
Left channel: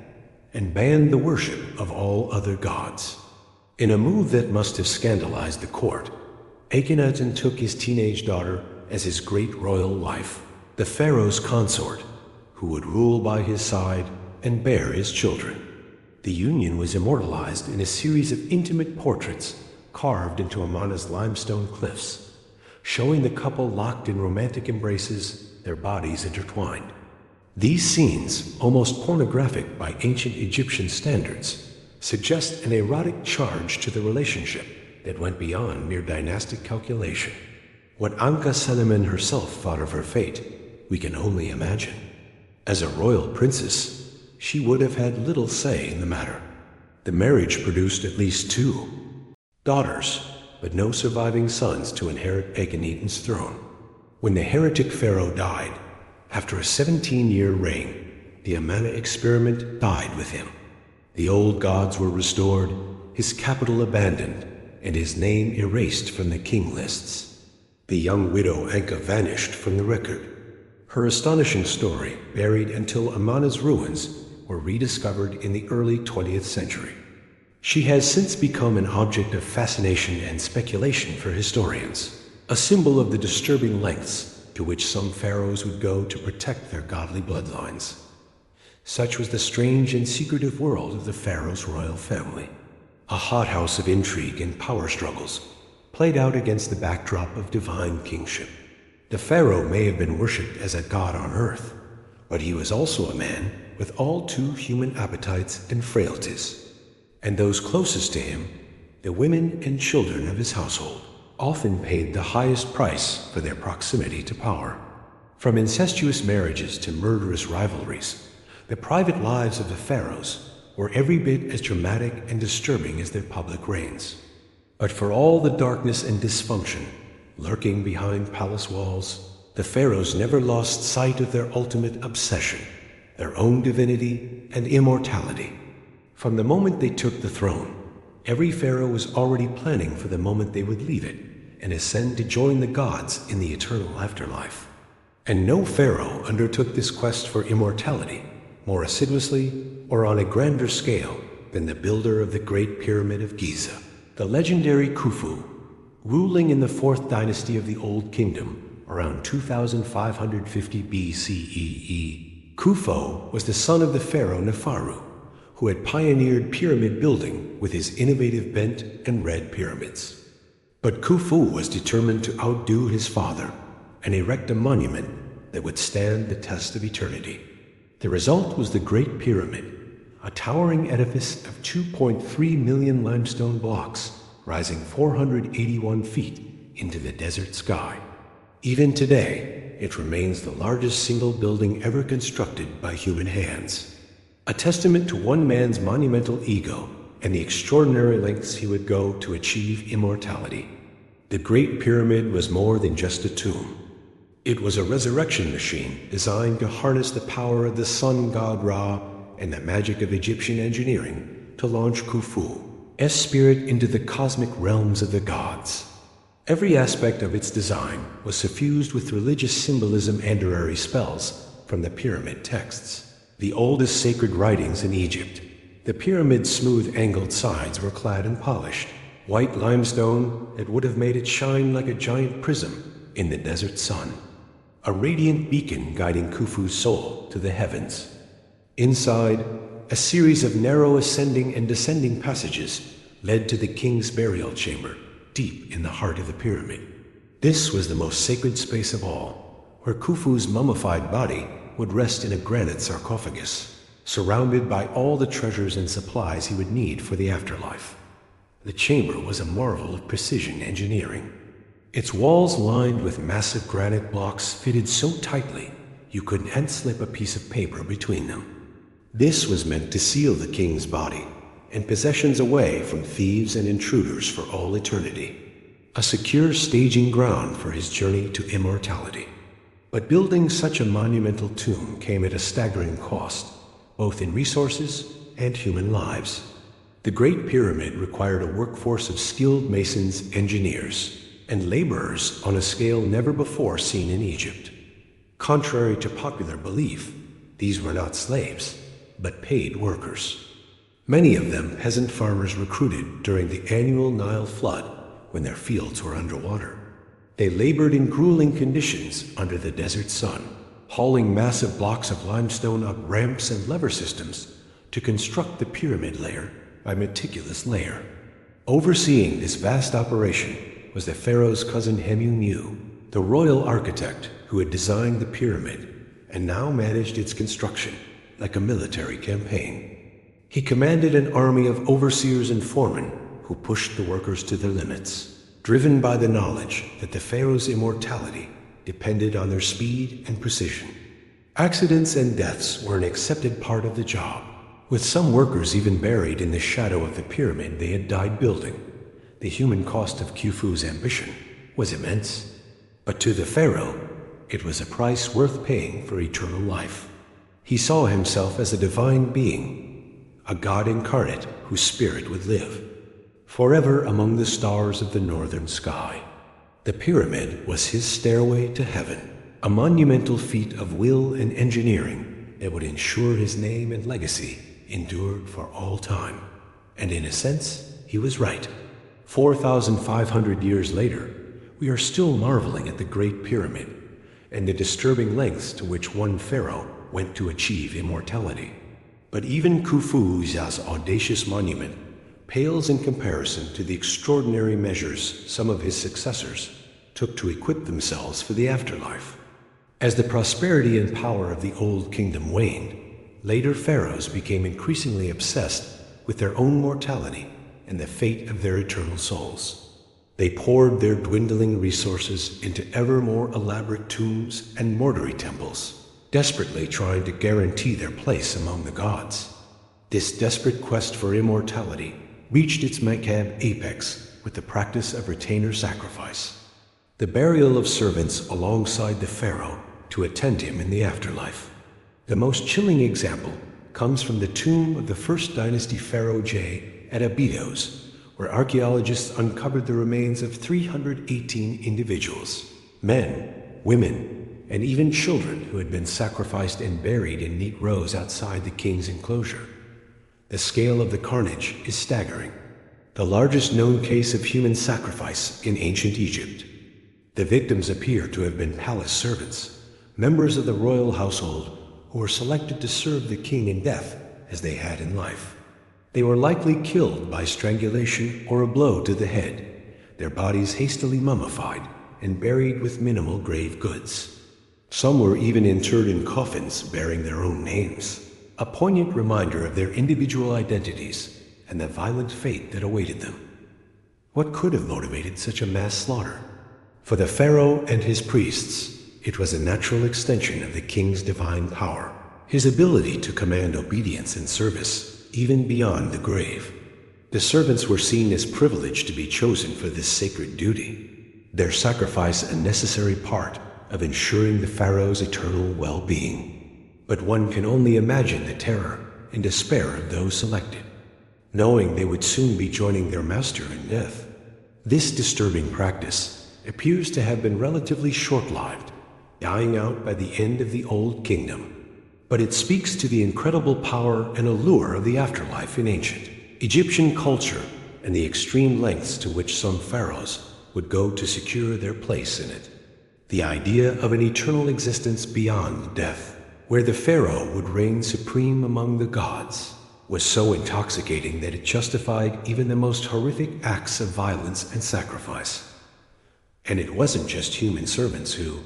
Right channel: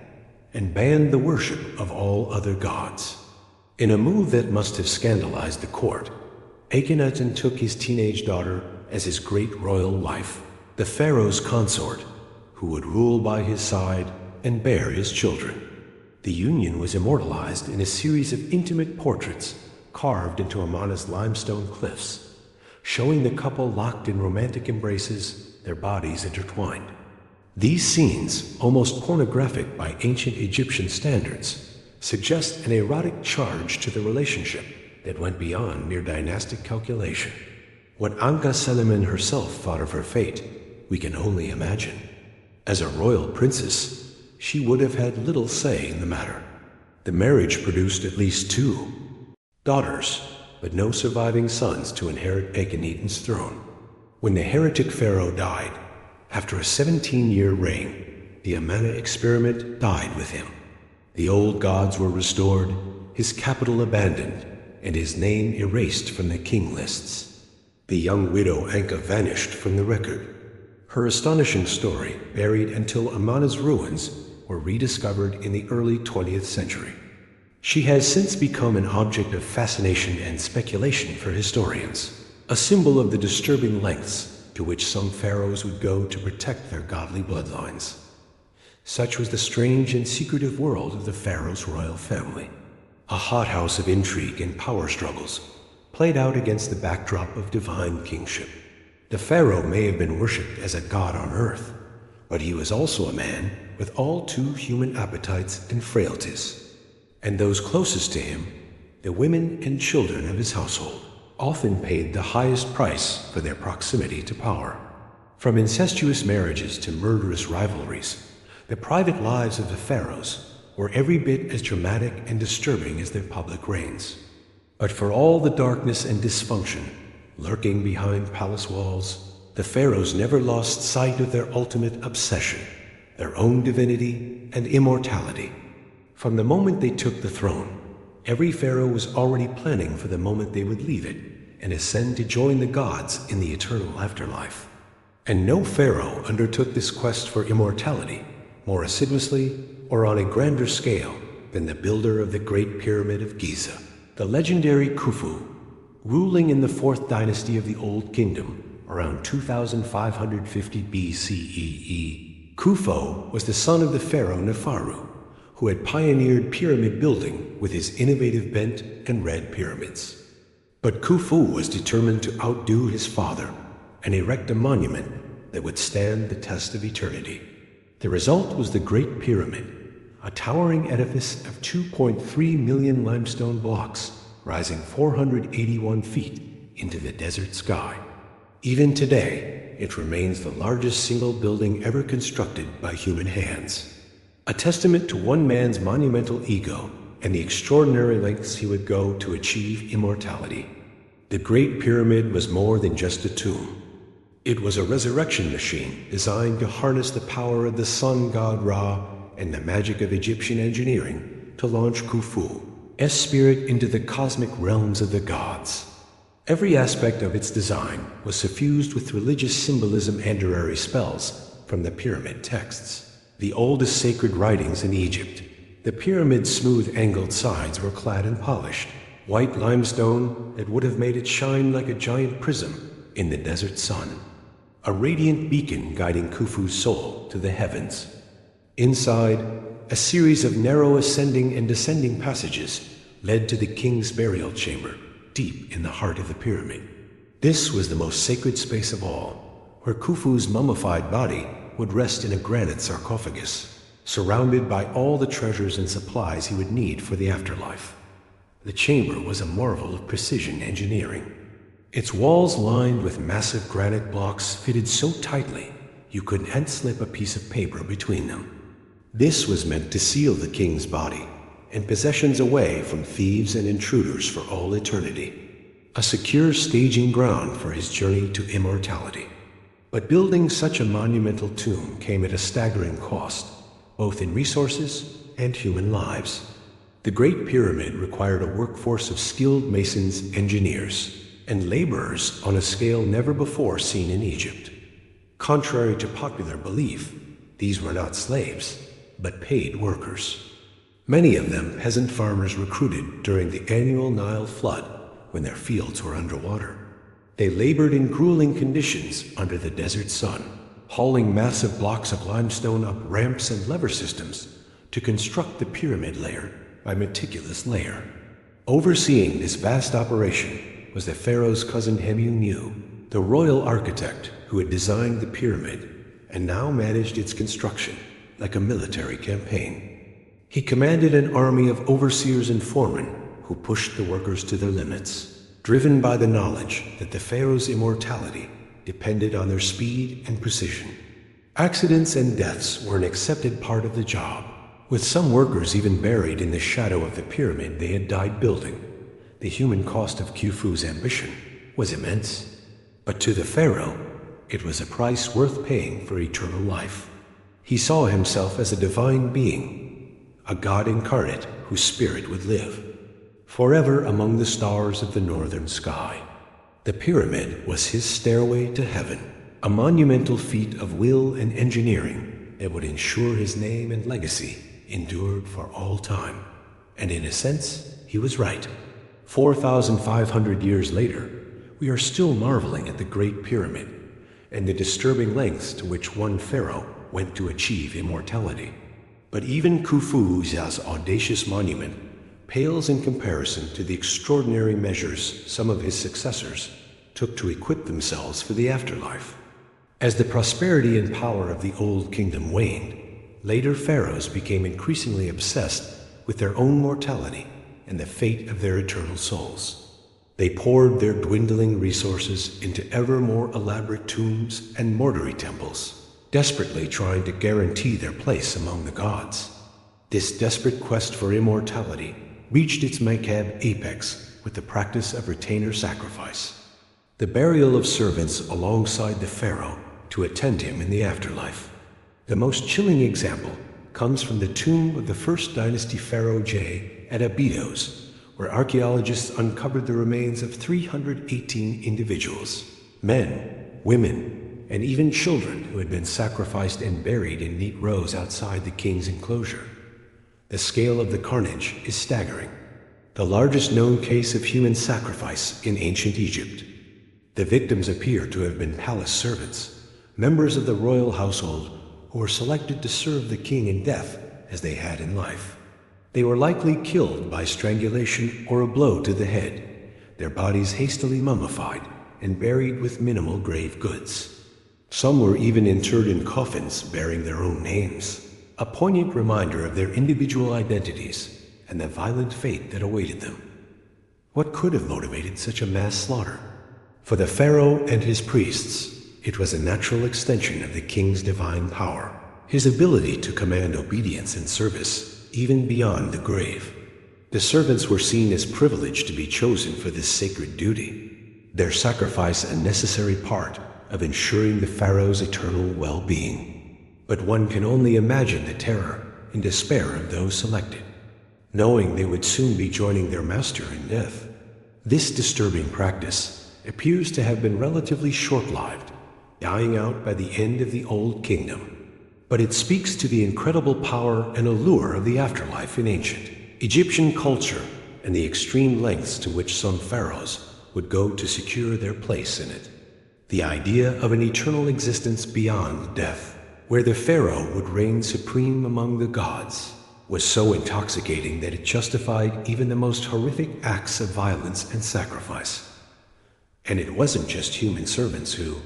and banned the worship of all other gods. In a move that must have scandalized the court, Akhenaten took his teenage daughter as his great royal wife, the pharaoh's consort, who would rule by his side and bear his children. The union was immortalized in a series of intimate portraits carved into Amarna's limestone cliffs, showing the couple locked in romantic embraces, their bodies intertwined. These scenes, almost pornographic by ancient Egyptian standards, suggest an erotic charge to the relationship that went beyond mere dynastic calculation. What Ankhesenamun herself thought of her fate, we can only imagine. As a royal princess, she would have had little say in the matter. The marriage produced at least 2 daughters, but no surviving sons to inherit Akhenaten's throne. When the heretic pharaoh died, after a 17-year reign, the Amarna experiment died with him. The old gods were restored, his capital abandoned, and his name erased from the king lists. The young widow Ankha vanished from the record. Her astonishing story, buried until Amarna's ruins, were rediscovered in the early 20th century. She has since become an object of fascination and speculation for historians, a symbol of the disturbing lengths to which some pharaohs would go to protect their godly bloodlines. Such was the strange and secretive world of the pharaoh's royal family, a hothouse of intrigue and power struggles, played out against the backdrop of divine kingship. The pharaoh may have been worshipped as a god on earth, but he was also a man with all too human appetites and frailties. And those closest to him, the women and children of his household, often paid the highest price for their proximity to power. From incestuous marriages to murderous rivalries, the private lives of the pharaohs were every bit as dramatic and disturbing as their public reigns. But for all the darkness and dysfunction lurking behind palace walls, the pharaohs never lost sight of their ultimate obsession, their own divinity and immortality. From the moment they took the throne, every pharaoh was already planning for the moment they would leave it and ascend to join the gods in the eternal afterlife. And no pharaoh undertook this quest for immortality more assiduously or on a grander scale than the builder of the Great Pyramid of Giza, the legendary Khufu, ruling in the 4th dynasty of the Old Kingdom around 2550 BCE. Khufu was the son of the pharaoh Neferu, who had pioneered pyramid building with his innovative bent and red pyramids. But Khufu was determined to outdo his father and erect a monument that would stand the test of eternity. The result was the Great Pyramid, a towering edifice of 2.3 million limestone blocks rising 481 feet into the desert sky. Even today, it remains the largest single building ever constructed by human hands. A testament to one man's monumental ego and the extraordinary lengths he would go to achieve immortality. The Great Pyramid was more than just a tomb. It was a resurrection machine designed to harness the power of the sun god Ra and the magic of Egyptian engineering to launch Khufu's spirit into the cosmic realms of the gods. Every aspect of its design was suffused with religious symbolism and spells from the pyramid texts, the oldest sacred writings in Egypt. The pyramid's smooth angled sides were clad in polished, white limestone that would have made it shine like a giant prism in the desert sun, a radiant beacon guiding Khufu's soul to the heavens. Inside, a series of narrow ascending and descending passages led to the king's burial chamber, deep in the heart of the pyramid. This was the most sacred space of all, where Khufu's mummified body would rest in a granite sarcophagus, surrounded by all the treasures and supplies he would need for the afterlife. The chamber was a marvel of precision engineering. Its walls lined with massive granite blocks fitted so tightly you couldn't hand-slip a piece of paper between them. This was meant to seal the king's body and possessions away from thieves and intruders for all eternity, a secure staging ground for his journey to immortality. But building such a monumental tomb came at a staggering cost, both in resources and human lives. The Great Pyramid required a workforce of skilled masons, engineers, and laborers on a scale never before seen in Egypt. Contrary to popular belief, these were not slaves, but paid workers. Many of them peasant farmers recruited during the annual Nile flood when their fields were underwater. They labored in grueling conditions under the desert sun, hauling massive blocks of limestone up ramps and lever systems to construct the pyramid layer by meticulous layer. Overseeing this vast operation was the pharaoh's cousin Hemiu, the royal architect who had designed the pyramid and now managed its construction like a military campaign. He commanded an army of overseers and foremen who pushed the workers to their limits, driven by the knowledge that the pharaoh's immortality depended on their speed and precision. Accidents and deaths were an accepted part of the job, with some workers even buried in the shadow of the pyramid they had died building. The human cost of Khufu's ambition was immense, but to the pharaoh, it was a price worth paying for eternal life. He saw himself as a divine being, a god incarnate whose spirit would live forever among the stars of the northern sky. The pyramid was his stairway to heaven, a monumental feat of will and engineering that would ensure his name and legacy endured for all time. And in a sense, he was right. 4,500 years later, we are still marveling at the Great Pyramid and the disturbing lengths to which one pharaoh went to achieve immortality. But even Khufu's audacious monument pales in comparison to the extraordinary measures some of his successors took to equip themselves for the afterlife. As the prosperity and power of the Old Kingdom waned, later pharaohs became increasingly obsessed with their own mortality and the fate of their eternal souls. They poured their dwindling resources into ever more elaborate tombs and mortuary temples, desperately trying to guarantee their place among the gods. This desperate quest for immortality reached its macabre apex with the practice of retainer sacrifice, the burial of servants alongside the pharaoh to attend him in the afterlife. The most chilling example comes from the tomb of the First Dynasty Pharaoh J at Abydos, where archaeologists uncovered the remains of 318 individuals, men, women, and even children who had been sacrificed and buried in neat rows outside the king's enclosure. The scale of the carnage is staggering, the largest known case of human sacrifice in ancient Egypt. The victims appear to have been palace servants, members of the royal household who were selected to serve the king in death as they had in life. They were likely killed by strangulation or a blow to the head, their bodies hastily mummified and buried with minimal grave goods. Some were even interred in coffins bearing their own names, a poignant reminder of their individual identities and the violent fate that awaited them. What could have motivated such a mass slaughter? For the pharaoh and his priests, it was a natural extension of the king's divine power, his ability to command obedience and service even beyond the grave. The servants were seen as privileged to be chosen for this sacred duty, their sacrifice a necessary part of ensuring the pharaoh's eternal well-being. But one can only imagine the terror and despair of those selected, knowing they would soon be joining their master in death. This disturbing practice appears to have been relatively short-lived, dying out by the end of the Old Kingdom. But it speaks to the incredible power and allure of the afterlife in ancient Egyptian culture and the extreme lengths to which some pharaohs would go to secure their place in it. The idea of an eternal existence beyond death, where the pharaoh would reign supreme among the gods, was so intoxicating that it justified even the most horrific acts of violence and sacrifice. And it wasn't just human servants who,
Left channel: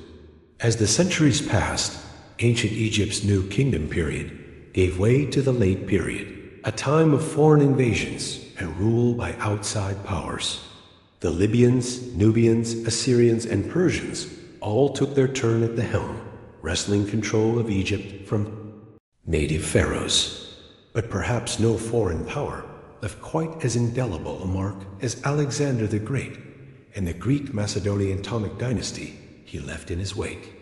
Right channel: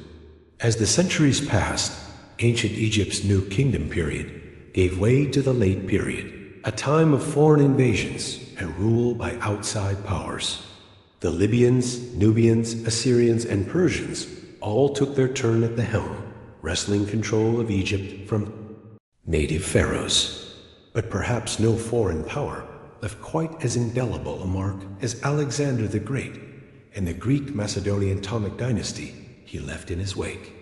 as the centuries passed, ancient Egypt's New Kingdom period gave way to the Late Period, a time of foreign invasions and rule by outside powers. The Libyans, Nubians, Assyrians, and Persians all took their turn at the helm, wresting control of Egypt from native pharaohs. But perhaps no foreign power left quite as indelible a mark as Alexander the Great and the Greek Macedonian Ptolemaic dynasty he left in his wake.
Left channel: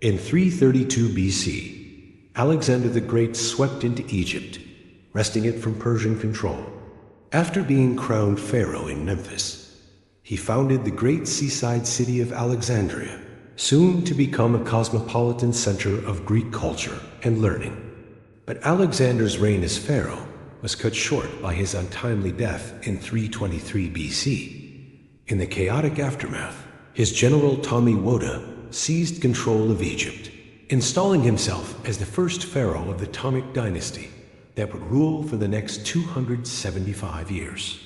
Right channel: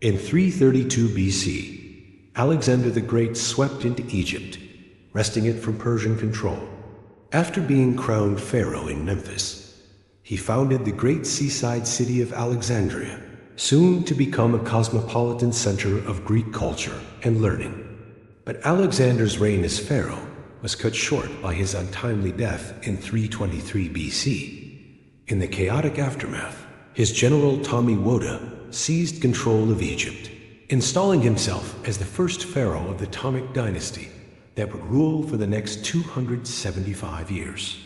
In 332 BC, Alexander the Great swept into Egypt, wresting it from Persian control. After being crowned pharaoh in Memphis, he founded the great seaside city of Alexandria, soon to become a cosmopolitan center of Greek culture and learning. But Alexander's reign as pharaoh was cut short by his untimely death in 323 BC. In the chaotic aftermath, his general Ptolemy Woda seized control of Egypt, installing himself as the first pharaoh of the Ptolemaic dynasty that would rule for the next 275 years.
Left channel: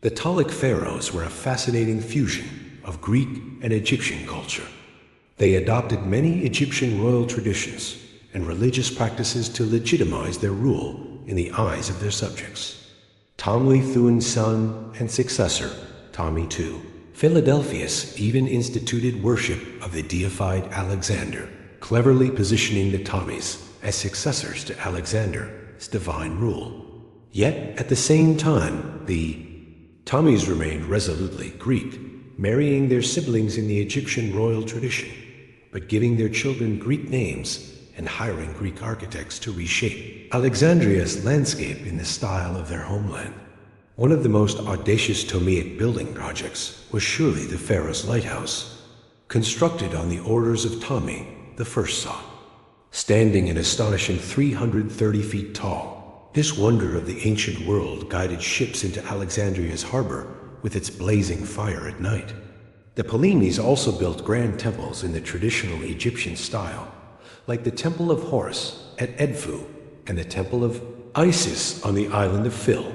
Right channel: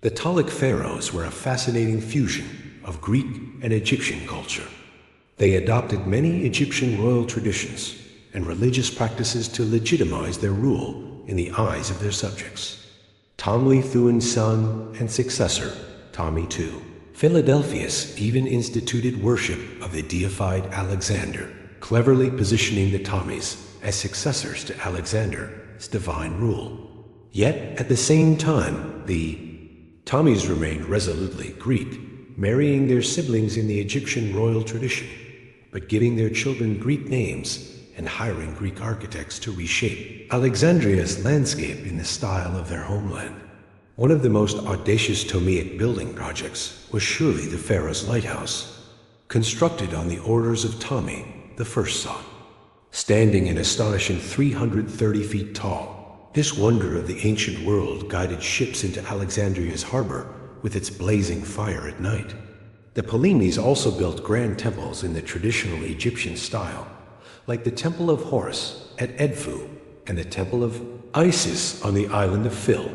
The Ptolemaic pharaohs were a fascinating fusion of Greek and Egyptian culture. They adopted many Egyptian royal traditions and religious practices to legitimize their rule in the eyes of their subjects. Ptolemy Thuan's son and successor, Ptolemy II, Philadelphus even instituted worship of the deified Alexander, cleverly positioning the Ptolemies as successors to Alexander's divine rule. Yet, at the same time, the Ptolemies remained resolutely Greek, marrying their siblings in the Egyptian royal tradition, but giving their children Greek names and hiring Greek architects to reshape Alexandria's landscape in the style of their homeland. One of the most audacious Ptolemaic building projects was surely the Pharaoh's lighthouse, constructed on the orders of Ptolemy the first son. Standing an astonishing 330 feet tall, this wonder of the ancient world guided ships into Alexandria's harbor with its blazing fire at night. The Ptolemies also built grand temples in the traditional Egyptian style, like the Temple of Horus at Edfu and the Temple of Isis on the island of Phil.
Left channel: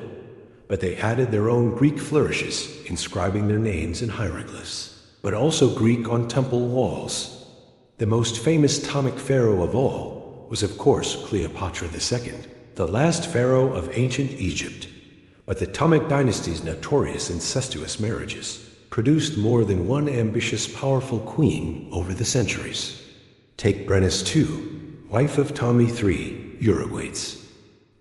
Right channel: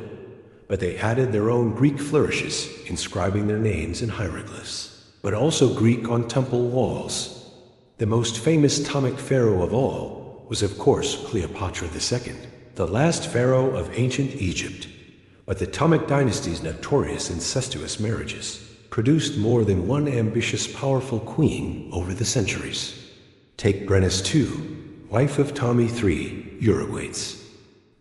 But they added their own Greek flourishes, inscribing their names in hieroglyphs, but also Greek on temple walls. The most famous Ptolemaic pharaoh of all was, of course, Cleopatra II, the last pharaoh of ancient Egypt. But the Ptolemaic dynasty's notorious incestuous marriages produced more than one ambitious, powerful queen over the centuries. Take Brennus II, wife of Ptolemy III, Eurybates.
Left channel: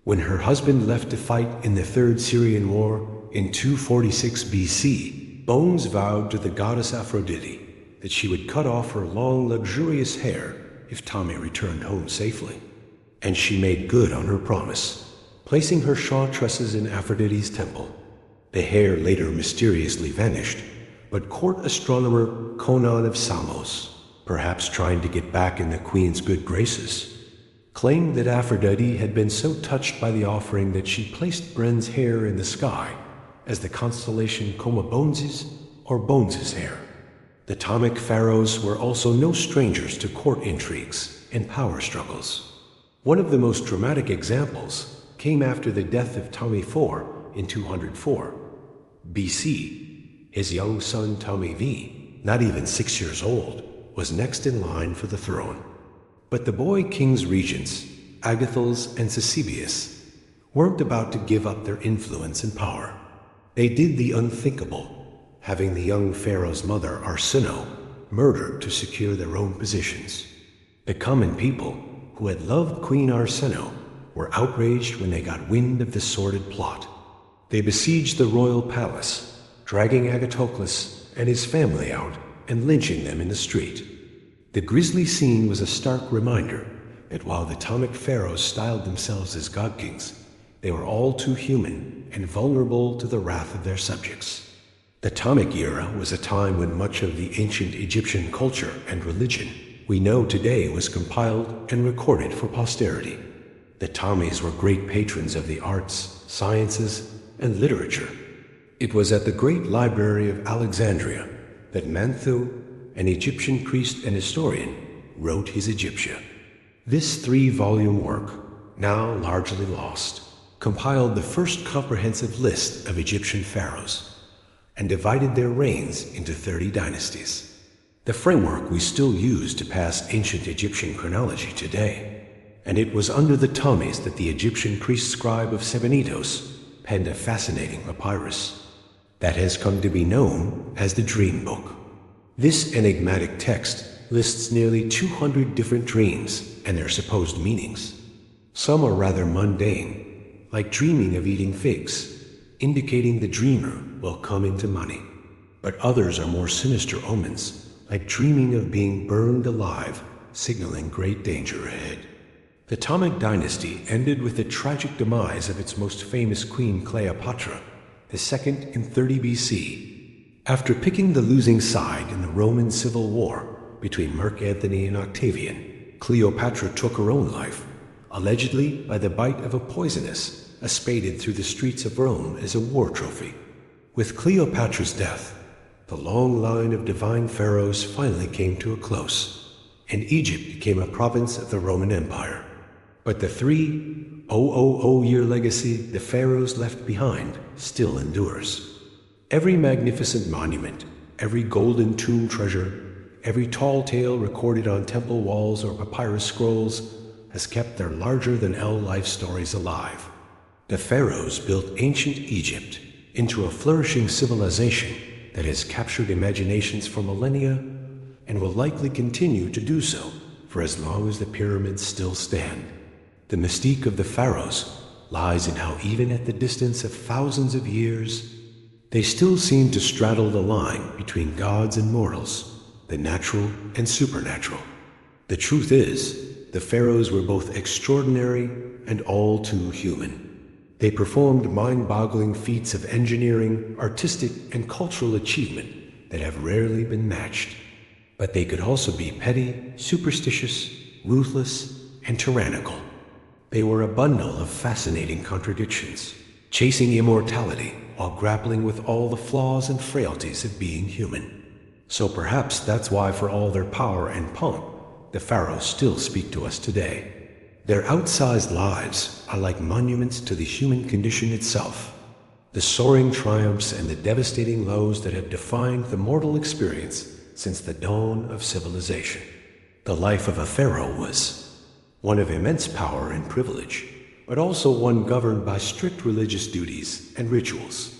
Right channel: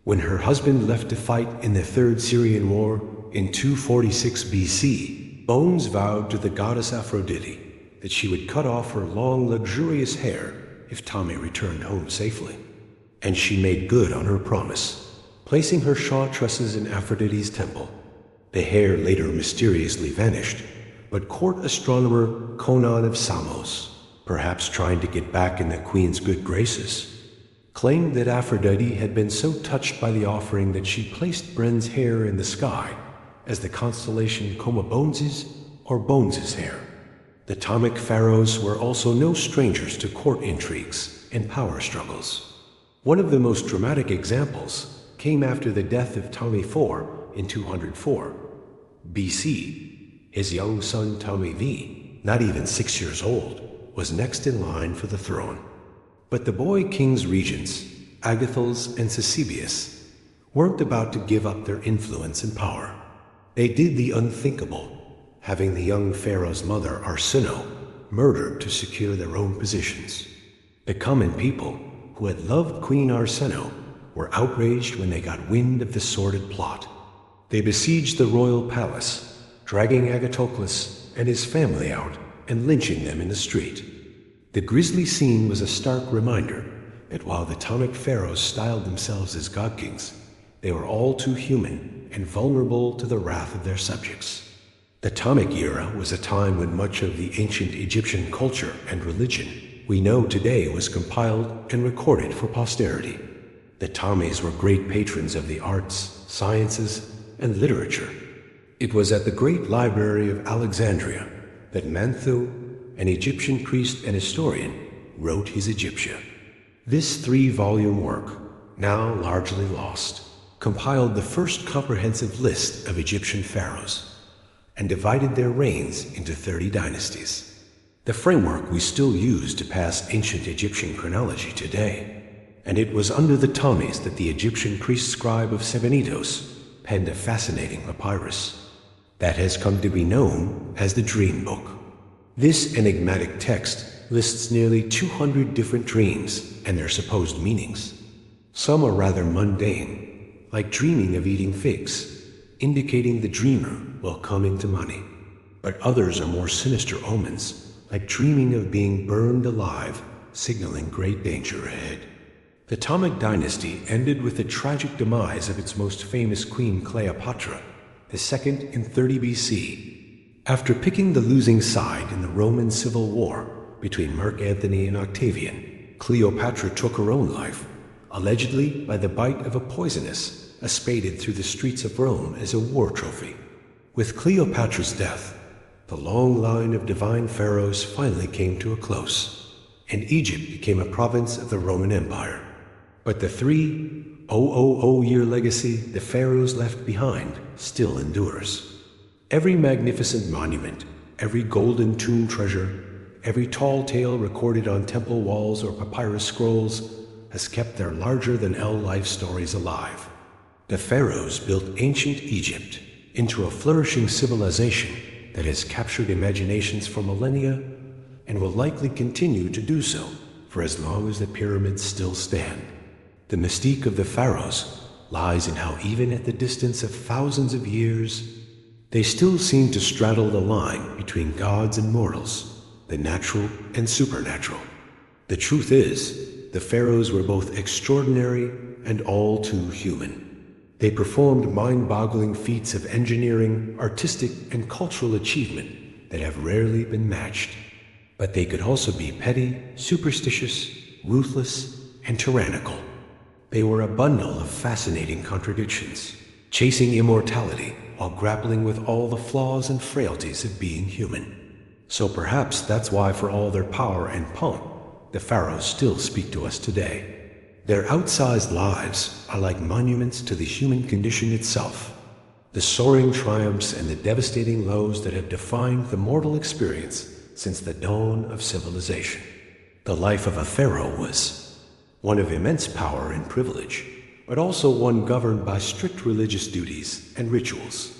When her husband left to fight in the Third Syrian War in 246 BC, Bones vowed to the goddess Aphrodite that she would cut off her long, luxurious hair if Ptolemy returned home safely. And she made good on her promise, placing her shaw tresses in Aphrodite's temple. The hair later mysteriously vanished, but court astronomer Conon of Samos, perhaps trying to get back in the queen's good graces, claimed that Aphrodite had been so touched by the offering that she placed Bren's hair in the sky as the constellation Coma Bones's or Bones's hair. The Ptolemaic pharaohs were also no strangers to court intrigues and power struggles. One of the most dramatic examples came after the death of Ptolemy IV in 204 BC. His young son Ptolemy V, not even 6 years old, was next in line for the throne. But the boy king's regents, Agathos and Ctesibius, weren't about to give up their influence and power. They did the unthinkable, having the young pharaoh's mother, Arsinoe, murdered to secure their own positions. The common people, who had loved Queen Arsinoe, were outraged when they got wind of the sordid plot. They besieged the royal palace, dragging Agathocles and his family out and lynching them in the street. The grisly scene was a stark reminder that while the Ptolemaic pharaohs styled themselves as god kings, they were all too human and vulnerable to the wrath of their subjects. The Ptolemaic era was a time when much of the ancient Egyptian culture and religion we know today was compiled and recorded for posterity. The Ptolemies were great patrons of the arts, sciences, and literature. It was at the great library of Alexandria that Manetho, an Egyptian priest and historian, wrote his Egyptia. This 3-volume work, now largely lost, compiled the first comprehensive list of Egyptian pharaohs and divided their reigns into 30 dynasties. The framework we still use to pass ancient Egyptian chronology today. And it was under the Ptolemies that the Egyptian priest scribe of Sebennytos penned a fascinating papyrus that has come to be known as the Dream Book. This enigmatic text lists nearly 200 different dreams and their supposed meanings. Some are rather mundane, like dreaming of eating figs, indicating the dreamer will come into money. But others are more sinister omens, like dreaming of being burned alive, signaling great danger ahead. The Ptolemaic dynasty ended with the tragic demise of its most famous queen Cleopatra, the second in 30 BC. After picking the losing side in the Roman Civil War between Mark Antony and Octavian, Cleopatra took her own life, allegedly by the bite of a poisonous espaded through the streets of Rome as a war trophy. With Cleopatra's death, the long line of divine pharaohs finally came to a close, and Egypt became a province of the Roman Empire. But the 3,000-year legacy the pharaohs left behind still endures. Every magnificent monument, every golden tomb treasure, every tall tale recorded on temple walls or papyrus scrolls has kept their larger-than-L life stories alive. The pharaohs built ancient Egypt into a flourishing civilization that has captured imaginations for millennia and will likely continue to do so for as long as the pyramids still stand. The mystique of the pharaohs lies in how even at the distance of thousands of years, they still seem to straddle the line between gods and mortals, the natural and supernatural. The truth is, the pharaohs were both extraordinary and all too human. They performed mind-boggling feats of engineering, artistic, and cultural achievement that have rarely been matched. But they could also be petty, superstitious, ruthless, and tyrannical. They were a bundle of fascinating contradictions, chasing immortality while grappling with all the flaws and frailties of being human. So perhaps that's why, for all their power and pomp, the pharaohs still speak to us today. Their outsized lives are like monuments to the human condition itself, the soaring triumphs and the devastating lows that have defined the mortal experience since the dawn of civilization. The life of a pharaoh was one of immense power and privilege, but also one governed by strict religious duties and rituals.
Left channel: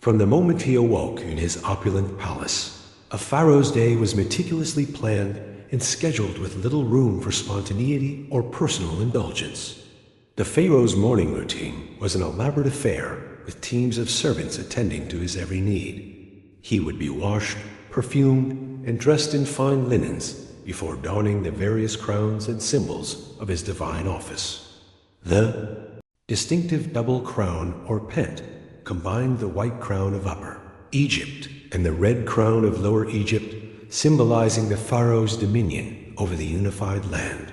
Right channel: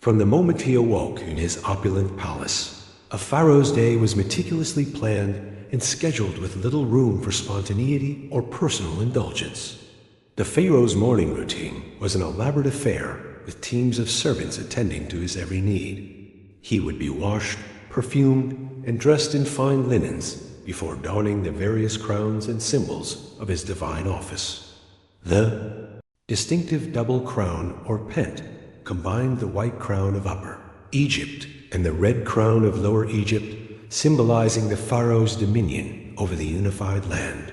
From the moment he awoke in his opulent palace, a pharaoh's day was meticulously planned and scheduled with little room for spontaneity or personal indulgence. The pharaoh's morning routine was an elaborate affair with teams of servants attending to his every need. He would be washed, perfumed, and dressed in fine linens before donning the various crowns and symbols of his divine office. The distinctive double crown or pent combined the white crown of Upper Egypt and the red crown of Lower Egypt, symbolizing the pharaoh's dominion over the unified land.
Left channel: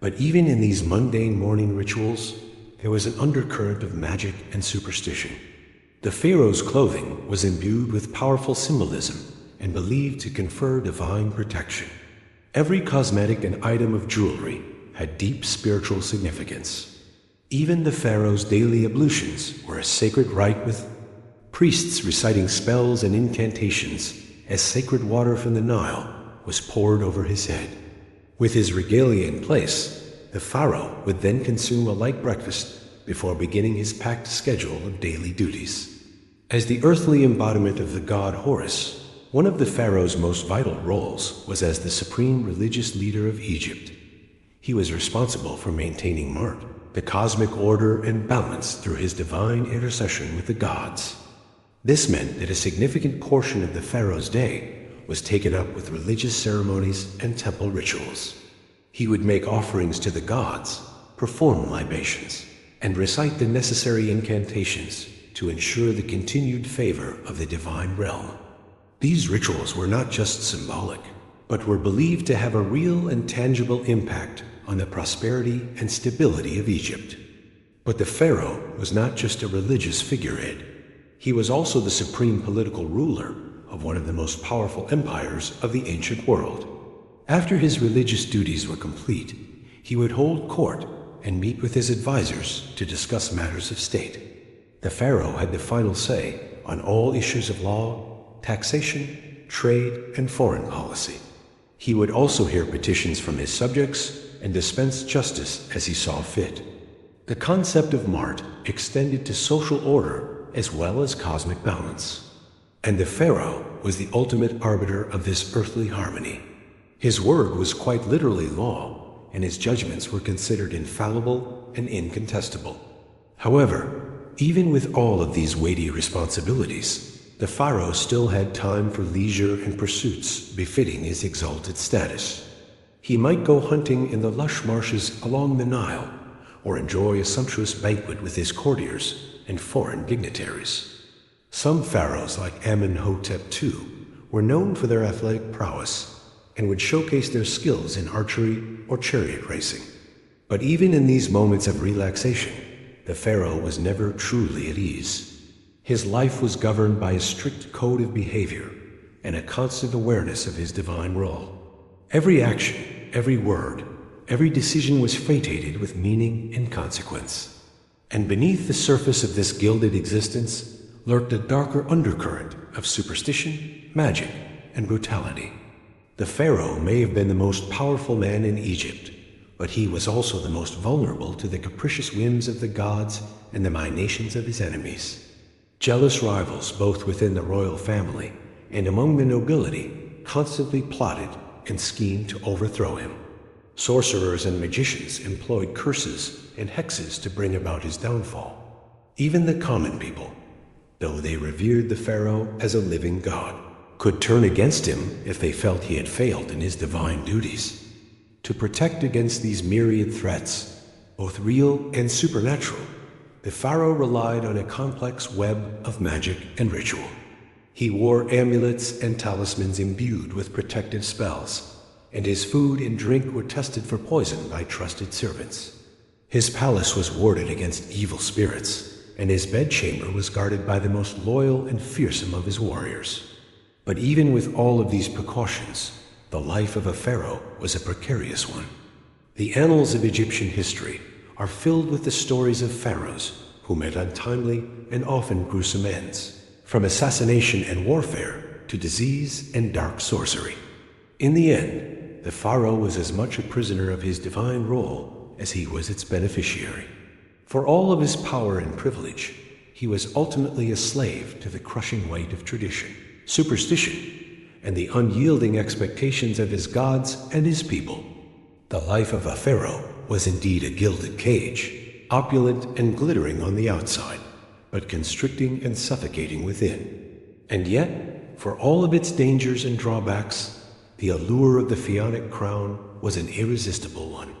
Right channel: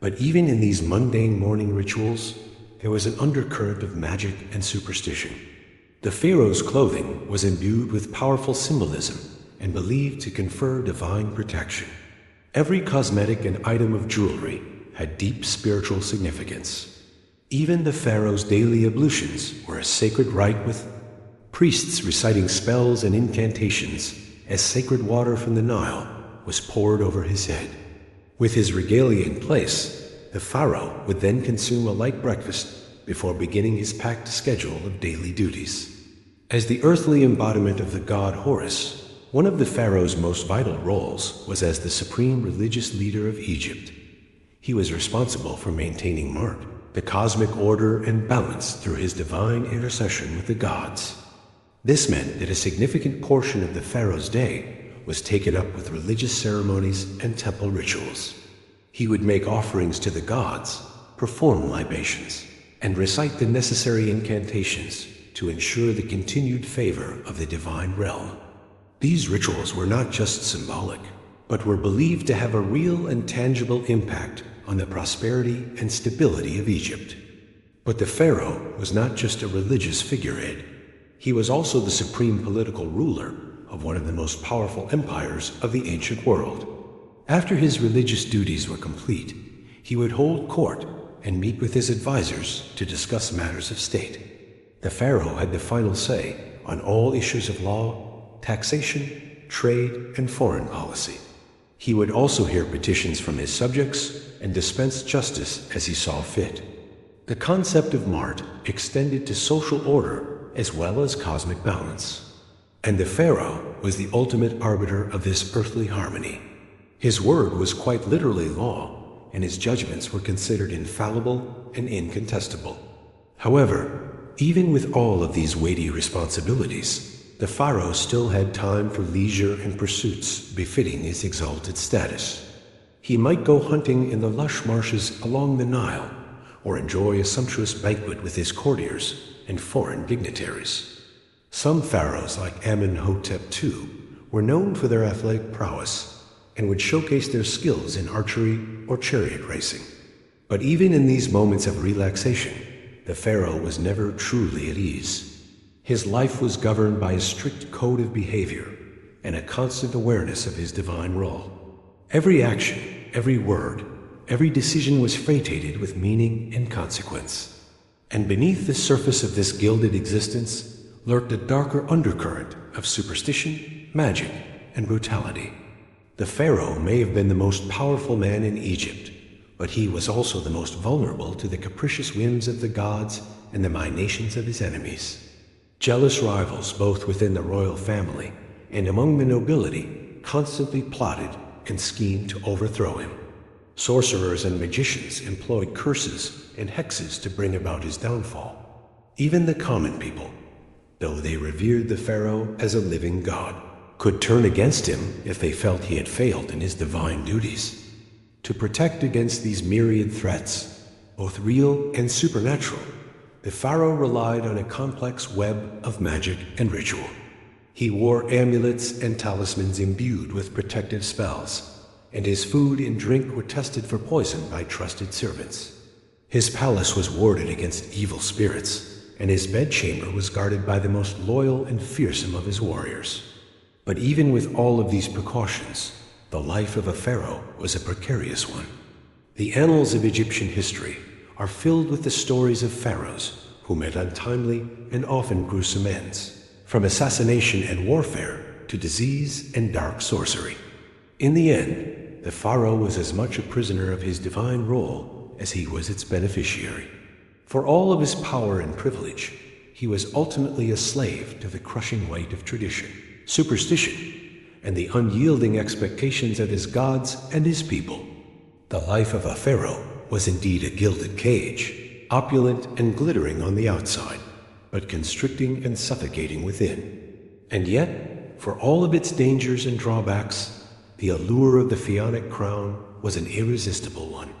But even in these mundane morning rituals, there was an undercurrent of magic and superstition. The pharaoh's clothing was imbued with powerful symbolism and believed to confer divine protection. Every cosmetic and item of jewelry had deep spiritual significance. Even the pharaoh's daily ablutions were a sacred rite, with priests reciting spells and incantations as sacred water from the Nile was poured over his head. With his regalia in place, the pharaoh would then consume a light breakfast before beginning his packed schedule of daily duties. As the earthly embodiment of the god Horus, one of the pharaoh's most vital roles was as the supreme religious leader of Egypt. He was responsible for maintaining Mart, the cosmic order, in balance through his divine intercession with the gods. This meant that a significant portion of the pharaoh's day was taken up with religious ceremonies and temple rituals. He would make offerings to the gods, perform libations, and recite the necessary incantations to ensure the continued favor of the divine realm. These rituals were not just symbolic, but were believed to have a real and tangible impact on the prosperity and stability of Egypt. But the pharaoh was not just a religious figurehead. He was also the supreme political ruler of one of the most powerful empires of the ancient world. After his religious duties were complete, he would hold court and meet with his advisors to discuss matters of state. The pharaoh had the final say on all issues of law, taxation, trade, and foreign policy. He would also hear petitions from his subjects and dispense justice as he saw fit. The concept of Mart extended to social order as well as cosmic balance. And the pharaoh was the ultimate arbiter of this earthly harmony. His word was quite literally law, and his judgments were considered infallible and incontestable. However, even with all of these weighty responsibilities, the pharaoh still had time for leisure and pursuits befitting his exalted status. He might go hunting in the lush marshes along the Nile, or enjoy a sumptuous banquet with his courtiers and foreign dignitaries. Some pharaohs, like Amenhotep II, were known for their athletic prowess and would showcase their skills in archery or chariot racing. But even in these moments of relaxation, the pharaoh was never truly at ease. His life was governed by a strict code of behavior and a constant awareness of his divine role. Every action, every word, every decision was fated with meaning and consequence. And beneath the surface of this gilded existence lurked a darker undercurrent of superstition, magic, and brutality. The pharaoh may have been the most powerful man in Egypt, but he was also the most vulnerable to the capricious whims of the gods and the machinations of his enemies. Jealous rivals, both within the royal family and among the nobility, constantly plotted and schemed to overthrow him. Sorcerers and magicians employed curses and hexes to bring about his downfall. Even the common people, though they revered the pharaoh as a living god, could turn against him if they felt he had failed in his divine duties. To protect against these myriad threats, both real and supernatural, the pharaoh relied on a complex web of magic and ritual. He wore amulets and talismans imbued with protective spells, and his food and drink were tested for poison by trusted servants. His palace was warded against evil spirits, and his bedchamber was guarded by the most loyal and fearsome of his warriors. But even with all of these precautions, the life of a pharaoh was a precarious one. The annals of Egyptian history are filled with the stories of pharaohs who met untimely and often gruesome ends, from assassination and warfare to disease and dark sorcery. In the end, the pharaoh was as much a prisoner of his divine role as he was its beneficiary. For all of his power and privilege, he was ultimately a slave to the crushing weight of tradition, superstition, and the unyielding expectations of his gods and his people. The life of a pharaoh was indeed a gilded cage, opulent and glittering on the outside, but constricting and suffocating within. And yet, for all of its dangers and drawbacks, the allure of the Pharaonic crown was an irresistible one.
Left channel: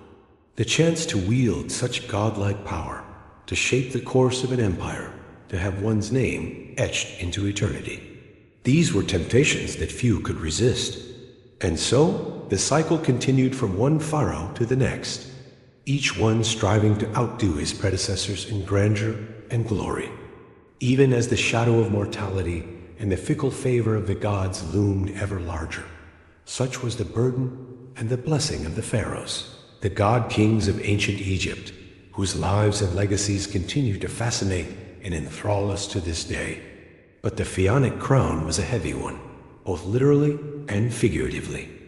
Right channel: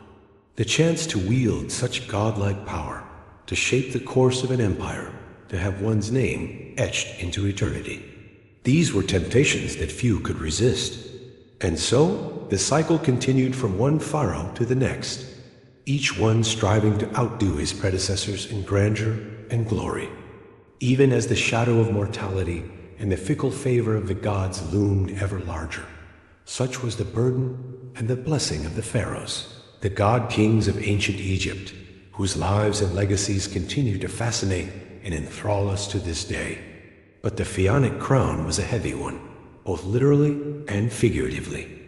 The chance to wield such godlike power, to shape the course of an empire, to have one's name etched into eternity. These were temptations that few could resist. And so, the cycle continued from one pharaoh to the next, each one striving to outdo his predecessors in grandeur and glory. Even as the shadow of mortality and the fickle favor of the gods loomed ever larger, such was the burden and the blessing of the pharaohs, the god-kings of ancient Egypt, whose lives and legacies continue to fascinate and enthrall us to this day. But the Pharaonic crown was a heavy one, both literally and figuratively.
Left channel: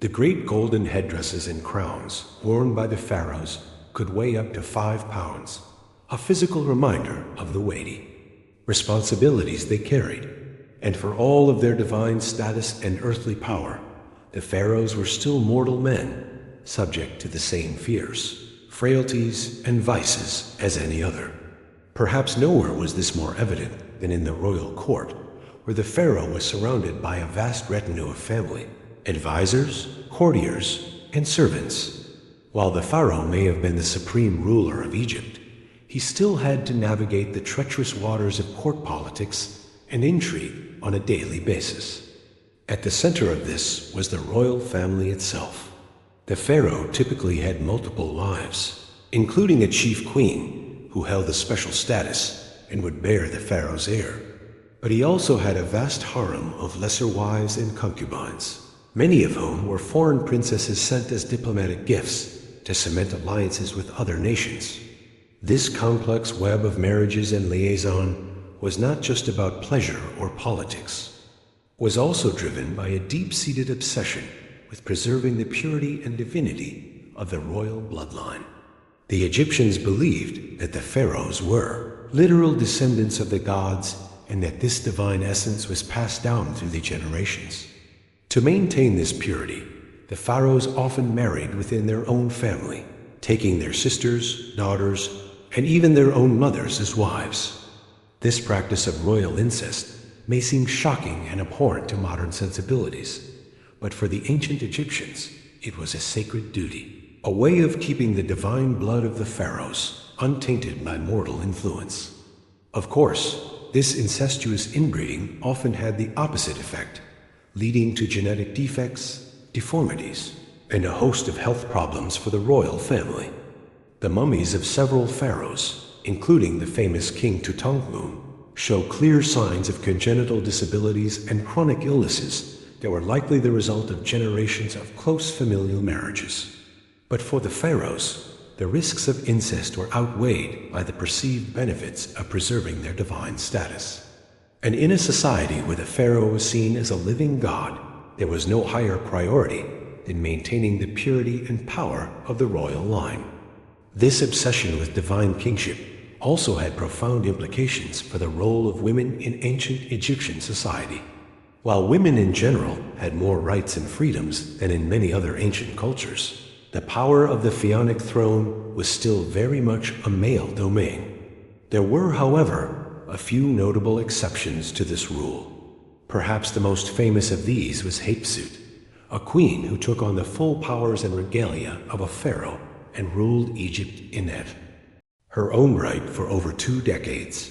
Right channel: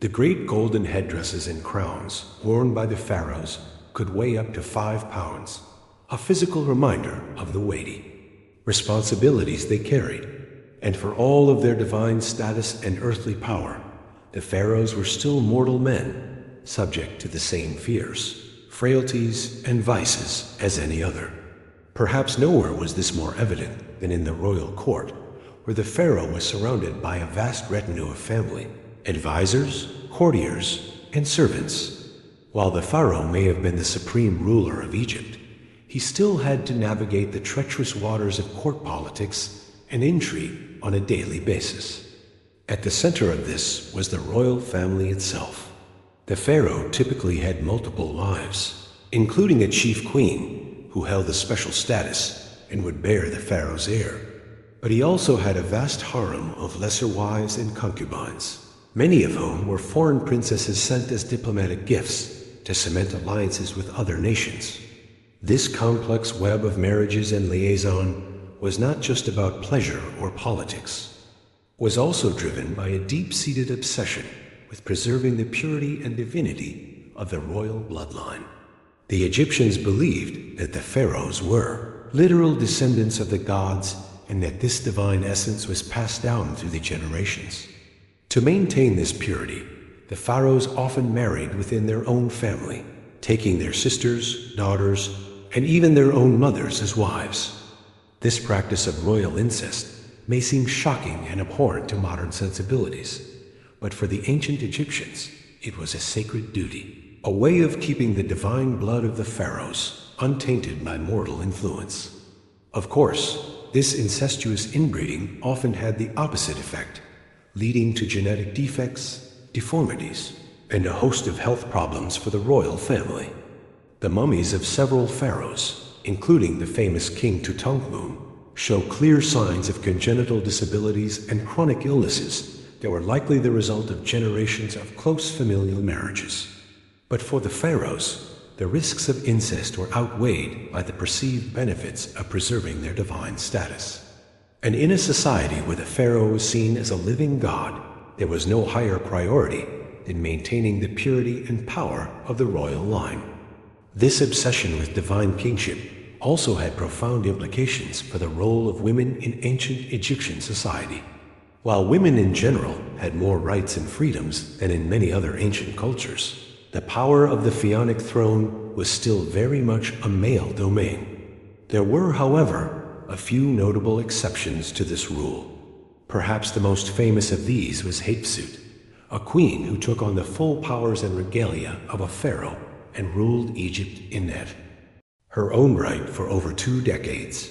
The great golden headdresses and crowns worn by the pharaohs could weigh up to 5 pounds, a physical reminder of the weighty responsibilities they carried. And for all of their divine status and earthly power, the pharaohs were still mortal men, subject to the same fears, frailties, and vices as any other. Perhaps nowhere was this more evident than in the royal court, where the pharaoh was surrounded by a vast retinue of family, advisors, courtiers, and servants. While the pharaoh may have been the supreme ruler of Egypt, he still had to navigate the treacherous waters of court politics and intrigue on a daily basis. At the center of this was the royal family itself. The pharaoh typically had multiple wives, including a chief queen who held a special status and would bear the pharaoh's heir. But he also had a vast harem of lesser wives and concubines, many of whom were foreign princesses sent as diplomatic gifts to cement alliances with other nations. This complex web of marriages and liaison was not just about pleasure or politics. It was also driven by a deep-seated obsession with preserving the purity and divinity of the royal bloodline. The Egyptians believed that the pharaohs were literal descendants of the gods and that this divine essence was passed down through the generations. To maintain this purity, the pharaohs often married within their own family, taking their sisters, daughters, and even their own mothers as wives. This practice of royal incest may seem shocking and abhorrent to modern sensibilities, but for the ancient Egyptians, it was a sacred duty, a way of keeping the divine blood of the pharaohs untainted by mortal influence. Of course, this incestuous inbreeding often had the opposite effect, leading to genetic defects, deformities, and a host of health problems for the royal family. The mummies of several pharaohs, including the famous King Tutankhamun, show clear signs of congenital disabilities and chronic illnesses that were likely the result of generations of close familial marriages. But for the pharaohs, the risks of incest were outweighed by the perceived benefits of preserving their divine status. And in a society where the pharaoh was seen as a living god, there was no higher priority than maintaining the purity and power of the royal line. This obsession with divine kingship also had profound implications for the role of women in ancient Egyptian society. While women in general had more rights and freedoms than in many other ancient cultures, the power of the pharaonic throne was still very much a male domain. There were, however, a few notable exceptions to this rule. Perhaps the most famous of these was Hatshepsut, a queen who took on the full powers and regalia of a pharaoh and ruled Egypt in her own right for over 2 decades.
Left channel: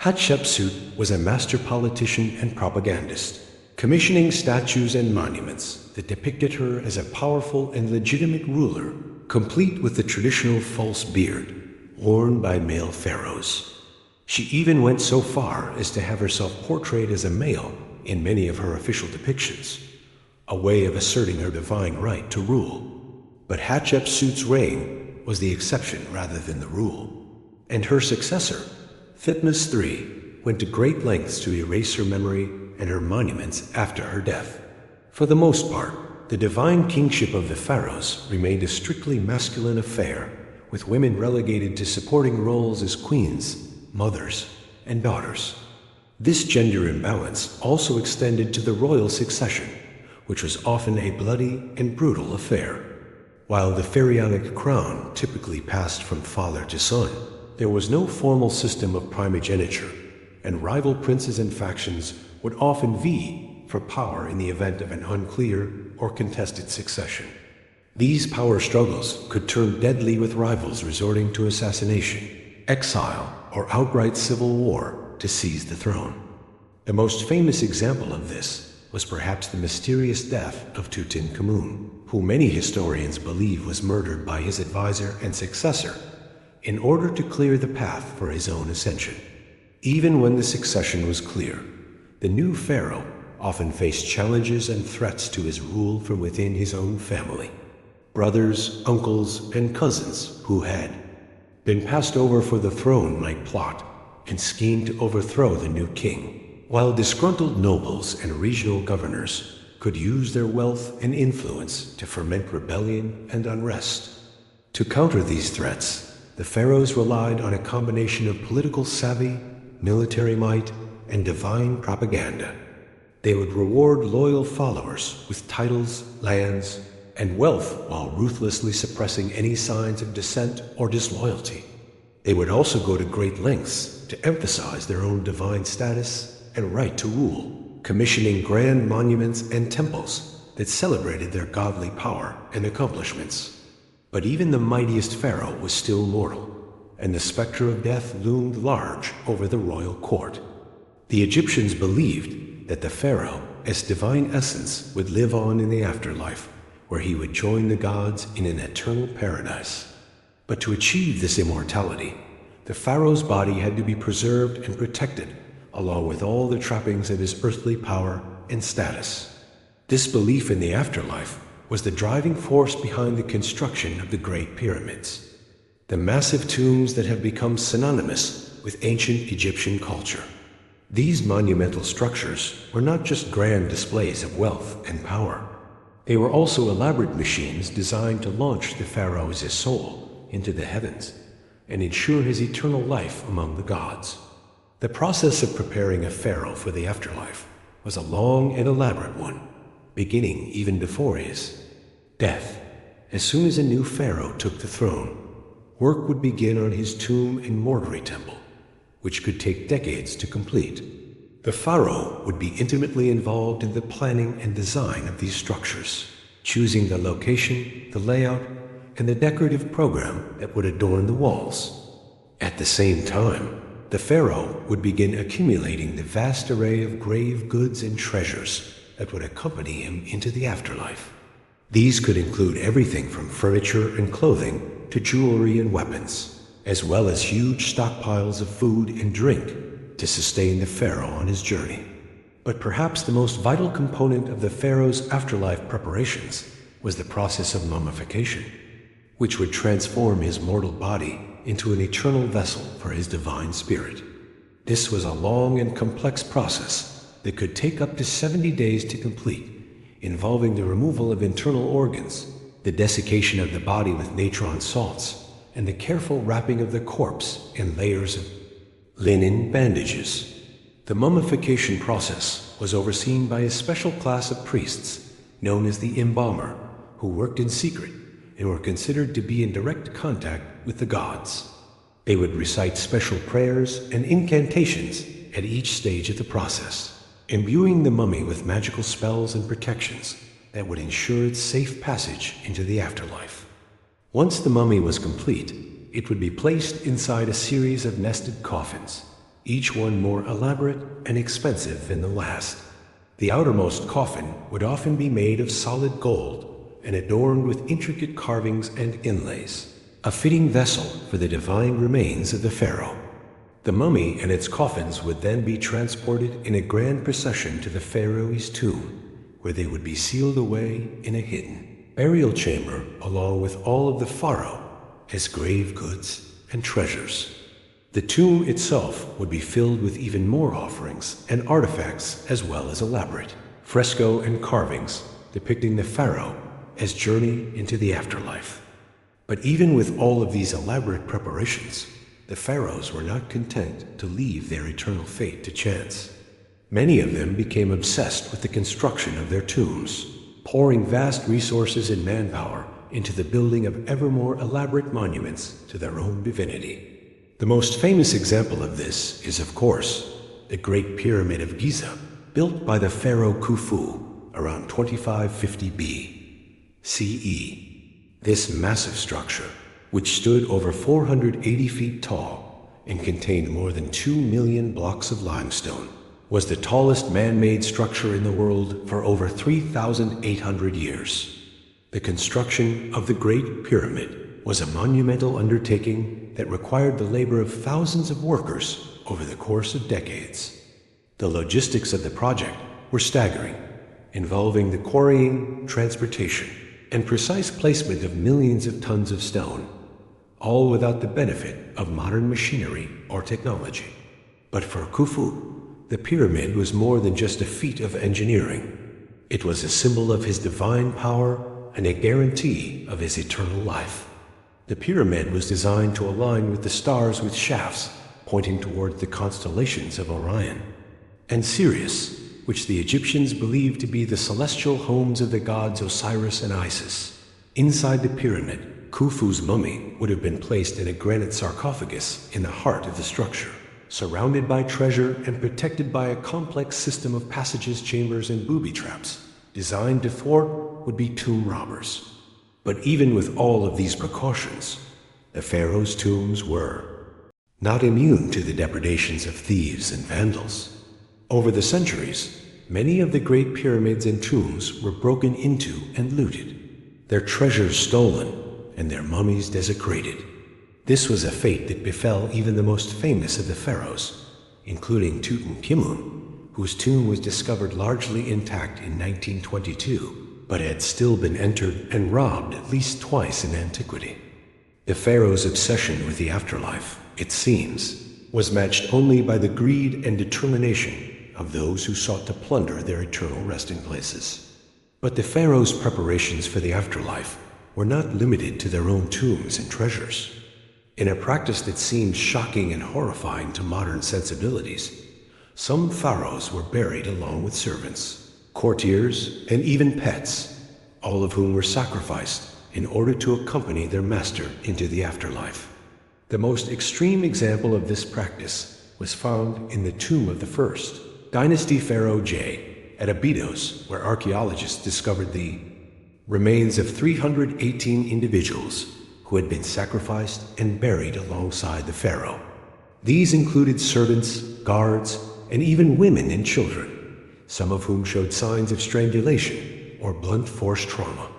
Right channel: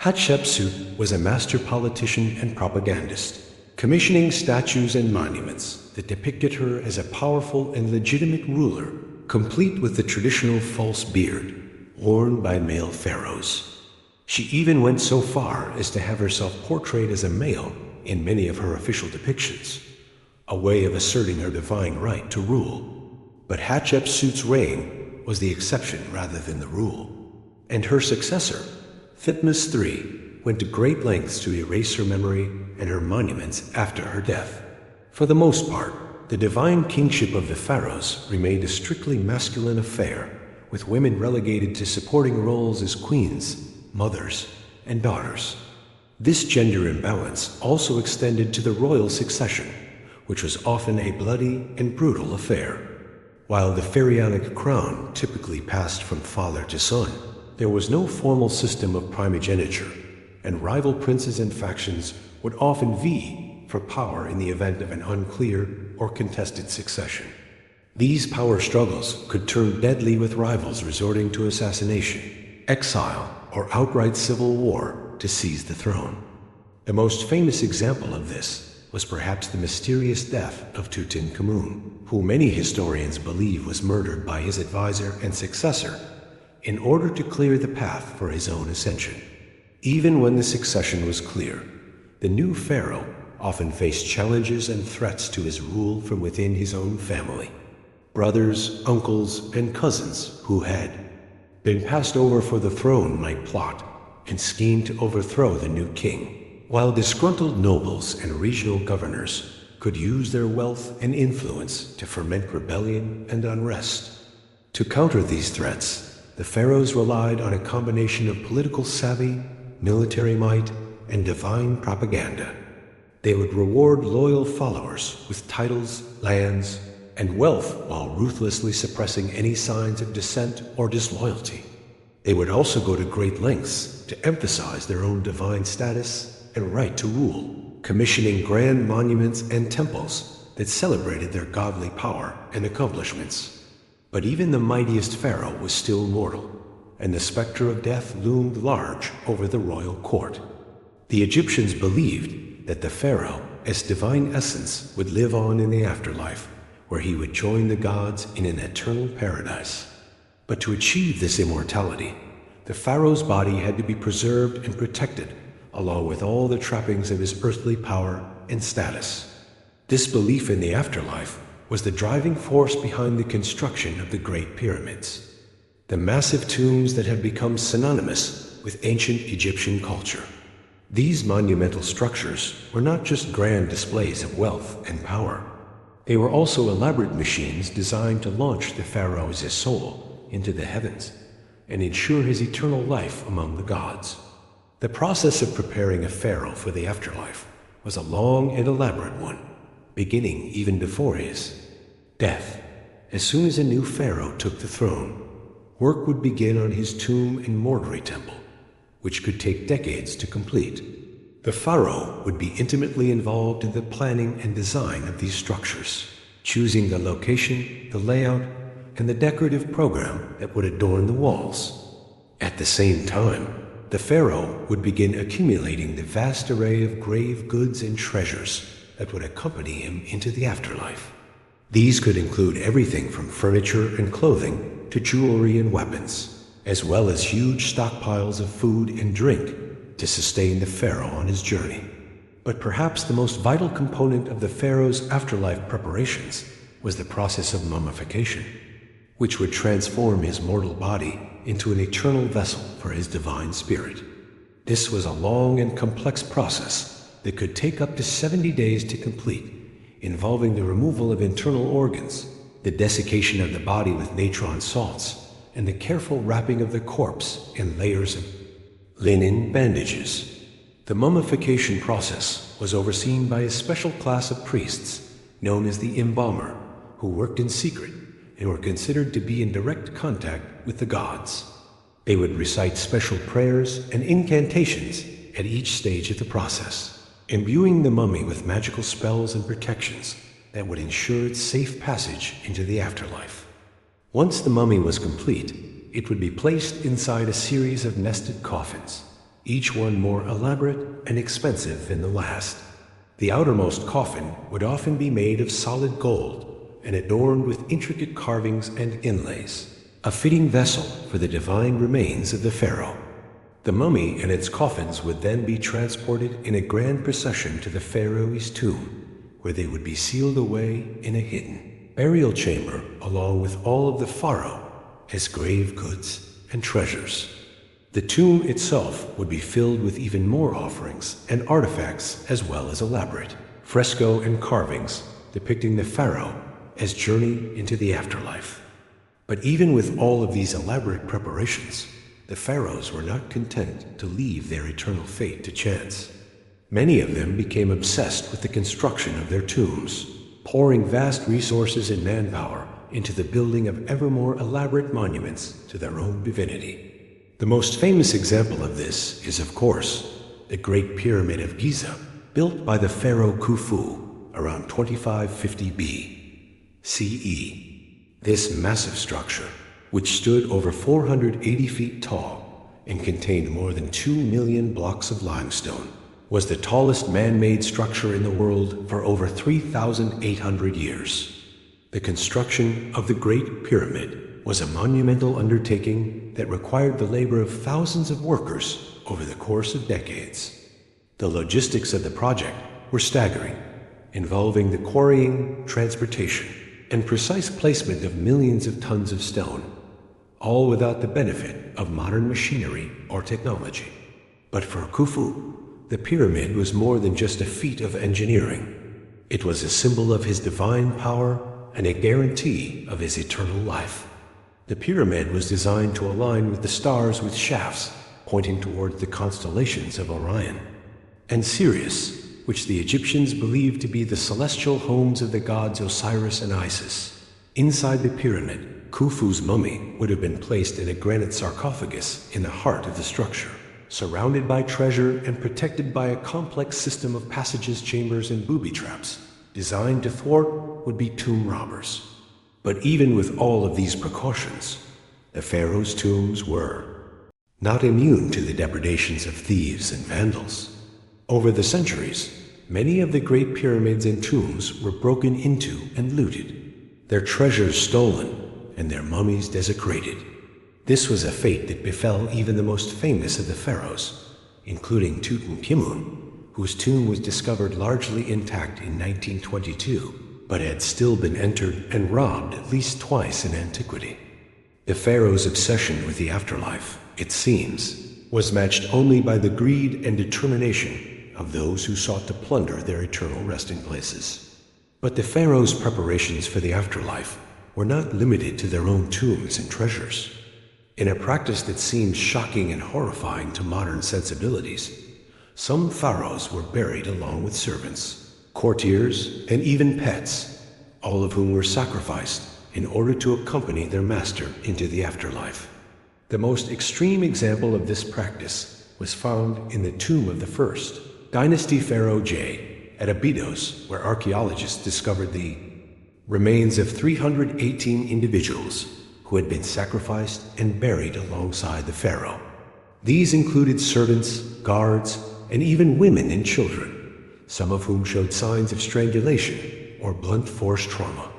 Hatshepsut was a master politician and propagandist, commissioning statues and monuments that depicted her as a powerful and legitimate ruler, complete with the traditional false beard worn by male pharaohs. She even went so far as to have herself portrayed as a male in many of her official depictions, a way of asserting her divine right to rule. But Hatshepsut's reign was the exception rather than the rule, and her successor, Thutmose III, went to great lengths to erase her memory and her monuments after her death. For the most part, the divine kingship of the pharaohs remained a strictly masculine affair, with women relegated to supporting roles as queens, mothers, and daughters. This gender imbalance also extended to the royal succession, which was often a bloody and brutal affair. While the pharaonic crown typically passed from father to son, there was no formal system of primogeniture, and rival princes and factions would often vie for power in the event of an unclear or contested succession. These power struggles could turn deadly, with rivals resorting to assassination, exile, or outright civil war to seize the throne. The most famous example of this was perhaps the mysterious death of Tutankhamun, who many historians believe was murdered by his advisor and successor in order to clear the path for his own ascension. Even when the succession was clear, the new pharaoh often faced challenges and threats to his rule from within his own family. Brothers, uncles, and cousins who had been passed over for the throne might plot and scheme to overthrow the new king, while disgruntled nobles and regional governors could use their wealth and influence to foment rebellion and unrest. To counter these threats, the pharaohs relied on a combination of political savvy, military might, and divine propaganda. They would reward loyal followers with titles, lands, and wealth while ruthlessly suppressing any signs of dissent or disloyalty. They would also go to great lengths to emphasize their own divine status and right to rule, commissioning grand monuments and temples that celebrated their godly power and accomplishments. But even the mightiest pharaoh was still mortal, and the specter of death loomed large over the royal court. The Egyptians believed that the pharaoh as divine essence would live on in the afterlife, where he would join the gods in an eternal paradise. But to achieve this immortality, the pharaoh's body had to be preserved and protected, along with all the trappings of his earthly power and status. This belief in the afterlife was the driving force behind the construction of the Great Pyramids, the massive tombs that have become synonymous with ancient Egyptian culture. These monumental structures were not just grand displays of wealth and power. They were also elaborate machines designed to launch the pharaoh's soul into the heavens and ensure his eternal life among the gods. The process of preparing a pharaoh for the afterlife was a long and elaborate one, beginning even before his death. As soon as a new pharaoh took the throne, work would begin on his tomb and mortuary temple, which could take decades to complete. The pharaoh would be intimately involved in the planning and design of these structures, choosing the location, the layout, and the decorative program that would adorn the walls. At the same time, the pharaoh would begin accumulating the vast array of grave goods and treasures that would accompany him into the afterlife. These could include everything from furniture and clothing to jewelry and weapons, as well as huge stockpiles of food and drink to sustain the pharaoh on his journey. But perhaps the most vital component of the pharaoh's afterlife preparations was the process of mummification, which would transform his mortal body into an eternal vessel for his divine spirit. This was a long and complex process that could take up to 70 days to complete, involving the removal of internal organs, the desiccation of the body with natron salts, and the careful wrapping of the corpse in layers of linen bandages. The mummification process was overseen by a special class of priests known as the embalmer, who worked in secret and were considered to be in direct contact with the gods. They would recite special prayers and incantations at each stage of the process, imbuing the mummy with magical spells and protections that would ensure its safe passage into the afterlife. Once the mummy was complete, it would be placed inside a series of nested coffins, each one more elaborate and expensive than the last. The outermost coffin would often be made of solid gold and adorned with intricate carvings and inlays, a fitting vessel for the divine remains of the pharaoh. The mummy and its coffins would then be transported in a grand procession to the pharaoh's tomb, where they would be sealed away in a hidden burial chamber along with all of the pharaoh, his grave goods and treasures. The tomb itself would be filled with even more offerings and artifacts, as well as elaborate fresco and carvings depicting the pharaoh as journey into the afterlife. But even with all of these elaborate preparations, the pharaohs were not content to leave their eternal fate to chance. Many of them became obsessed with the construction of their tombs, pouring vast resources and manpower into the building of ever more elaborate monuments to their own divinity. The most famous example of this is, of course, the Great Pyramid of Giza, built by the pharaoh Khufu around 2550 CE. This massive structure, which stood over 480 feet tall and contained more than 2 million blocks of limestone, was the tallest man-made structure in the world for over 3,800 years. The construction of the Great Pyramid was a monumental undertaking that required the labor of thousands of workers over the course of decades. The logistics of the project were staggering, involving the quarrying, transportation, and precise placement of millions of tons of stone, all without the benefit of modern machinery or technology. But for Khufu, the pyramid was more than just a feat of engineering. It was a symbol of his divine power and a guarantee of his eternal life. The pyramid was designed to align with the stars with shafts pointing toward the constellations of Orion and Sirius, which the Egyptians believed to be the celestial homes of the gods Osiris and Isis. Inside the pyramid, Khufu's mummy would have been placed in a granite sarcophagus in the heart of the structure, surrounded by treasure and protected by a complex system of passages, chambers, and booby traps designed to thwart would-be tomb robbers. But even with all of these precautions, the pharaoh's tombs were not immune to the depredations of thieves and vandals. Over the centuries, Many of the great pyramids and tombs were broken into and looted, their treasures stolen, and their mummies desecrated. This was a fate that befell even the most famous of the pharaohs, including Tutankhamun, whose tomb was discovered largely intact in 1922, but had still been entered and robbed at least twice in antiquity. The pharaoh's obsession with the afterlife, it seems, was matched only by the greed and determination of those who sought to plunder their eternal resting places. But the pharaoh's preparations for the afterlife were not limited to their own tombs and treasures. In a practice that seems shocking and horrifying to modern sensibilities, some pharaohs were buried along with servants, courtiers, and even pets, all of whom were sacrificed in order to accompany their master into the afterlife. The most extreme example of this practice was found in the tomb of the first Dynasty Pharaoh J at Abydos, where archaeologists discovered the remains of 318 individuals who had been sacrificed and buried alongside the pharaoh. These included servants, guards, and even women and children, some of whom showed signs of strangulation or blunt force trauma.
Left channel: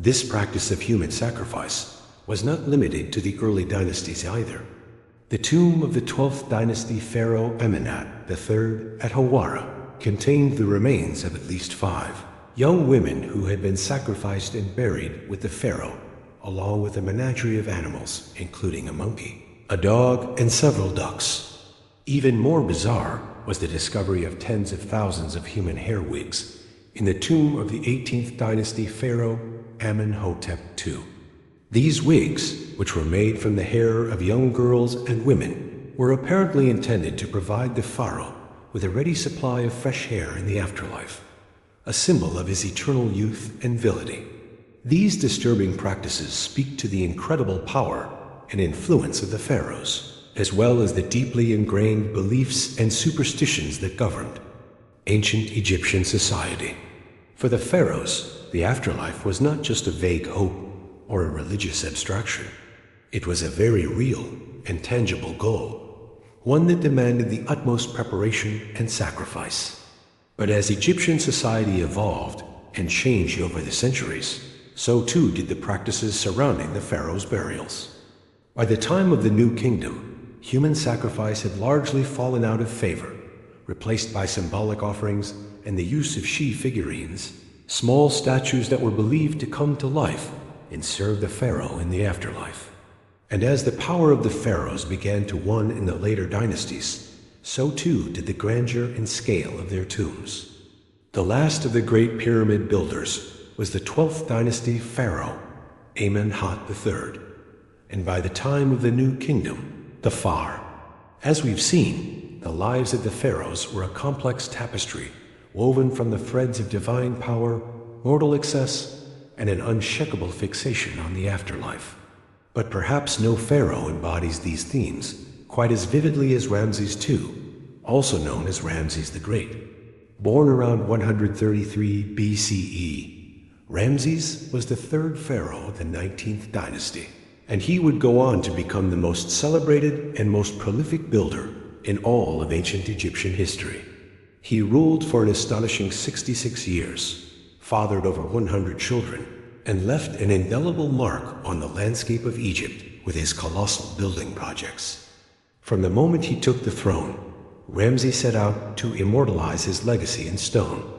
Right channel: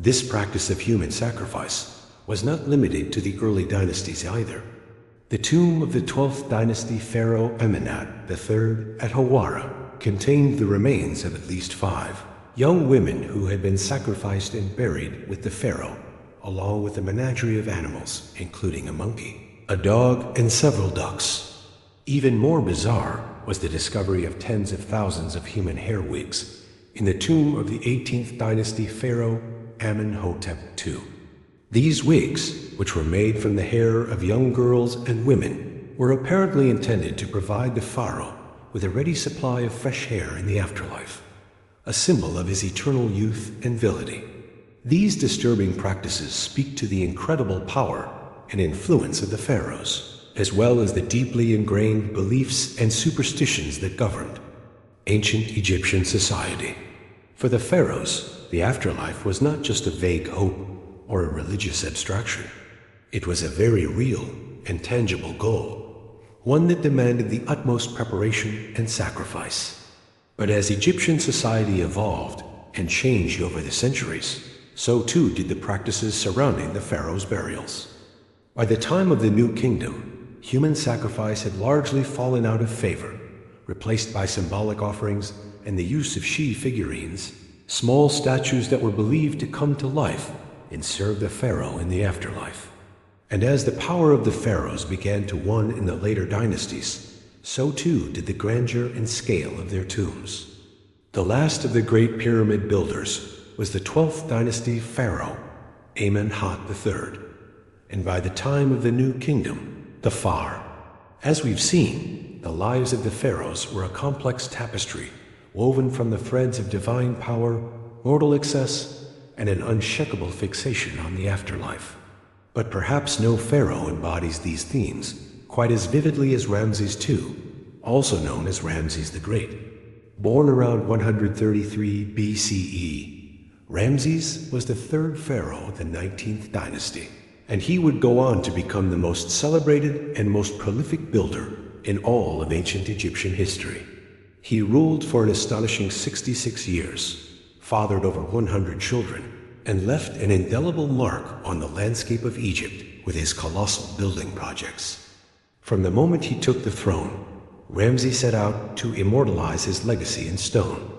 This practice of human sacrifice was not limited to the early dynasties either. The tomb of the 12th dynasty Pharaoh Amenhotep III at Hawara contained the remains of at least 5 young women who had been sacrificed and buried with the pharaoh, along with a menagerie of animals, including a monkey, a dog, and several ducks. Even more bizarre was the discovery of tens of thousands of human hair wigs in the tomb of the 18th dynasty Pharaoh Amenhotep II. These wigs, which were made from the hair of young girls and women, were apparently intended to provide the pharaoh with a ready supply of fresh hair in the afterlife, a symbol of his eternal youth and virility. These disturbing practices speak to the incredible power and influence of the pharaohs, as well as the deeply ingrained beliefs and superstitions that governed ancient Egyptian society. For the pharaohs, the afterlife was not just a vague hope or a religious abstraction. It was a very real and tangible goal, one that demanded the utmost preparation and sacrifice. But as Egyptian society evolved and changed over the centuries, so too did the practices surrounding the pharaoh's burials. By the time of the New Kingdom, human sacrifice had largely fallen out of favor, replaced by symbolic offerings and the use of she figurines, small statues that were believed to come to life and serve the pharaoh in the afterlife. And as the power of the pharaohs began to wane in the later dynasties, so too did the grandeur and scale of their tombs. The last of the great pyramid builders was the 12th dynasty Pharaoh Amenhotep III, and by the time of the New Kingdom, the Pharaoh. As we've seen, the lives of the pharaohs were a complex tapestry woven from the threads of divine power, mortal excess, and an unshakable fixation on the afterlife. But perhaps no pharaoh embodies these themes quite as vividly as Ramses II, also known as Ramses the Great. Born around 133 BCE, Ramses was the third pharaoh of the 19th dynasty, and he would go on to become the most celebrated and most prolific builder in all of ancient Egyptian history. He ruled for an astonishing 66 years, fathered over 100 children, and left an indelible mark on the landscape of Egypt with his colossal building projects. From the moment he took the throne, Ramses set out to immortalize his legacy in stone.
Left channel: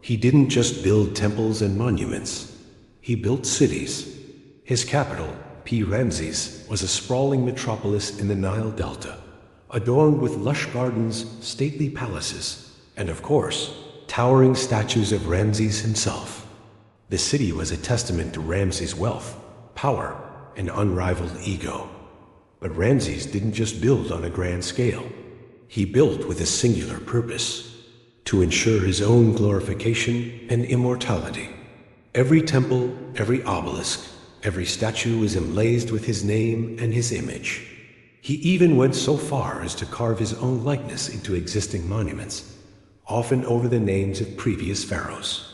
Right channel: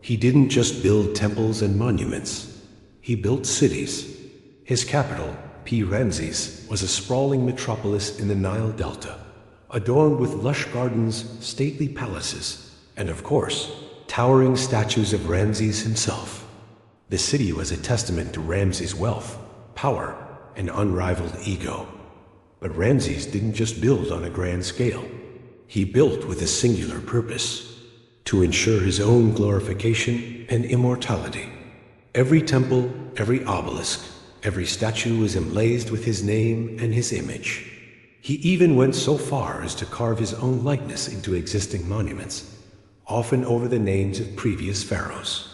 He didn't just build temples and monuments, he built cities. His capital, Ramses, was a sprawling metropolis in the Nile Delta, adorned with lush gardens, stately palaces, and of course, towering statues of Ramses himself. The city was a testament to Ramses' wealth, power, and unrivaled ego. But Ramses didn't just build on a grand scale. He built with a singular purpose: to ensure his own glorification and immortality. Every temple, every obelisk, every statue was emblazoned with his name and his image. He even went so far as to carve his own likeness into existing monuments, often over the names of previous pharaohs.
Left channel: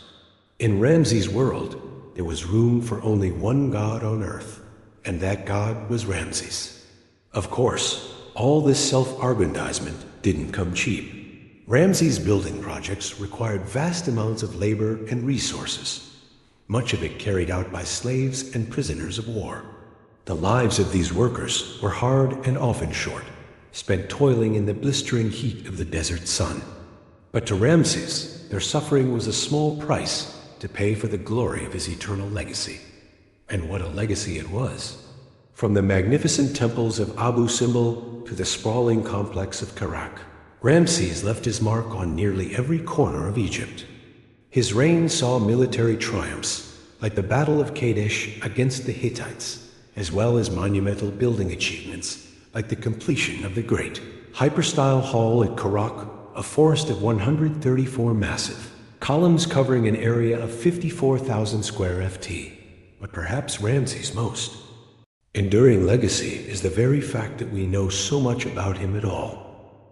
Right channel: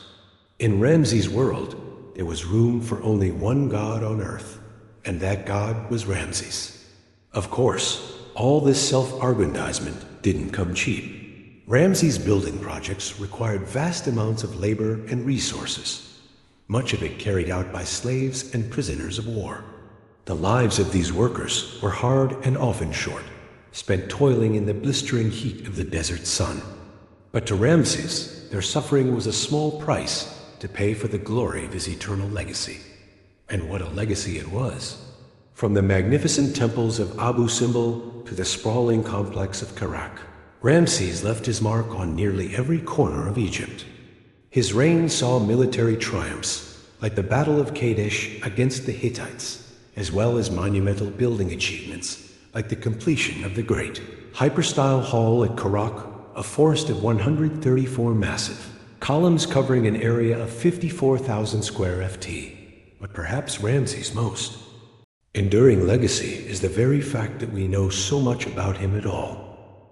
In Ramses' world, there was room for only one god on earth, and that god was Ramses. Of course, all this self-aggrandizement didn't come cheap. Ramses' building projects required vast amounts of labor and resources, much of it carried out by slaves and prisoners of war. The lives of these workers were hard and often short, spent toiling in the blistering heat of the desert sun. But to Ramses, their suffering was a small price to pay for the glory of his eternal legacy. And what a legacy it was! From the magnificent temples of Abu Simbel to the sprawling complex of Karak, Ramses left his mark on nearly every corner of Egypt. His reign saw military triumphs, like the Battle of Kadesh against the Hittites, as well as monumental building achievements, like the completion of the great hyperstyle hall at Karak, a forest of 134 massive columns covering an area of 54,000 square ft. But perhaps Ramses' most enduring legacy is the very fact that we know so much about him at all.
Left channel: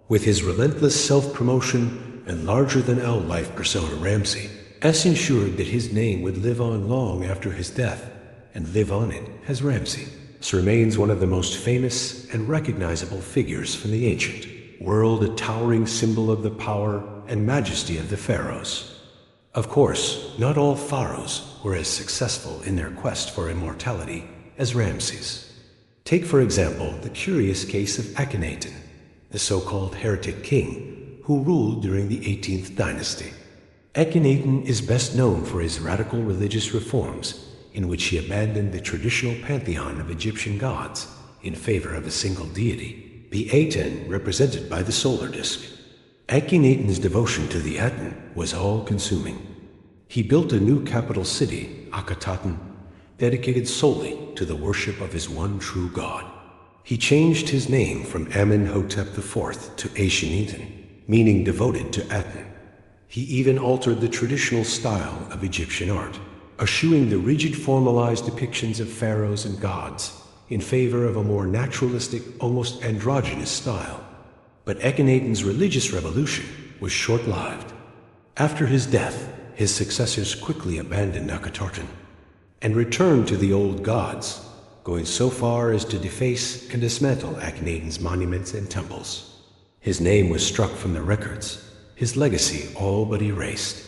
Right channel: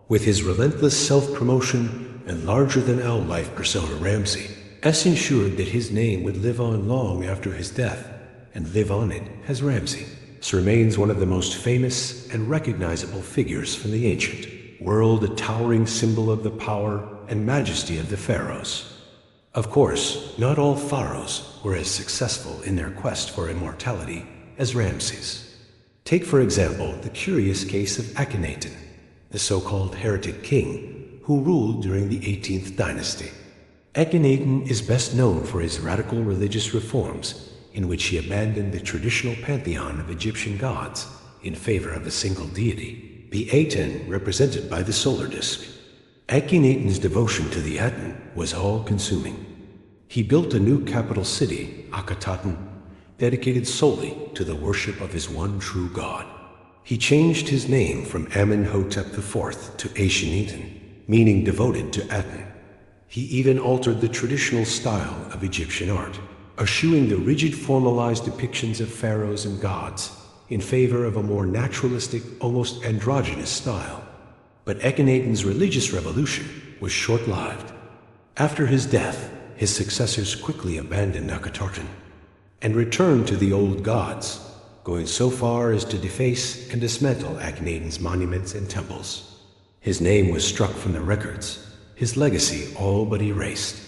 With his relentless self-promotion and larger-than-life persona, Ramses ensured that his name would live on long after his death, and live on it as Ramses remains one of the most famous and recognizable figures from the ancient world, a towering symbol of the power and majesty of the pharaohs. Of course, not all pharaohs were as successful in their quest for immortality as Ramses. Take, for example, the curious case of Akhenaten, the so-called heretic king who ruled during the 18th dynasty. Akhenaten is best known for his radical religious reforms, in which he abandoned the traditional pantheon of Egyptian gods in favor of a single deity, the Aten, represented by the solar disk. Akhenaten's devotion to the Aten was all-consuming. He built a new capital city, Akhetaten, dedicated solely to the worship of his one true god. He changed his name from Amenhotep IV to Akhenaten, meaning devoted to Aten. He even altered the traditional style of Egyptian art, eschewing the rigid formalized depictions of pharaohs and gods in favor of a more naturalistic, almost androgynous style. But Akhenaten's religious revolution was short-lived. After his death, his successors quickly abandoned Akhetaten and returned to the old gods, going so far as to deface and dismantle Akhenaten's monuments and temples. His name was struck from the records, his legacy all but erased.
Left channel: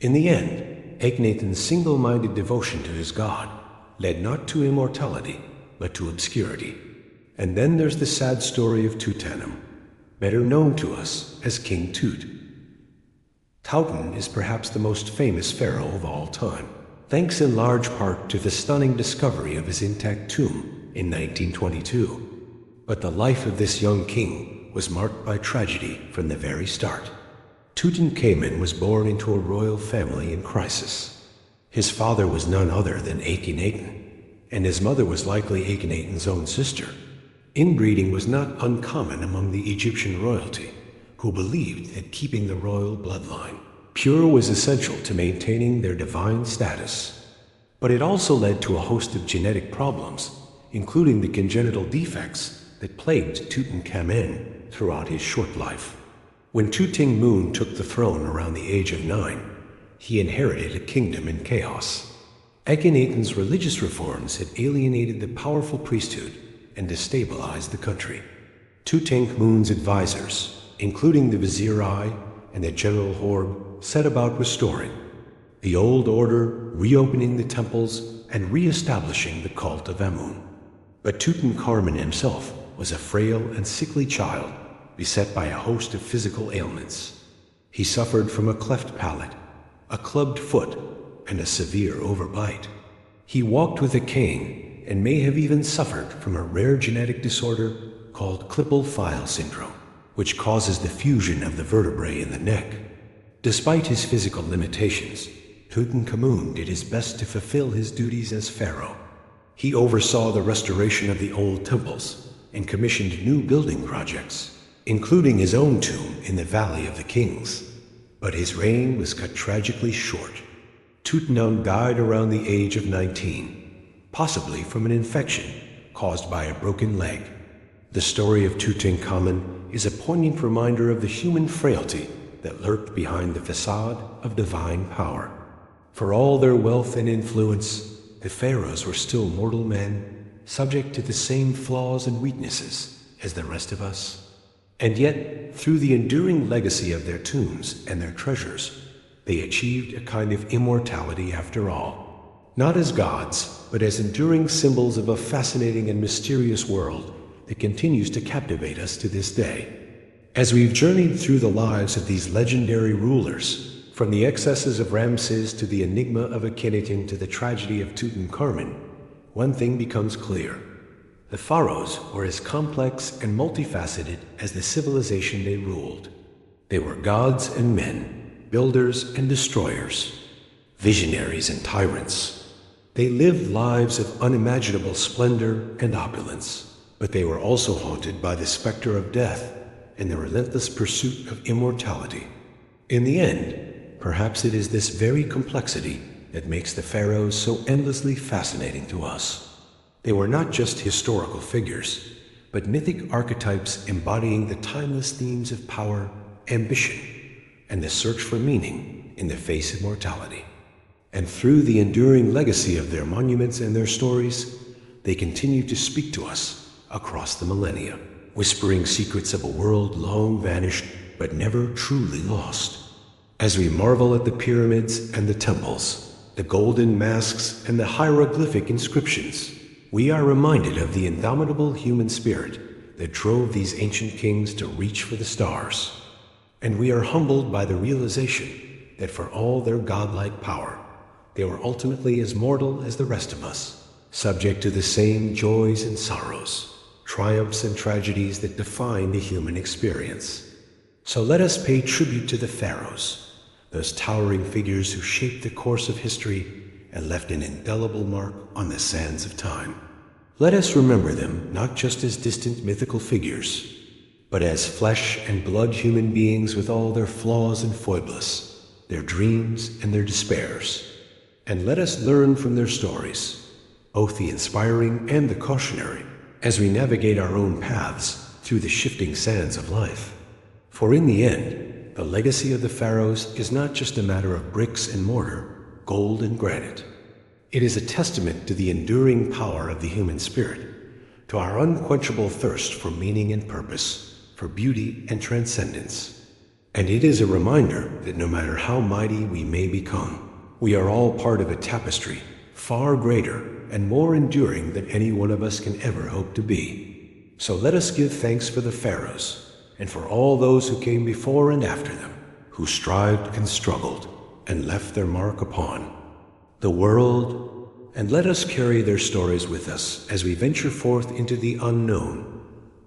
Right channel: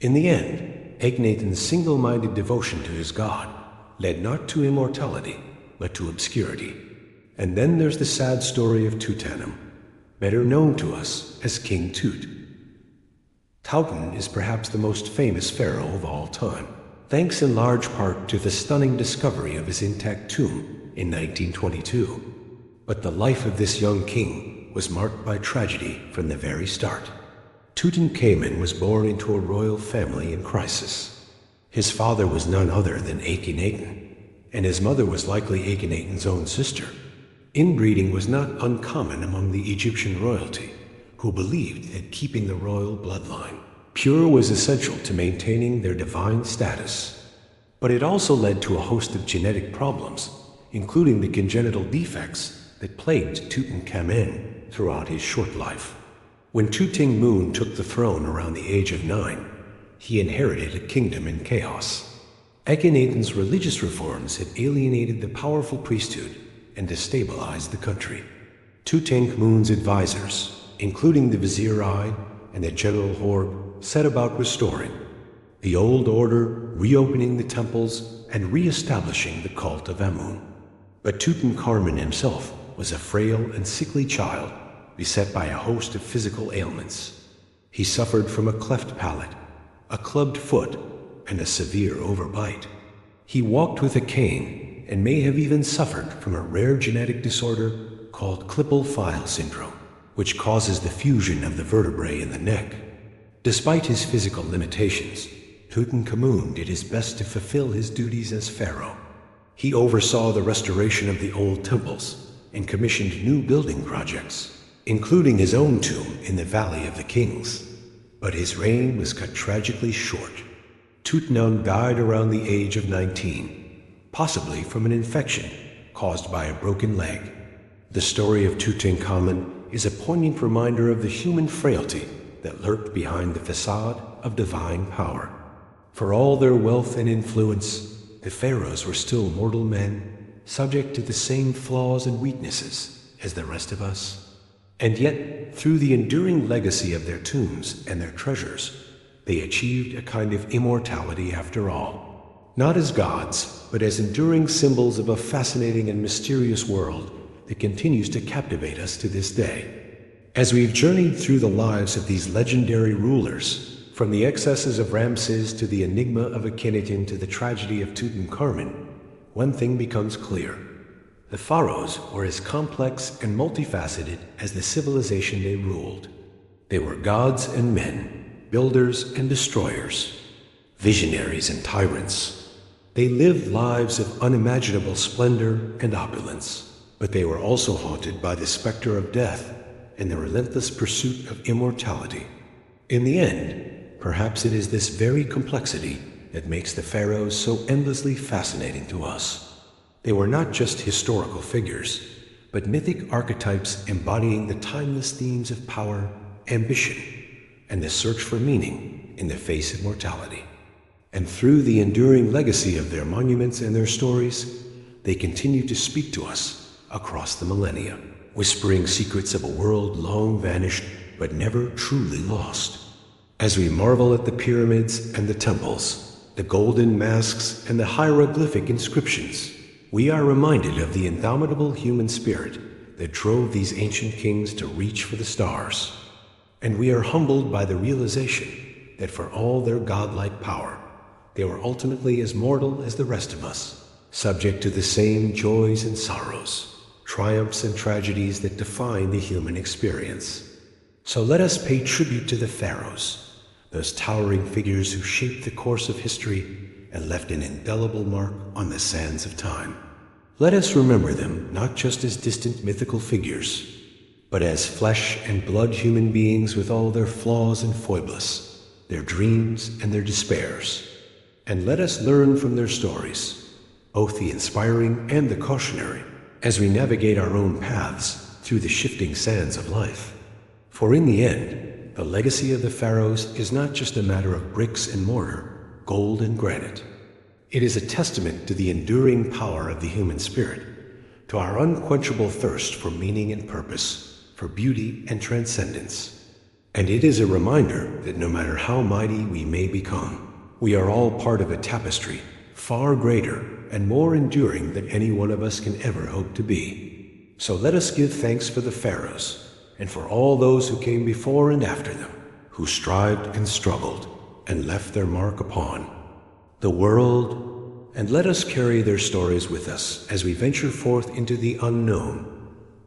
In the end, Akhenaten's single-minded devotion to his god led not to immortality, but to obscurity. And then there's the sad story of Tutankhamun, better known to us as King Tut. Tutankhamun is perhaps the most famous pharaoh of all time, thanks in large part to the stunning discovery of his intact tomb in 1922. But the life of this young king was marked by tragedy from the very start. Tutankhamun was born into a royal family in crisis. His father was none other than Akhenaten, and his mother was likely Akhenaten's own sister. Inbreeding was not uncommon among the Egyptian royalty, who believed that keeping the royal bloodline pure was essential to maintaining their divine status. But it also led to a host of genetic problems, including the congenital defects that plagued Tutankhamun throughout his short life. When Tutankhamun took the throne around the age of 9, he inherited a kingdom in chaos. Akhenaten's religious reforms had alienated the powerful priesthood and destabilized the country. Tutankhamun's advisors, including the Vizier Eye and the General Horb, set about restoring the old order, reopening the temples, and re-establishing the cult of Amun. But Tutankhamun himself was a frail and sickly child, beset by a host of physical ailments. He suffered from a cleft palate, a clubbed foot, and a severe overbite. He walked with a cane and may have even suffered from a rare genetic disorder called Klippel-Feil syndrome, which causes the fusion of the vertebrae in the neck. Despite his physical limitations, Tutankhamun did his best to fulfill his duties as pharaoh. He oversaw the restoration of the old temples and commissioned new building projects, including his own tomb in the Valley of the Kings. But his reign was cut tragically short. Tutankhamun died around the age of 19, possibly from an infection caused by a broken leg. The story of Tutankhamun is a poignant reminder of the human frailty that lurked behind the facade of divine power. For all their wealth and influence, the pharaohs were still mortal men, subject to the same flaws and weaknesses as the rest of us. And yet, through the enduring legacy of their tombs and their treasures, they achieved a kind of immortality after all. Not as gods, but as enduring symbols of a fascinating and mysterious world that continues to captivate us to this day. As we've journeyed through the lives of these legendary rulers, from the excesses of Ramses to the enigma of Akhenaten to the tragedy of Tutankhamun, one thing becomes clear. The pharaohs were as complex and multifaceted as the civilization they ruled. They were gods and men, builders and destroyers, visionaries and tyrants. They lived lives of unimaginable splendor and opulence, but they were also haunted by the specter of death and the relentless pursuit of immortality. In the end, perhaps it is this very complexity that makes the pharaohs so endlessly fascinating to us. They were not just historical figures, but mythic archetypes embodying the timeless themes of power, ambition, and the search for meaning in the face of mortality. And through the enduring legacy of their monuments and their stories, they continue to speak to us across the millennia, whispering secrets of a world long vanished but never truly lost. As we marvel at the pyramids and the temples, the golden masks and the hieroglyphic inscriptions, we are reminded of the indomitable human spirit that drove these ancient kings to reach for the stars. And we are humbled by the realization that for all their godlike power, they were ultimately as mortal as the rest of us, subject to the same joys and sorrows, triumphs and tragedies that define the human experience. So let us pay tribute to the pharaohs, those towering figures who shaped the course of history and left an indelible mark on the sands of time. Let us remember them not just as distant mythical figures, but as flesh and blood human beings with all their flaws and foibles, their dreams and their despairs. And let us learn from their stories, both the inspiring and the cautionary, as we navigate our own paths through the shifting sands of life. For in the end, the legacy of the pharaohs is not just a matter of bricks and mortar, gold and granite. It is a testament to the enduring power of the human spirit, to our unquenchable thirst for meaning and purpose, for beauty and transcendence. And it is a reminder that no matter how mighty we may become, we are all part of a tapestry far greater and more enduring than any one of us can ever hope to be. So let us give thanks for the pharaohs and for all those who came before and after them, who strived and struggled and left their mark upon the world, and let us carry their stories with us as we venture forth into the unknown,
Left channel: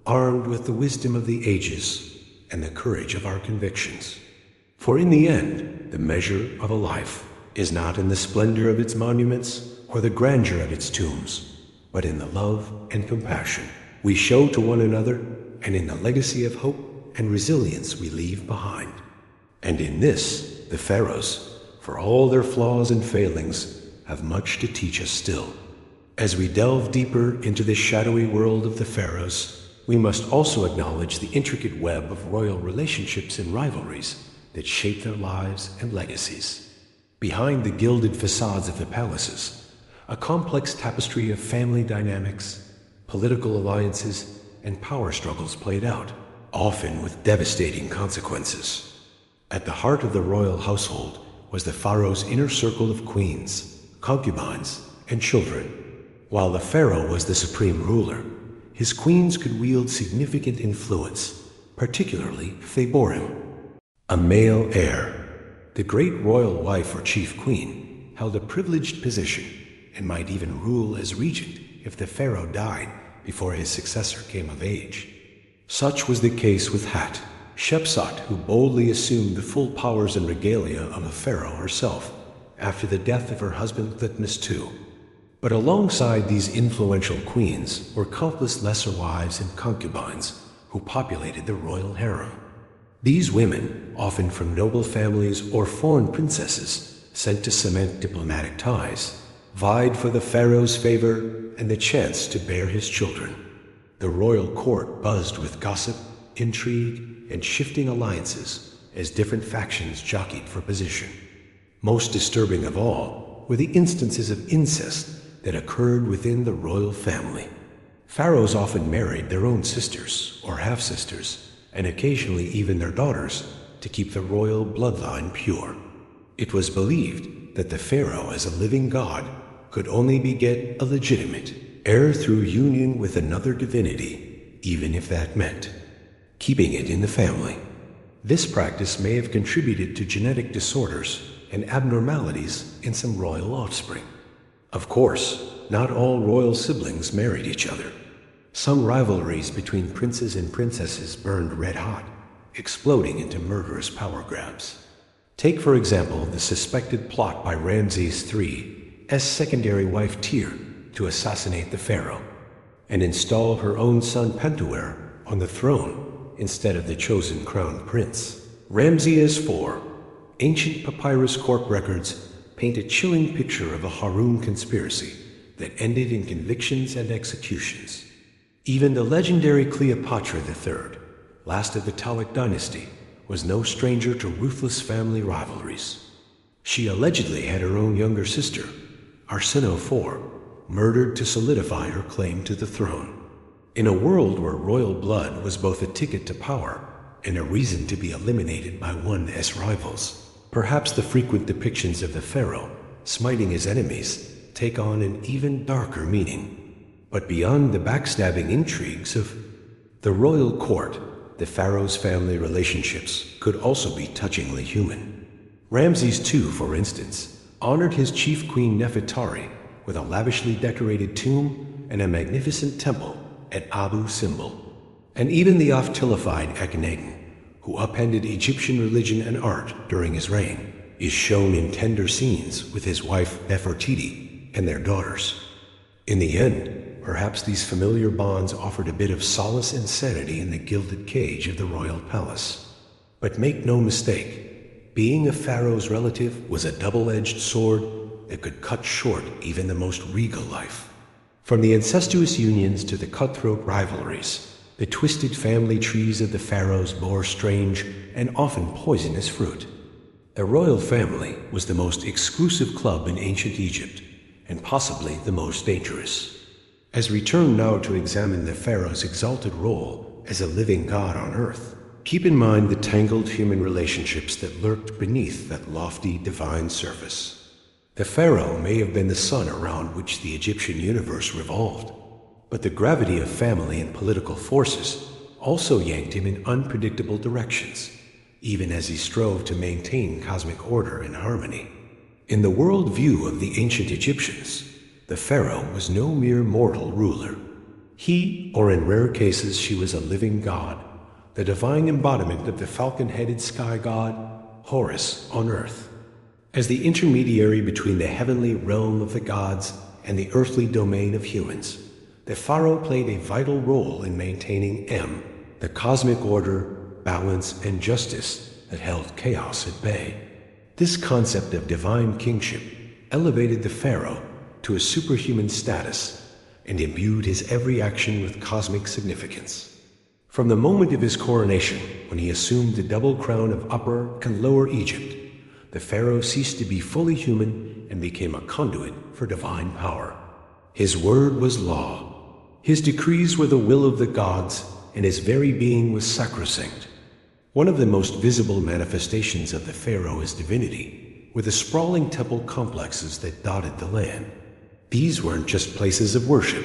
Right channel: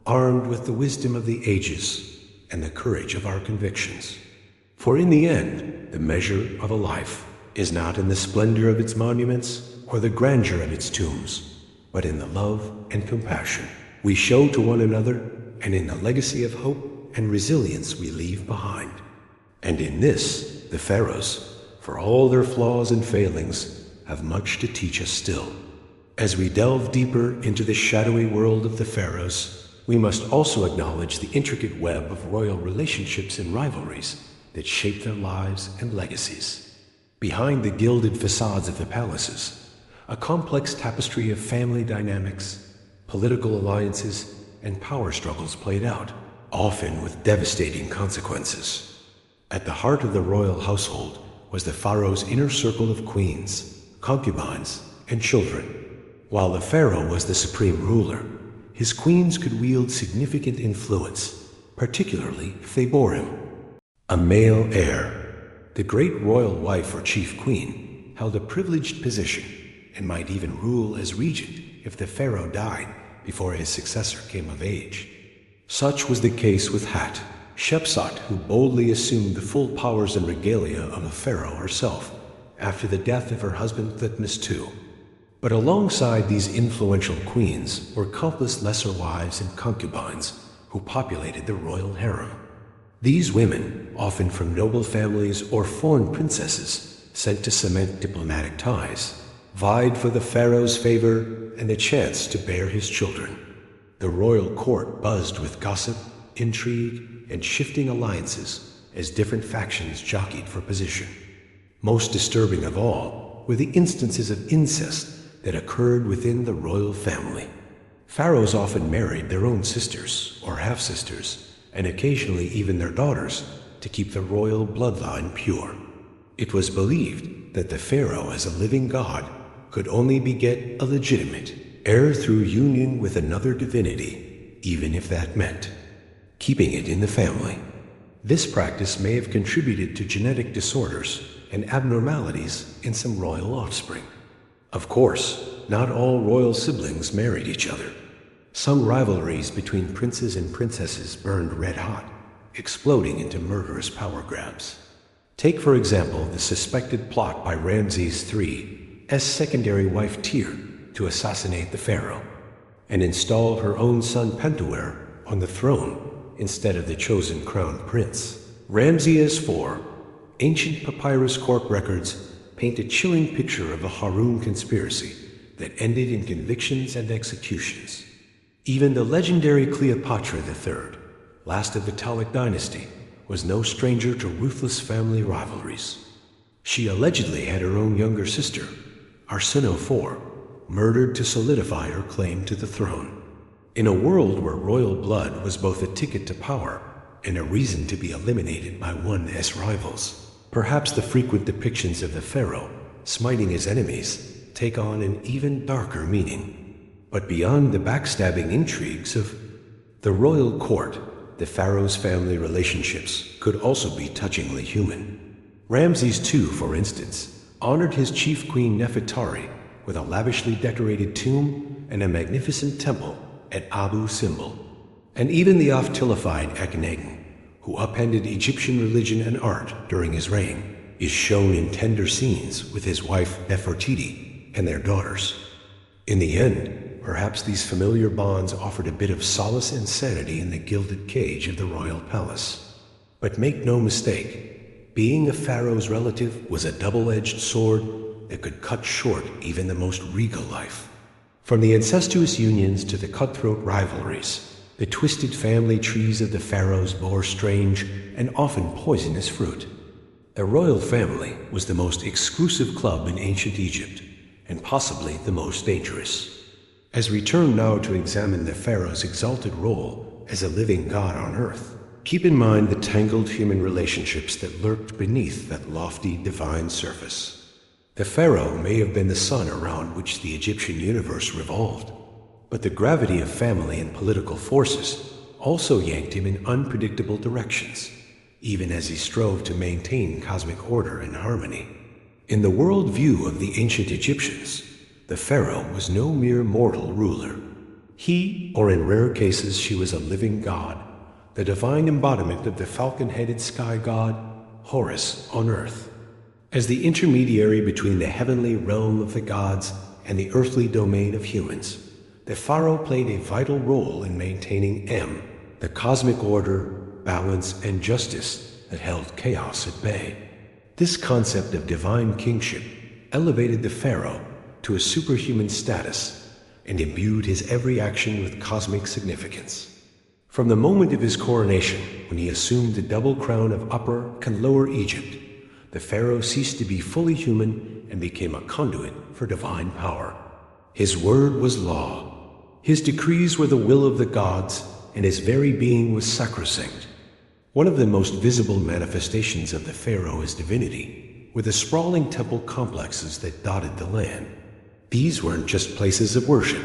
armed with the wisdom of the ages and the courage of our convictions. For in the end, the measure of a life is not in the splendor of its monuments or the grandeur of its tombs, but in the love and compassion we show to one another and in the legacy of hope and resilience we leave behind. And in this, the pharaohs, for all their flaws and failings, have much to teach us still. As we delve deeper into the shadowy world of the pharaohs, we must also acknowledge the intricate web of royal relationships and rivalries that shape their lives and legacies. Behind the gilded facades of the palaces, a complex tapestry of family dynamics, political alliances, and power struggles played out, often with devastating consequences. At the heart of the royal household was the pharaoh's inner circle of queens, concubines, and children. While the pharaoh was the supreme ruler, his queens could wield significant influence, particularly if they bore him a male heir. The great royal wife or chief queen held a privileged position and might even rule as regent if the pharaoh died before his successor came of age. Such was the case with Hat, Shepsut, who boldly assumed the full powers and regalia of a pharaoh herself after the death of her husband Thutmose II. But alongside these influential queens were countless lesser wives and concubines who populated the royal harem. These women, often from noble families or foreign princesses sent to cement diplomatic ties, vied for the pharaoh's favor and the chance to bear his children. The royal court buzzed with gossip, intrigue, and shifting alliances as different factions jockeyed for position. Most disturbing of all were the instances of incest that occurred within the royal family. Pharaohs often married their own sisters or half-sisters, and occasionally even their daughters, to keep the royal bloodline pure. It was believed that the pharaoh, as a living god, could only beget a legitimate heir through union with another divinity, even if that meant keeping it in the family. This practice may have contributed to genetic disorders and abnormalities in some royal offspring. Of course, not all royal siblings married each other. Some rivalries between princes and princesses burned red hot, exploding into murderous power grabs. Take, for example, the suspected plot by Ramses III's secondary wife Tyr to assassinate the pharaoh and install her own son Pentuer on the throne instead of the chosen crown prince. Ramses IV, ancient papyrus corp records paint a chilling picture of a Harun conspiracy that ended in convictions and executions. Even the legendary Cleopatra III, last of the Ptolemaic dynasty, was no stranger to ruthless family rivalries. She allegedly had her own younger sister, Arsinoe IV, murdered to solidify her claim to the throne. In a world where royal blood was both a ticket to power and a reason to be eliminated by one's rivals, perhaps the frequent depictions of the pharaoh smiting his enemies take on an even darker meaning. But beyond the backstabbing intrigues of the royal court, the pharaoh's family relationships could also be touchingly human. Ramses II, for instance, honored his chief queen Nefertari with a lavishly decorated tomb and a magnificent temple at Abu Simbel. And even the oft-tilified Akhenaten, who upended Egyptian religion and art during his reign, is shown in tender scenes with his wife Nefertiti and their daughters. In the end, perhaps these familiar bonds offered a bit of solace and sanity in the gilded cage of the royal palace. But make no mistake, being a pharaoh's relative was a double-edged sword that could cut short even the most regal life. From the incestuous unions to the cutthroat rivalries, the twisted family trees of the pharaohs bore strange and often poisonous fruit. The royal family was the most exclusive club in ancient Egypt, and possibly the most dangerous. As we turn now to examine the pharaoh's exalted role as a living god on earth, keep in mind the tangled human relationships that lurked beneath that lofty divine surface. The pharaoh may have been the sun around which the Egyptian universe revolved, but the gravity of family and political forces also yanked him in unpredictable directions, even as he strove to maintain cosmic order and harmony. In the world view of the ancient Egyptians, the pharaoh was no mere mortal ruler. He, or in rare cases she was a living god, the divine embodiment of the falcon-headed sky god, Horus, on earth. As the intermediary between the heavenly realm of the gods and the earthly domain of humans, the pharaoh played a vital role in maintaining the cosmic order, balance, and justice that held chaos at bay. This concept of divine kingship elevated the pharaoh to a superhuman status and imbued his every action with cosmic significance. From the moment of his coronation, when he assumed the double crown of Upper and Lower Egypt, the pharaoh ceased to be fully human and became a conduit for divine power. His word was law. His decrees were the will of the gods, and his very being was sacrosanct. One of the most visible manifestations of the pharaoh's divinity were the sprawling temple complexes that dotted the land. These weren't just places of worship.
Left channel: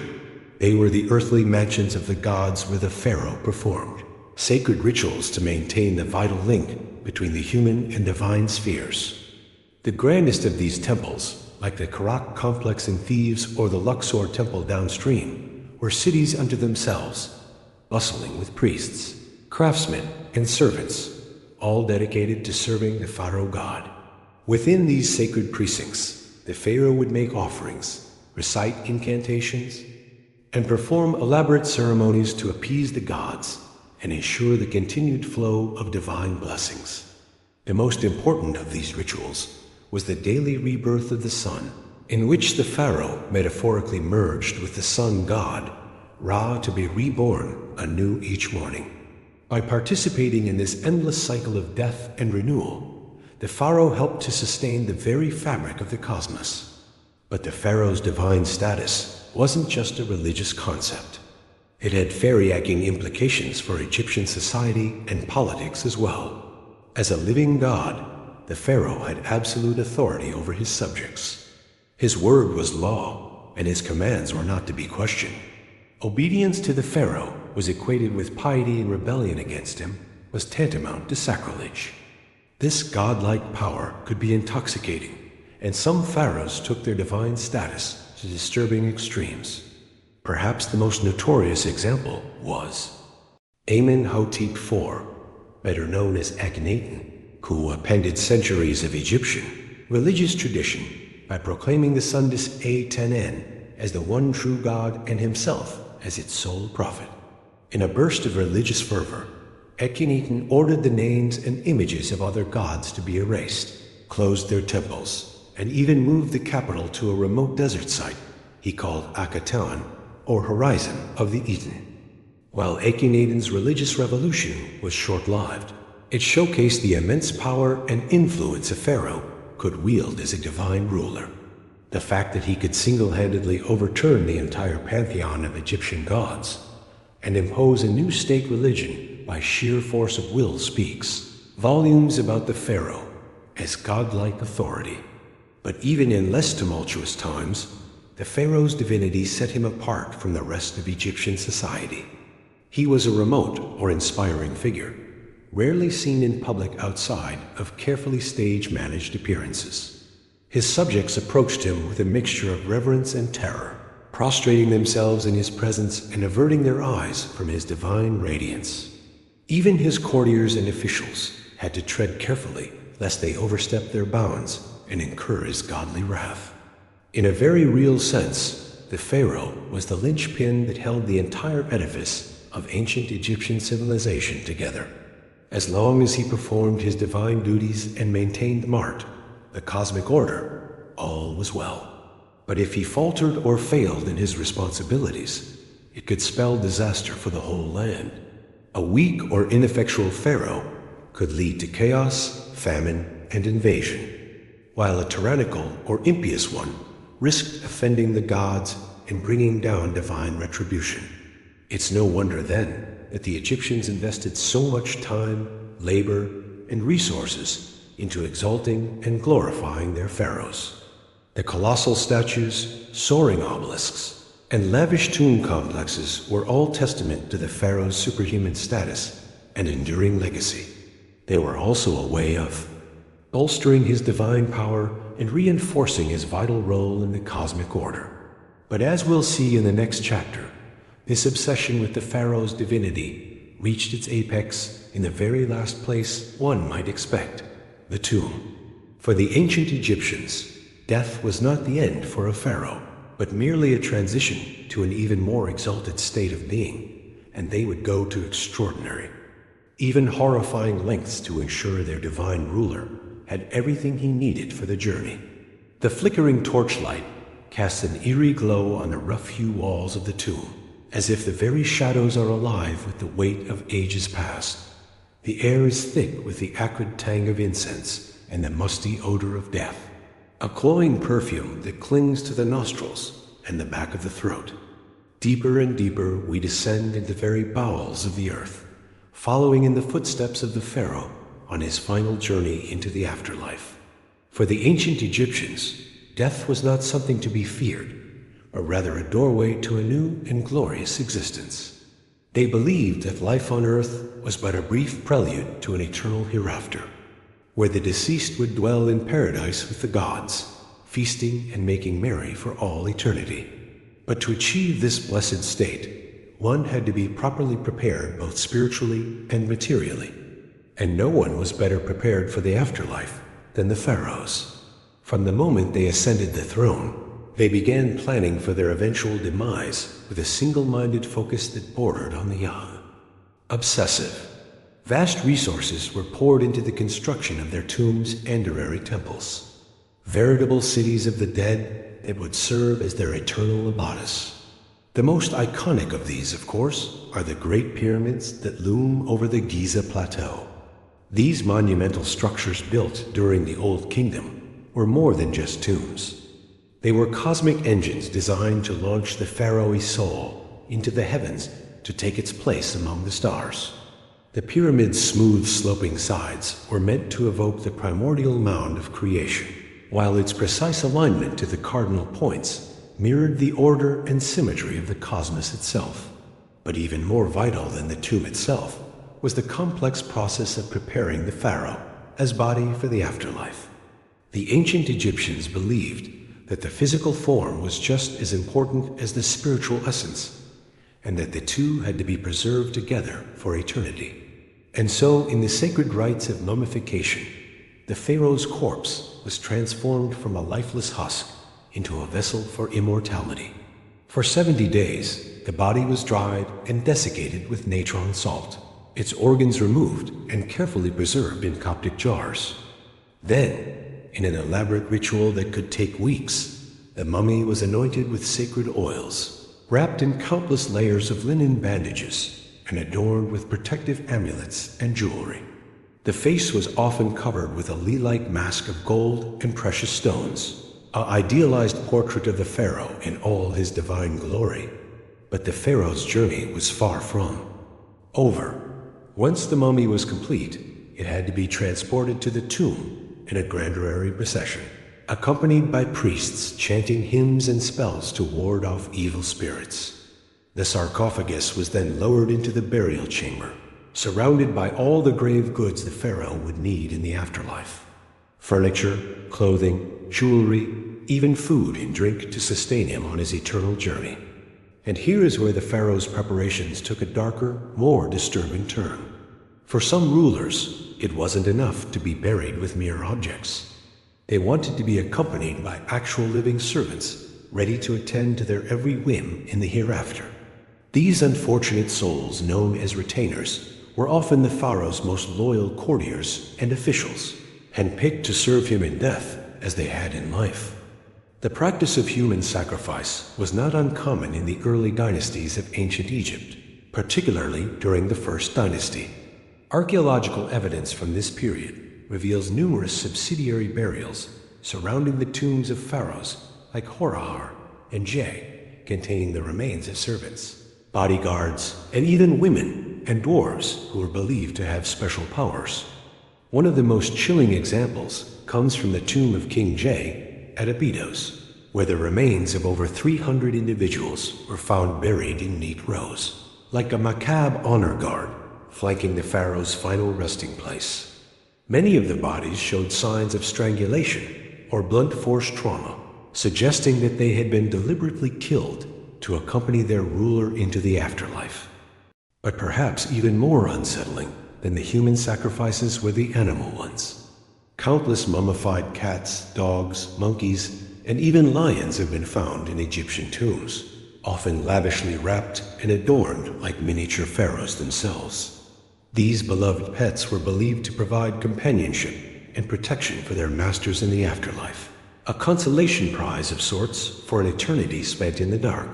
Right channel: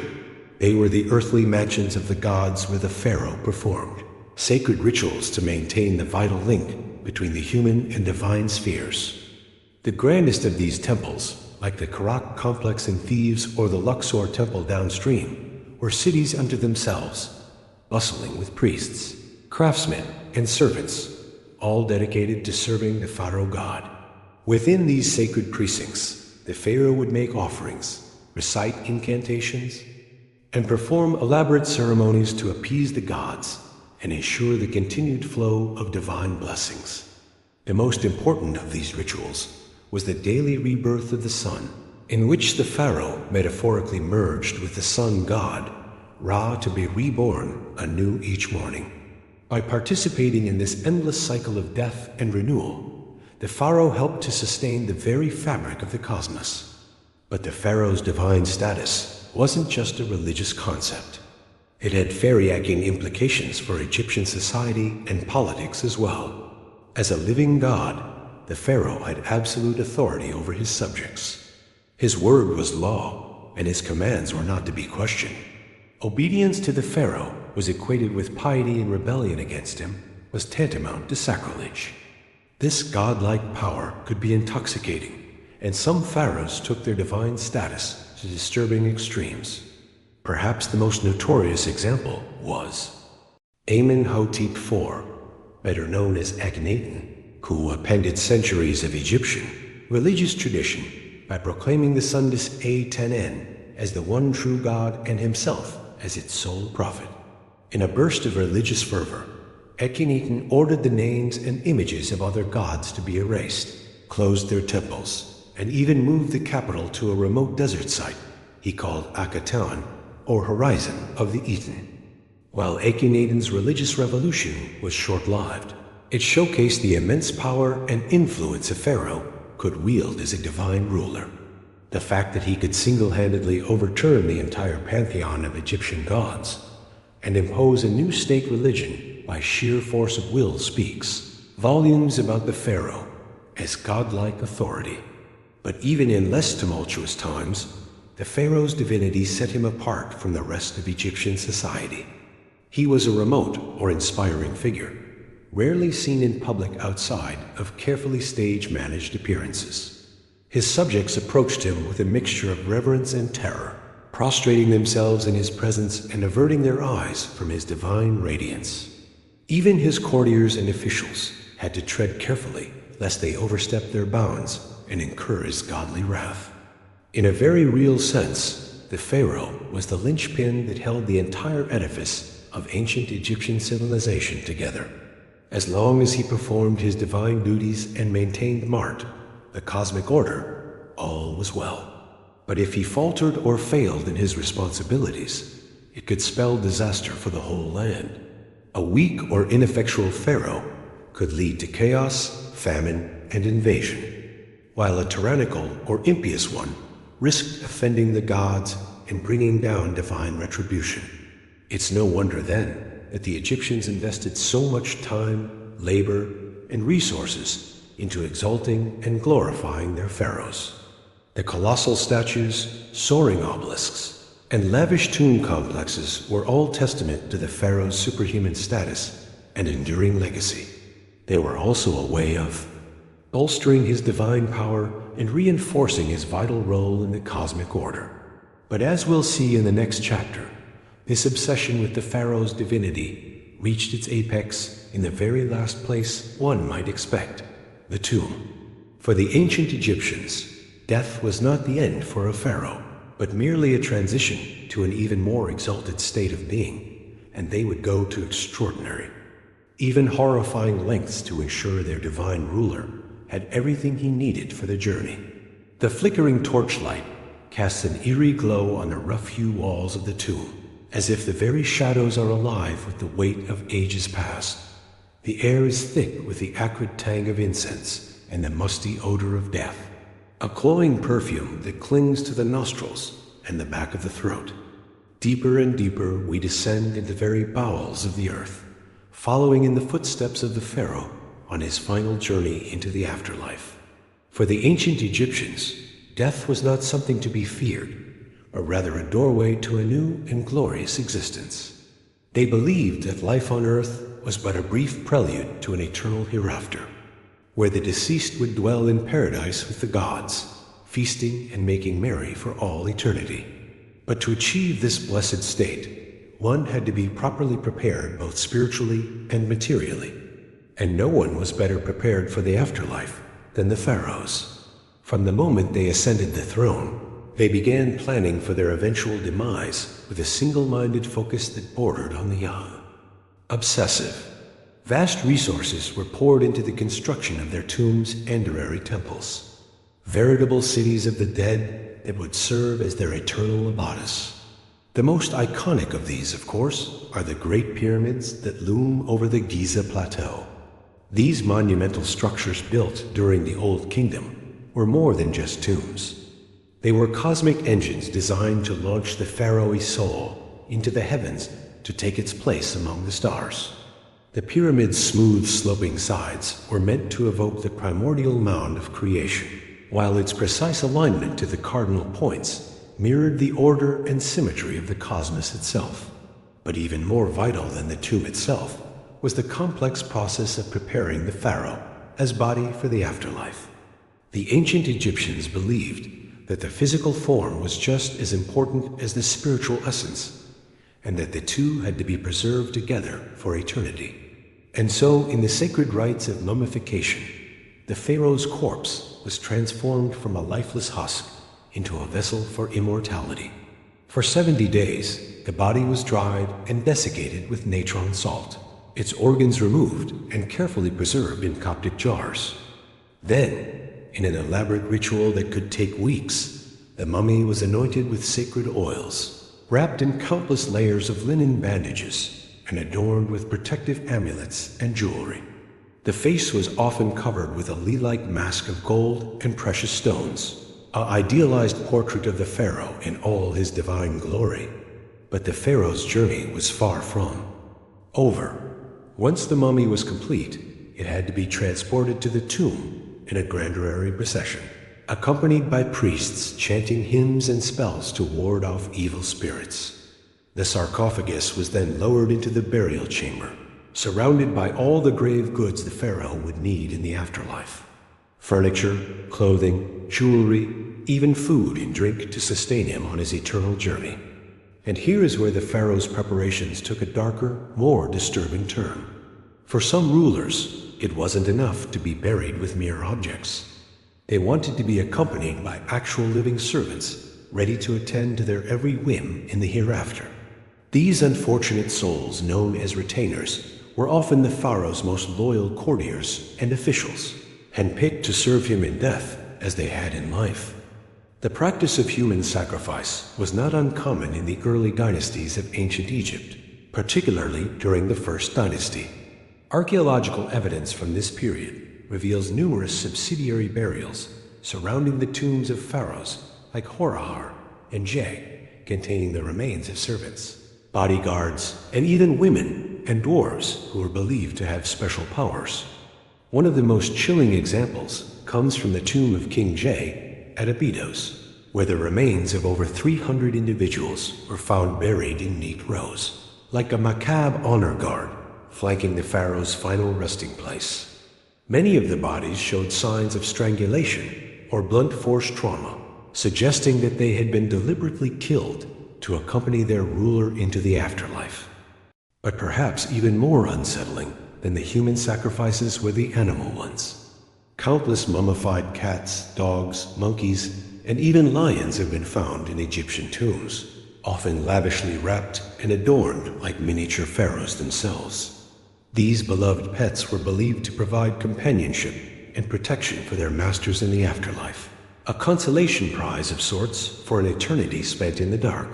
They were the earthly mansions of the gods where the pharaoh performed sacred rituals to maintain the vital link between the human and divine spheres. The grandest of these temples, like the Karak complex in Thebes or the Luxor temple downstream, were cities unto themselves, bustling with priests, craftsmen, and servants, all dedicated to serving the pharaoh god. Within these sacred precincts, the pharaoh would make offerings, recite incantations, and perform elaborate ceremonies to appease the gods and ensure the continued flow of divine blessings. The most important of these rituals was the daily rebirth of the sun, in which the pharaoh metaphorically merged with the sun god, Ra, to be reborn anew each morning. By participating in this endless cycle of death and renewal, the pharaoh helped to sustain the very fabric of the cosmos. But the pharaoh's divine status wasn't just a religious concept. It had far-reaching implications for Egyptian society and politics as well. As a living god, the pharaoh had absolute authority over his subjects. His word was law, and his commands were not to be questioned. Obedience to the pharaoh was equated with piety, and rebellion against him was tantamount to sacrilege. This godlike power could be intoxicating, and some pharaohs took their divine status to disturbing extremes. Perhaps the most notorious example was Amenhotep IV, better known as Akhenaten, who appended centuries of Egyptian religious tradition by proclaiming the sun disk A10N as the one true God and himself as its sole prophet. In a burst of religious fervor, Akhenaten ordered the names and images of other gods to be erased, closed their temples, and even moved the capital to a remote desert site he called Akhenaten, or Horizon of the Eaten. While Akhenaten's religious revolution was short-lived, it showcased the immense power and influence a pharaoh could wield as a divine ruler. The fact that he could single-handedly overturn the entire pantheon of Egyptian gods and impose a new state religion by sheer force of will speaks volumes about the pharaoh as godlike authority. But even in less tumultuous times, the pharaoh's divinity set him apart from the rest of Egyptian society. He was a remote or inspiring figure, rarely seen in public outside of carefully stage-managed appearances. His subjects approached him with a mixture of reverence and terror, prostrating themselves in his presence and averting their eyes from his divine radiance. Even his courtiers and officials had to tread carefully lest they overstep their bounds and incur his godly wrath. In a very real sense, the pharaoh was the linchpin that held the entire edifice of ancient Egyptian civilization together. As long as he performed his divine duties and maintained Mart, the cosmic order, all was well. But if he faltered or failed in his responsibilities, it could spell disaster for the whole land. A weak or ineffectual pharaoh could lead to chaos, famine, and invasion, while a tyrannical or impious one risked offending the gods and bringing down divine retribution. It's no wonder then that the Egyptians invested so much time, labor, and resources into exalting and glorifying their pharaohs. The colossal statues, soaring obelisks, and lavish tomb complexes were all testament to the pharaoh's superhuman status and enduring legacy. They were also a way of bolstering his divine power and reinforcing his vital role in the cosmic order. But as we'll see in the next chapter, this obsession with the pharaoh's divinity reached its apex in the very last place one might expect, the tomb. For the ancient Egyptians, death was not the end for a pharaoh, but merely a transition to an even more exalted state of being, and they would go to extraordinary, even horrifying lengths to ensure their divine ruler had everything he needed for the journey. The flickering torchlight cast an eerie glow on the rough-hewn walls of the tomb, as if the very shadows are alive with the weight of ages past. The air is thick with the acrid tang of incense and the musty odor of death, a cloying perfume that clings to the nostrils and the back of the throat. Deeper and deeper we descend into the very bowels of the earth, following in the footsteps of the pharaoh on his final journey into the afterlife. For the ancient Egyptians, death was not something to be feared, but rather a doorway to a new and glorious existence. They believed that life on earth was but a brief prelude to an eternal hereafter, where the deceased would dwell in paradise with the gods, feasting and making merry for all eternity. But to achieve this blessed state, one had to be properly prepared both spiritually and materially. And no one was better prepared for the afterlife than the pharaohs. From the moment they ascended the throne, they began planning for their eventual demise with a single-minded focus that bordered on the obsessive. Vast resources were poured into the construction of their tombs and honorary temples, veritable cities of the dead that would serve as their eternal abatis. The most iconic of these, of course, are the Great Pyramids that loom over the Giza Plateau. These monumental structures built during the Old Kingdom were more than just tombs. They were cosmic engines designed to launch the pharaoh's soul into the heavens to take its place among the stars. The pyramid's smooth sloping sides were meant to evoke the primordial mound of creation, while its precise alignment to the cardinal points mirrored the order and symmetry of the cosmos itself. But even more vital than the tomb itself was the complex process of preparing the pharaoh as body for the afterlife. The ancient Egyptians believed that the physical form was just as important as the spiritual essence, and that the two had to be preserved together for eternity. And so, in the sacred rites of mummification, the pharaoh's corpse was transformed from a lifeless husk into a vessel for immortality. For 70 days, the body was dried and desiccated with natron salt, its organs removed and carefully preserved in Coptic jars. Then, in an elaborate ritual that could take weeks, the mummy was anointed with sacred oils, wrapped in countless layers of linen bandages, and adorned with protective amulets and jewelry. The face was often covered with a lei-like mask of gold and precious stones, an idealized portrait of the pharaoh in all his divine glory. But the pharaoh's journey was far from over. Once the mummy was complete, it had to be transported to the tomb in a grandiose procession, accompanied by priests chanting hymns and spells to ward off evil spirits. The sarcophagus was then lowered into the burial chamber, surrounded by all the grave goods the pharaoh would need in the afterlife. Furniture, clothing, jewelry, even food and drink to sustain him on his eternal journey. And here is where the pharaoh's preparations took a darker, more disturbing turn. For some rulers, it wasn't enough to be buried with mere objects. They wanted to be accompanied by actual living servants, ready to attend to their every whim in the hereafter. These unfortunate souls, known as retainers, were often the pharaoh's most loyal courtiers and officials, handpicked to serve him in death as they had in life. The practice of human sacrifice was not uncommon in the early dynasties of ancient Egypt, particularly during the First Dynasty. Archaeological evidence from this period reveals numerous subsidiary burials surrounding the tombs of pharaohs like Horahar and Je, containing the remains of servants, bodyguards, and even women and dwarves who were believed to have special powers. One of the most chilling examples comes from the tomb of King Je at Abydos, where the remains of over 300 individuals were found buried in neat rows, like a macabre honor guard flanking the pharaoh's final resting place. Many of the bodies showed signs of strangulation or blunt force trauma, suggesting that they had been deliberately killed to accompany their ruler into the afterlife. But perhaps even more unsettling than the human sacrifices were the animal ones. Countless mummified cats, dogs, monkeys, and even lions have been found in Egyptian tombs, often lavishly wrapped and adorned like miniature pharaohs themselves. These beloved pets were believed to provide companionship and protection for their masters in the afterlife, a consolation prize of sorts for an eternity spent in the dark.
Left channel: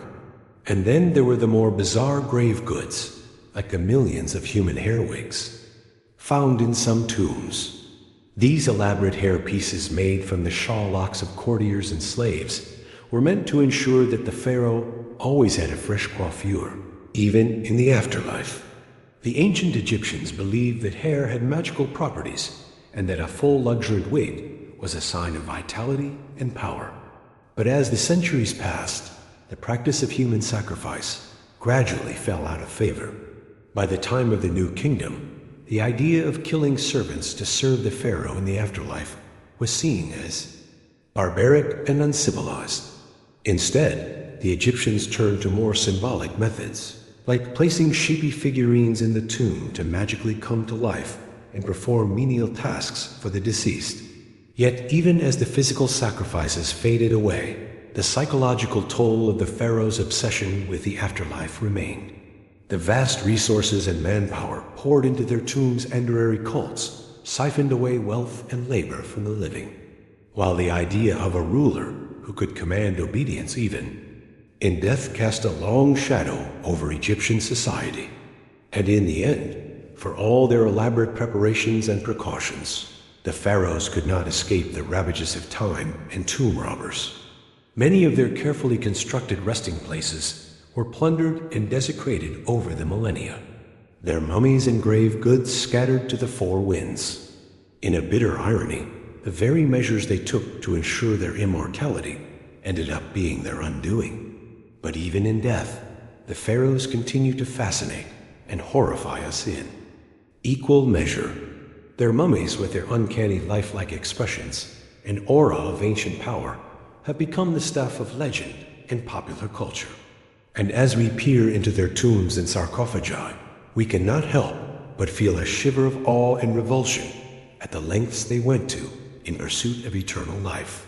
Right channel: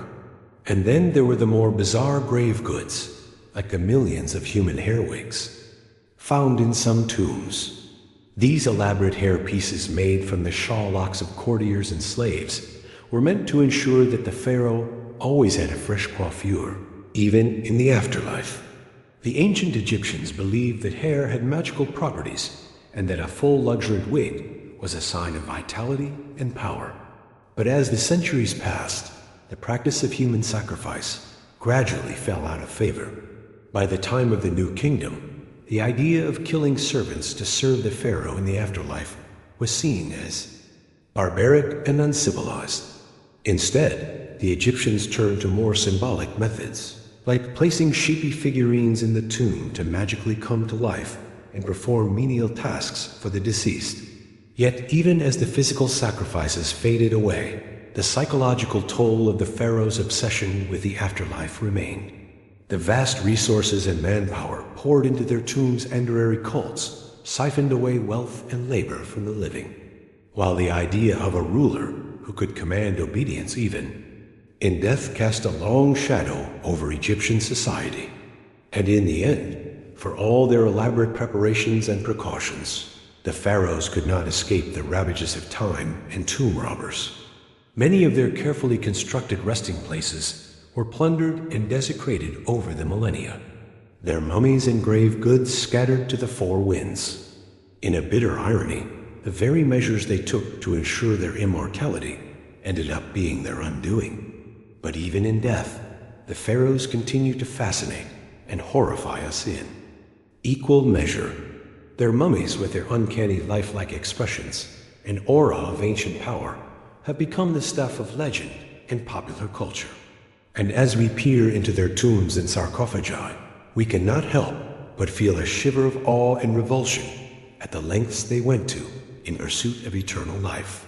And then there were the more bizarre grave goods, like the millions of human hair wigs found in some tombs. These elaborate hair pieces made from the shawl locks of courtiers and slaves were meant to ensure that the pharaoh always had a fresh coiffure, even in the afterlife. The ancient Egyptians believed that hair had magical properties and that a full luxuriant wig was a sign of vitality and power. But as the centuries passed, the practice of human sacrifice gradually fell out of favor. By the time of the New Kingdom, the idea of killing servants to serve the pharaoh in the afterlife was seen as barbaric and uncivilized. Instead, the Egyptians turned to more symbolic methods, like placing sheepy figurines in the tomb to magically come to life and perform menial tasks for the deceased. Yet even as the physical sacrifices faded away, the psychological toll of the pharaoh's obsession with the afterlife remained. The vast resources and manpower poured into their tombs' endurary cults siphoned away wealth and labor from the living, while the idea of a ruler who could command obedience even in death cast a long shadow over Egyptian society. And in the end, for all their elaborate preparations and precautions, the pharaohs could not escape the ravages of time and tomb robbers. Many of their carefully constructed resting places were plundered and desecrated over the millennia. Their mummies and grave goods scattered to the four winds. In a bitter irony, the very measures they took to ensure their immortality ended up being their undoing. But even in death, the pharaohs continue to fascinate and horrify us in equal measure. Their mummies, with their uncanny lifelike expressions and aura of ancient power, have become the stuff of legend and popular culture. And as we peer into their tombs and sarcophagi, we cannot help but feel a shiver of awe and revulsion at the lengths they went to in pursuit of eternal life.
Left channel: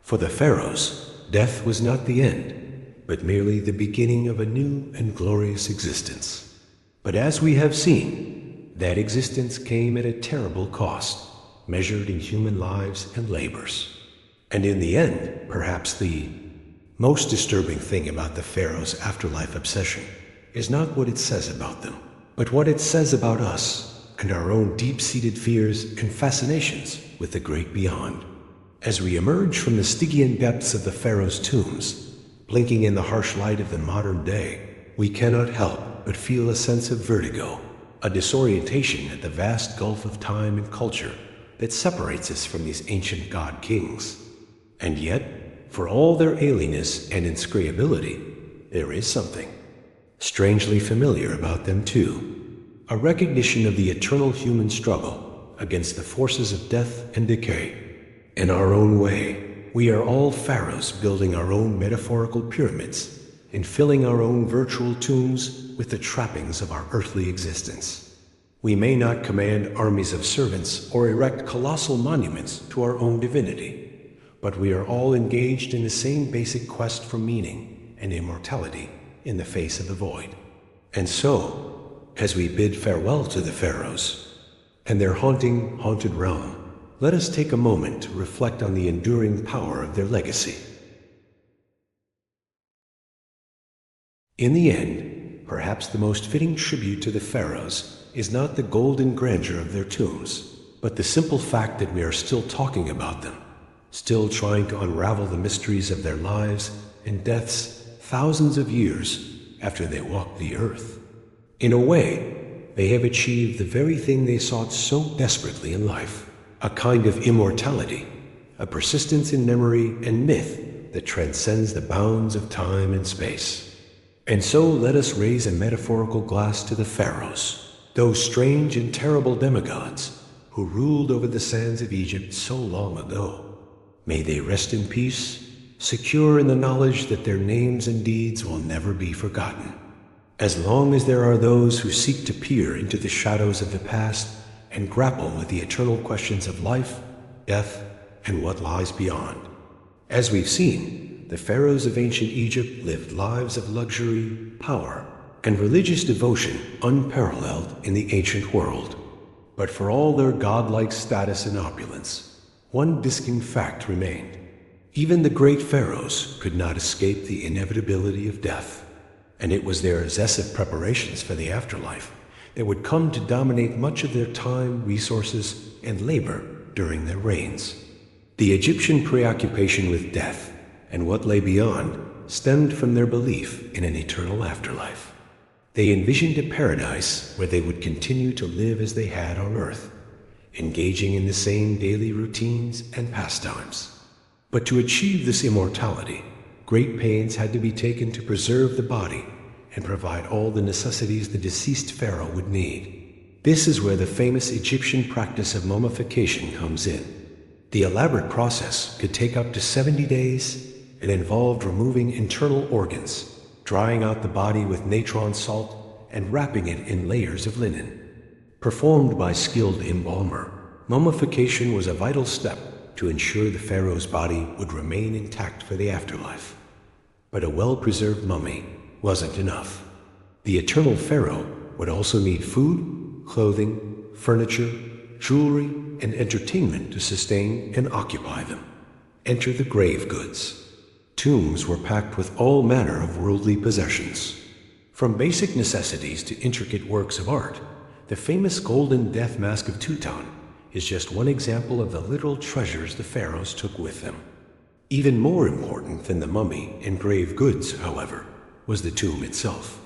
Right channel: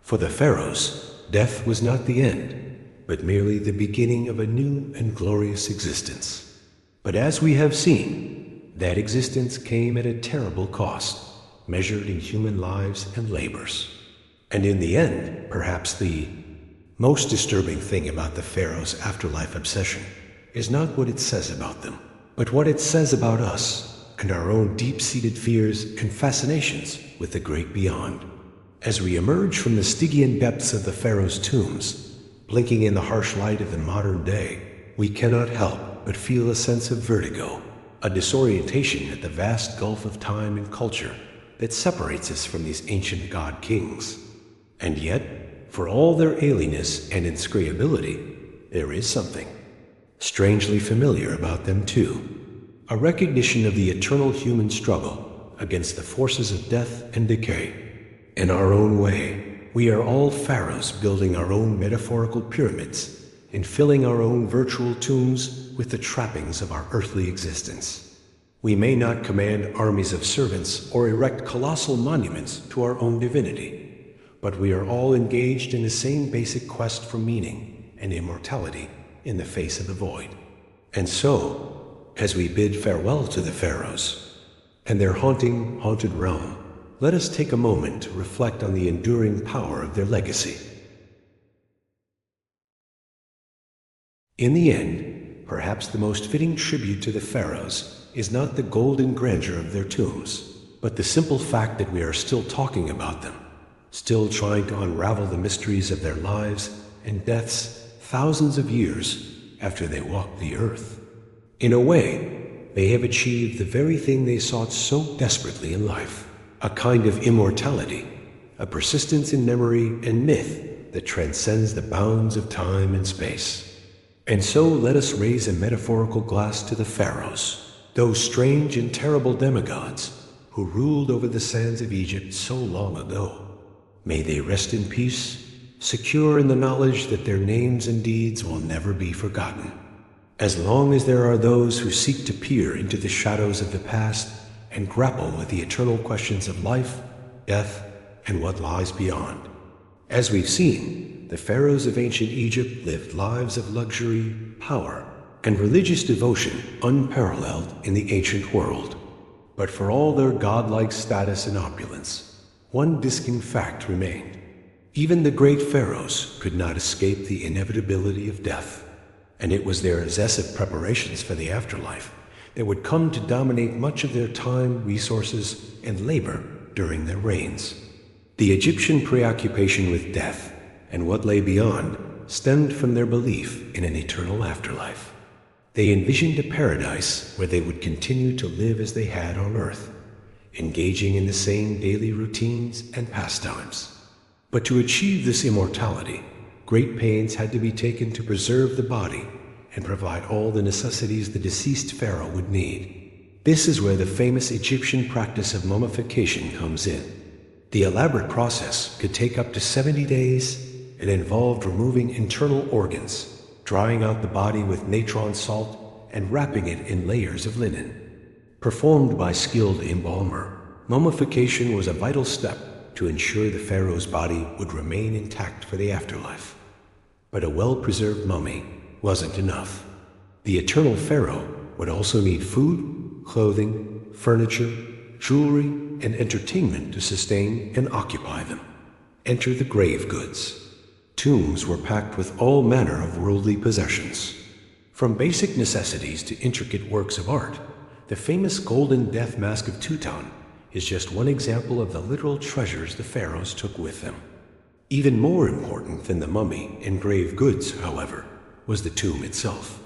For the pharaohs, death was not the end, but merely the beginning of a new and glorious existence. But as we have seen, that existence came at a terrible cost, measured in human lives and labors. And in the end, perhaps the most disturbing thing about the pharaoh's afterlife obsession is not what it says about them, but what it says about us and our own deep-seated fears and fascinations with the great beyond. As we emerge from the Stygian depths of the pharaoh's tombs, blinking in the harsh light of the modern day, we cannot help but feel a sense of vertigo, a disorientation at the vast gulf of time and culture that separates us from these ancient god-kings. And yet, for all their alienness and inscrutability, there is something strangely familiar about them too. A recognition of the eternal human struggle against the forces of death and decay. In our own way, we are all pharaohs building our own metaphorical pyramids and filling our own virtual tombs with the trappings of our earthly existence. We may not command armies of servants or erect colossal monuments to our own divinity, but we are all engaged in the same basic quest for meaning and immortality in the face of a void. And so, as we bid farewell to the pharaohs and their haunted realm, let us take a moment to reflect on the enduring power of their legacy. In the end, perhaps the most fitting tribute to the pharaohs is not the golden grandeur of their tombs, but the simple fact that we are still talking about them, still trying to unravel the mysteries of their lives and deaths thousands of years after they walked the earth. In a way, they have achieved the very thing they sought so desperately in life, a kind of immortality, a persistence in memory and myth that transcends the bounds of time and space. And so let us raise a metaphorical glass to the pharaohs, those strange and terrible demigods who ruled over the sands of Egypt so long ago. May they rest in peace, secure in the knowledge that their names and deeds will never be forgotten. As long as there are those who seek to peer into the shadows of the past and grapple with the eternal questions of life, death, and what lies beyond. As we've seen, the pharaohs of ancient Egypt lived lives of luxury, power, and religious devotion unparalleled in the ancient world. But for all their godlike status and opulence, one distinct fact remained. Even the great pharaohs could not escape the inevitability of death, and it was their incessant preparations for the afterlife that would come to dominate much of their time, resources, and labor during their reigns. The Egyptian preoccupation with death and what lay beyond stemmed from their belief in an eternal afterlife. They envisioned a paradise where they would continue to live as they had on earth, engaging in the same daily routines and pastimes. But to achieve this immortality, great pains had to be taken to preserve the body and provide all the necessities the deceased pharaoh would need. This is where the famous Egyptian practice of mummification comes in. The elaborate process could take up to 70 days and involved removing internal organs, drying out the body with natron salt, and wrapping it in layers of linen. Performed by skilled embalmer, mummification was a vital step to ensure the pharaoh's body would remain intact for the afterlife. But a well-preserved mummy wasn't enough. The eternal pharaoh would also need food, clothing, furniture, jewelry, and entertainment to sustain and occupy them. Enter the grave goods. Tombs were packed with all manner of worldly possessions. From basic necessities to intricate works of art, the famous golden death mask of Tutankhamun is just one example of the literal treasures the pharaohs took with them. Even more important than the mummy and grave goods, however, was the tomb itself.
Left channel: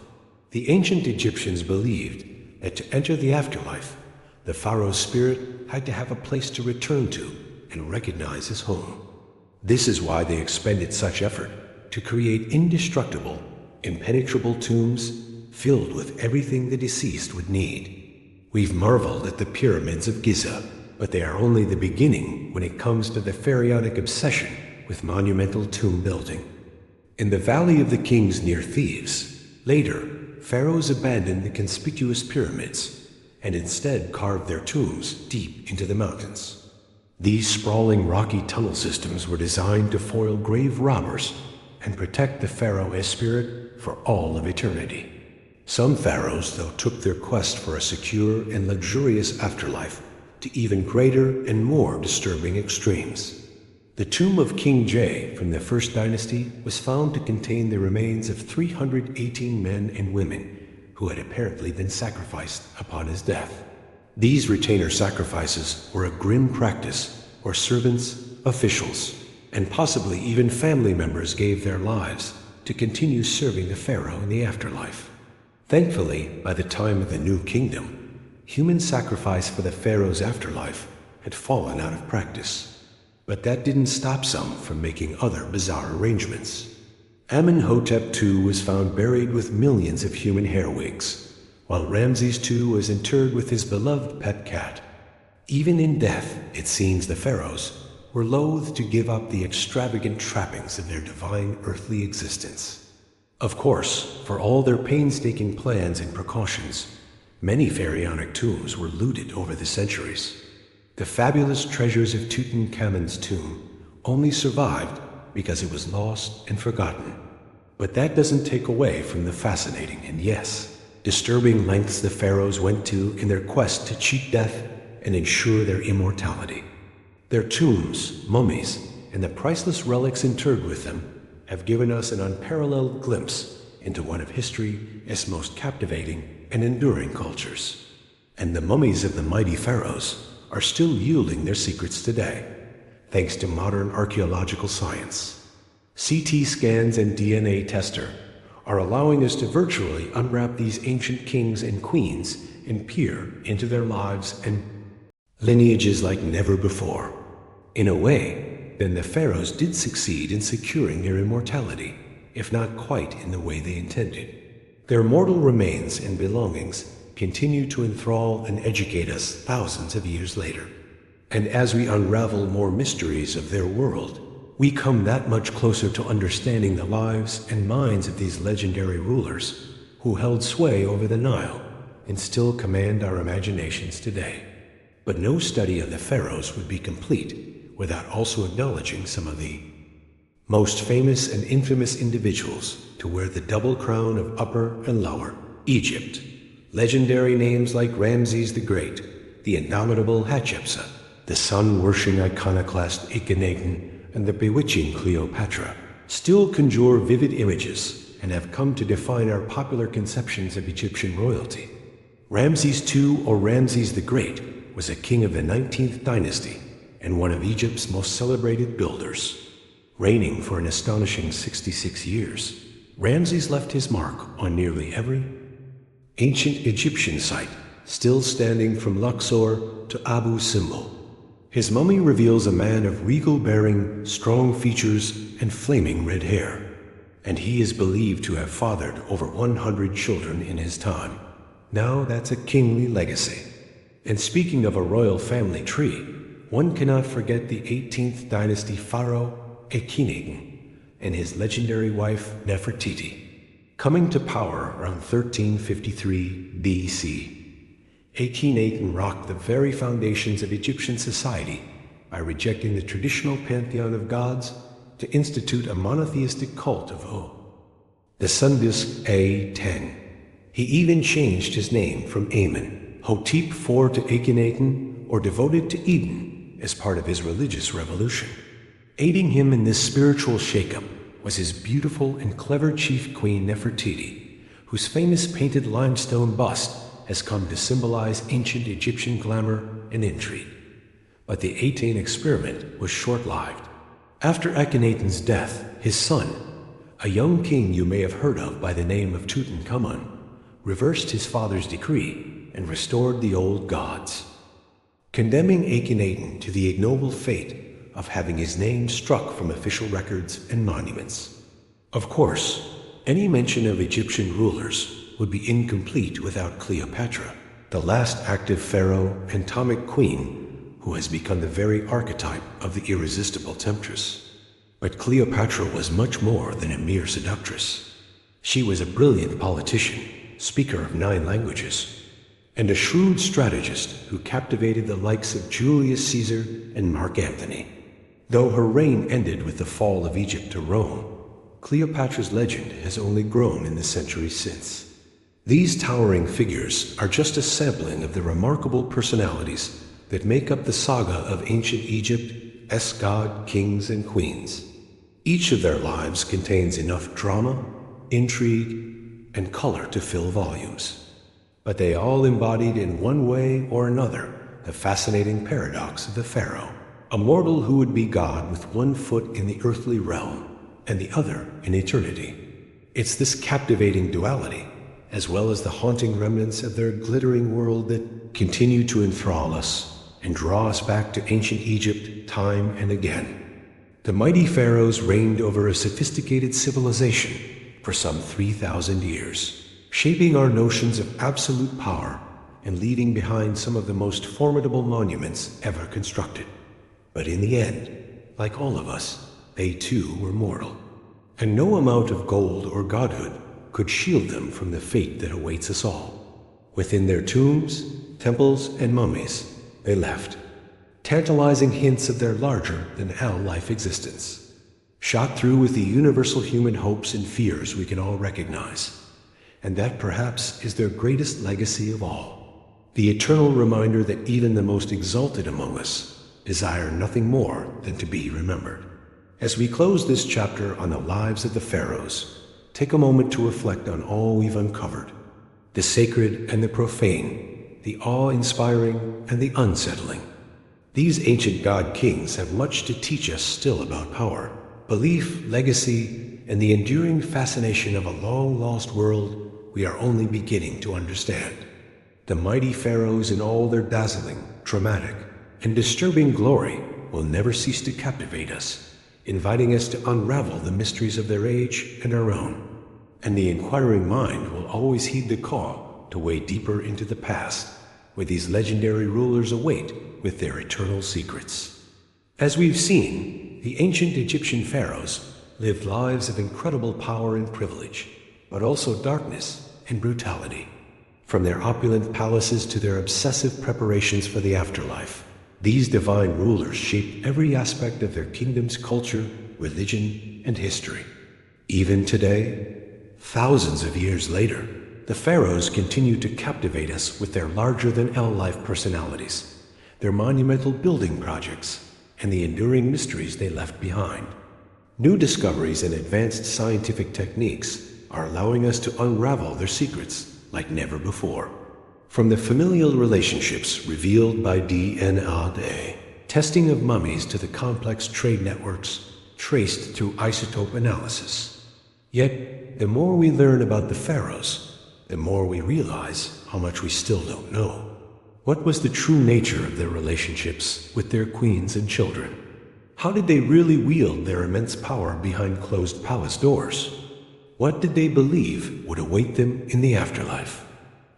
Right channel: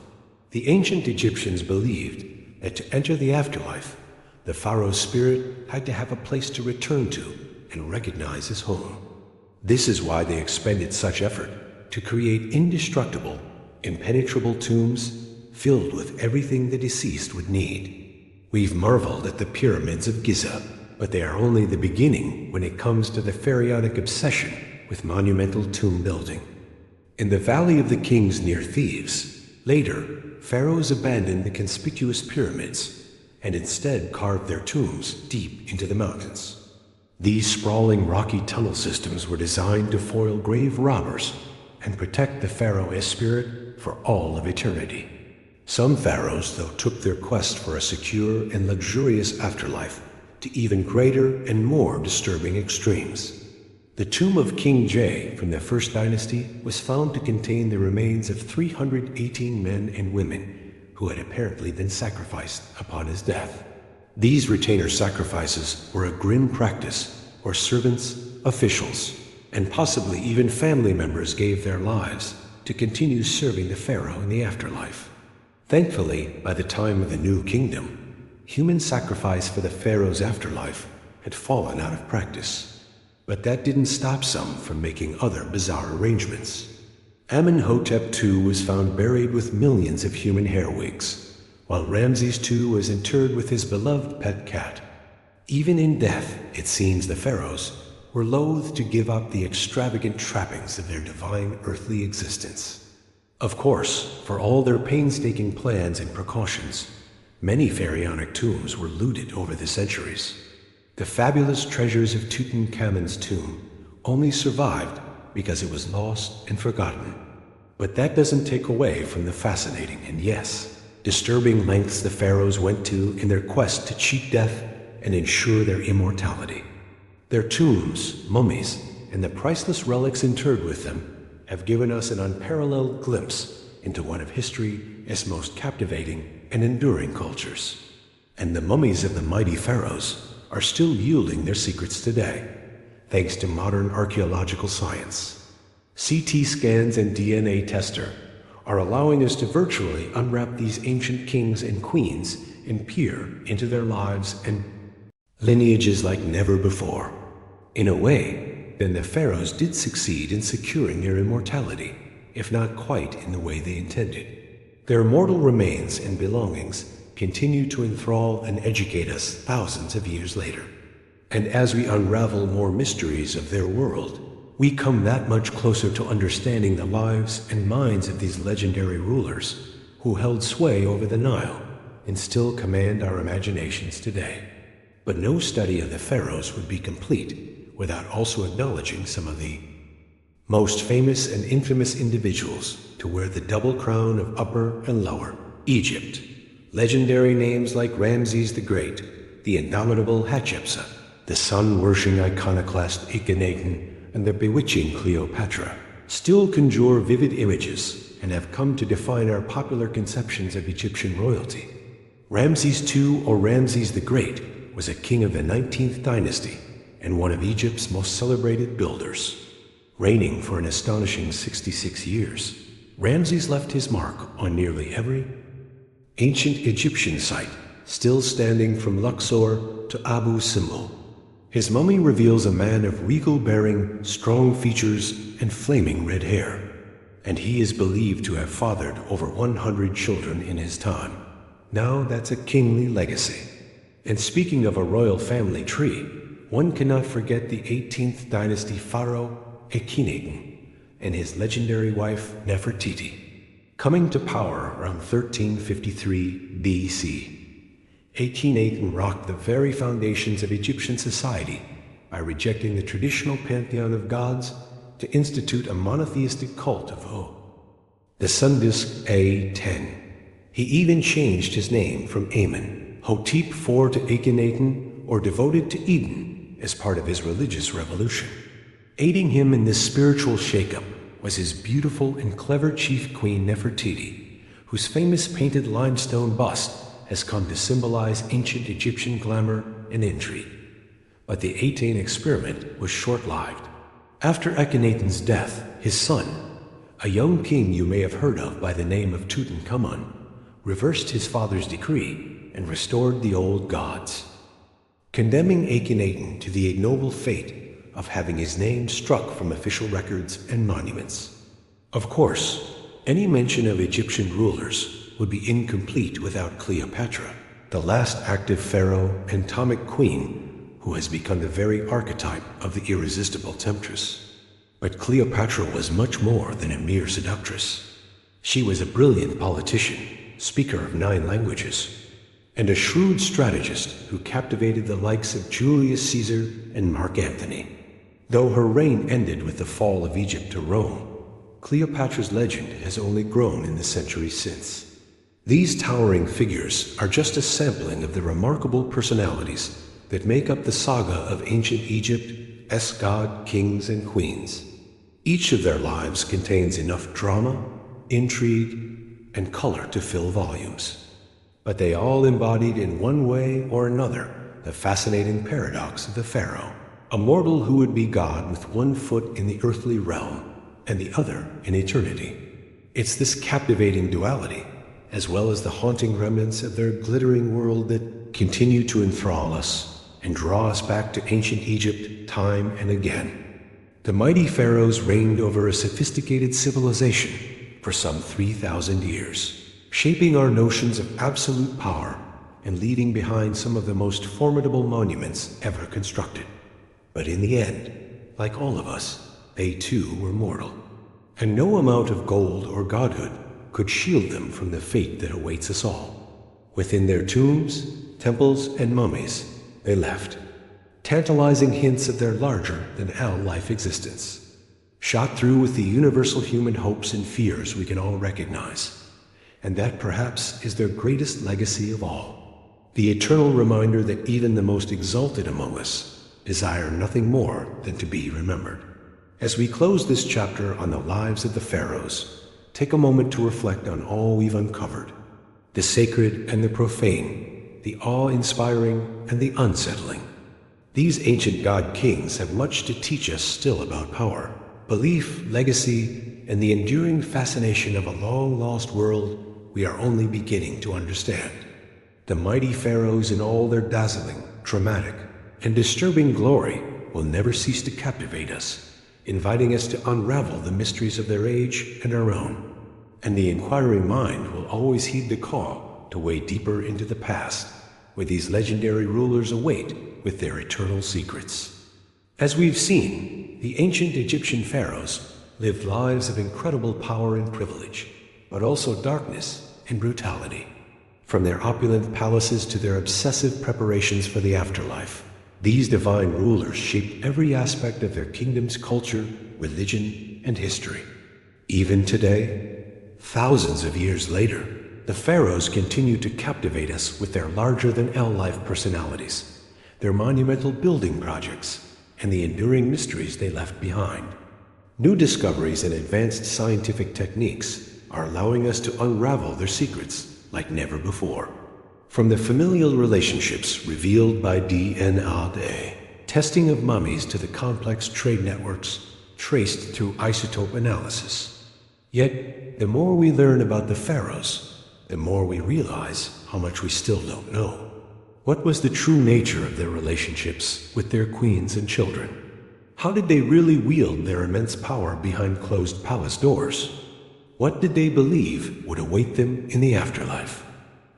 The ancient Egyptians believed that to enter the afterlife, the pharaoh's spirit had to have a place to return to and recognize as home. This is why they expended such effort to create indestructible, impenetrable tombs filled with everything the deceased would need. We've marveled at the pyramids of Giza, but they are only the beginning when it comes to the pharaonic obsession with monumental tomb building. In the Valley of the Kings near Thebes, later, pharaohs abandoned the conspicuous pyramids and instead carved their tombs deep into the mountains. These sprawling rocky tunnel systems were designed to foil grave robbers and protect the pharaoh's spirit for all of eternity. Some pharaohs, though, took their quest for a secure and luxurious afterlife to even greater and more disturbing extremes. The tomb of King J from the First Dynasty was found to contain the remains of 318 men and women who had apparently been sacrificed upon his death. These retainer sacrifices were a grim practice where servants, officials, and possibly even family members gave their lives to continue serving the pharaoh in the afterlife. Thankfully, by the time of the New Kingdom, human sacrifice for the pharaoh's afterlife had fallen out of practice. But that didn't stop some from making other bizarre arrangements. Amenhotep II was found buried with millions of human hair wigs, while Ramses II was interred with his beloved pet cat. Even in death, it seems the pharaohs were loath to give up the extravagant trappings of their divine earthly existence. Of course, for all their painstaking plans and precautions, many pharaonic tombs were looted over the centuries. The fabulous treasures of Tutankhamun's tomb only survived because it was lost and forgotten. But that doesn't take away from the fascinating and, yes, disturbing lengths the pharaohs went to in their quest to cheat death and ensure their immortality. Their tombs, mummies, and the priceless relics interred with them have given us an unparalleled glimpse into one of history's most captivating and enduring cultures. And the mummies of the mighty pharaohs are still yielding their secrets today, thanks to modern archaeological science. CT scans and DNA tester are allowing us to virtually unwrap these ancient kings and queens and peer into their lives and lineages like never before. In a way, then the pharaohs did succeed in securing their immortality, if not quite in the way they intended. Their mortal remains and belongings continue to enthrall and educate us thousands of years later. And as we unravel more mysteries of their world, we come that much closer to understanding the lives and minds of these legendary rulers who held sway over the Nile and still command our imaginations today. But no study of the pharaohs would be complete without also acknowledging some of the most famous and infamous individuals to wear the double crown of Upper and Lower Egypt. Legendary names like Ramses the Great, the indomitable Hatshepsut, the sun-worshipping iconoclast Akhenaten, and the bewitching Cleopatra still conjure vivid images and have come to define our popular conceptions of Egyptian royalty. Ramses II, or Ramses the Great, was a king of the 19th dynasty and one of Egypt's most celebrated builders. Reigning for an astonishing 66 years, Ramses left his mark on nearly every ancient Egyptian site, still standing from Luxor to Abu Simbel. His mummy reveals a man of regal bearing, strong features, and flaming red hair, and he is believed to have fathered over 100 children in his time. Now that's a kingly legacy. And speaking of a royal family tree, one cannot forget the 18th dynasty pharaoh Akhenaten and his legendary wife Nefertiti. Coming to power around 1353 BC, Akhenaten rocked the very foundations of Egyptian society by rejecting the traditional pantheon of gods to institute a monotheistic cult of the sun disk A10. He even changed his name from Amen, Hotep IV to Akhenaten, or devoted to Eden, as part of his religious revolution. Aiding him in this spiritual shakeup was his beautiful and clever chief queen Nefertiti, whose famous painted limestone bust has come to symbolize ancient Egyptian glamour and intrigue. But the 18 experiment was short-lived. After Akhenaten's death, his son, A young king you may have heard of by the name of Tutankhamun reversed his father's decree and restored the old gods, condemning Akhenaten to the ignoble fate of having his name struck from official records and monuments. Of course, any mention of Egyptian rulers would be incomplete without Cleopatra, the last active pharaoh and Ptolemaic queen who has become the very archetype of the irresistible temptress. But Cleopatra was much more than a mere seductress. She was a brilliant politician, speaker of 9 languages, and a shrewd strategist who captivated the likes of Julius Caesar and Mark Antony. Though her reign ended with the fall of Egypt to Rome, Cleopatra's legend has only grown in the centuries since. These towering figures are just a sampling of the remarkable personalities that make up the saga of ancient Egypt's god, kings, and queens. Each of their lives contains enough drama, intrigue, and color to fill volumes. But they all embodied in one way or another the fascinating paradox of the pharaoh, a mortal who would be God with one foot in the earthly realm and the other in eternity. It's this captivating duality, as well as the haunting remnants of their glittering world, that continue to enthrall us and draw us back to ancient Egypt time and again. The mighty pharaohs reigned over a sophisticated civilization for some 3,000 years, shaping our notions of absolute power and leaving behind some of the most formidable monuments ever constructed. But in the end, like all of us, they too were mortal, and no amount of gold or godhood could shield them from the fate that awaits us all. Within their tombs, temples, and mummies, they left tantalizing hints of their larger-than-life existence, shot through with the universal human hopes and fears we can all recognize. And that perhaps is their greatest legacy of all, the eternal reminder that even the most exalted among us desire nothing more than to be remembered. As we close this chapter on the lives of the pharaohs, take a moment to reflect on all we've uncovered, the sacred and the profane, the awe-inspiring and the unsettling. These ancient god-kings have much to teach us still about power, belief, legacy, and the enduring fascination of a long-lost world we are only beginning to understand. The mighty pharaohs in all their dazzling, dramatic, and disturbing glory will never cease to captivate us, inviting us to unravel the mysteries of their age and our own. And the inquiring mind will always heed the call to wade deeper into the past, where these legendary rulers await with their eternal secrets. As we've seen, the ancient Egyptian pharaohs lived lives of incredible power and privilege, but also darkness and brutality. From their opulent palaces to their obsessive preparations for the afterlife, these divine rulers shaped every aspect of their kingdom's culture, religion, and history. Even today, thousands of years later, the pharaohs continue to captivate us with their larger-than-life personalities, their monumental building projects, and the enduring mysteries they left behind. New discoveries and advanced scientific techniques are allowing us to unravel their secrets like never before. From the familial relationships revealed by DNA, testing of mummies, to the complex trade networks traced through isotope analysis. Yet, the more we learn about the pharaohs, the more we realize how much we still don't know. What was the true nature of their relationships with their queens and children? How did they really wield their immense power behind closed palace doors? What did they believe would await them in the afterlife?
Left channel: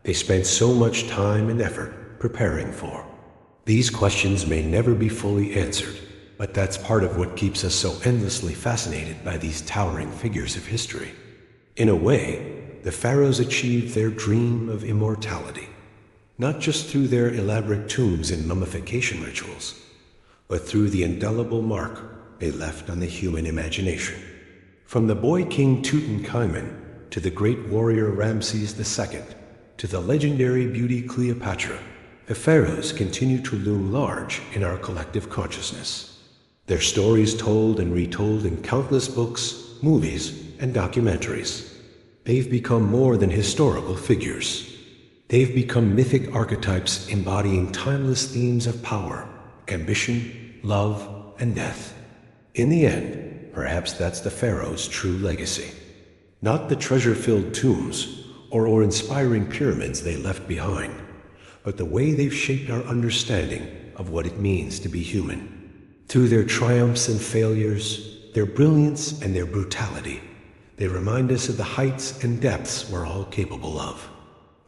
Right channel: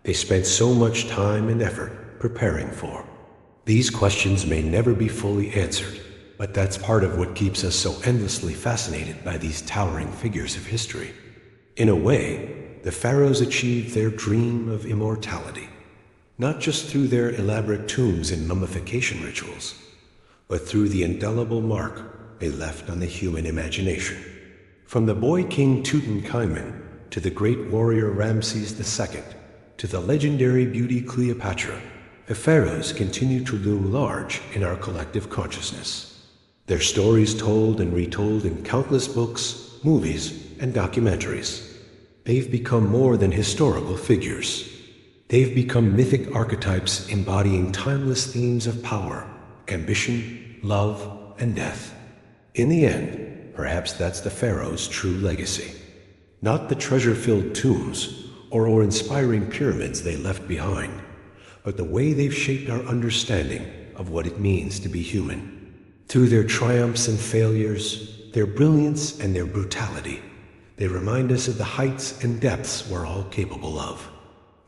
They spent so much time and effort preparing for. These questions may never be fully answered, but that's part of what keeps us so endlessly fascinated by these towering figures of history. In a way, the pharaohs achieved their dream of immortality, not just through their elaborate tombs and mummification rituals, but through the indelible mark they left on the human imagination. From the boy king Tutankhamun to the great warrior Ramses II to the legendary beauty Cleopatra, the pharaohs continue to loom large in our collective consciousness. Their stories told and retold in countless books, movies, and documentaries. They've become more than historical figures. They've become mythic archetypes embodying timeless themes of power, ambition, love, and death. In the end, perhaps that's the Pharaoh's true legacy. Not the treasure-filled tombs or inspiring pyramids they left behind, but the way they've shaped our understanding of what it means to be human. Through their triumphs and failures, their brilliance and their brutality, they remind us of the heights and depths we're all capable of.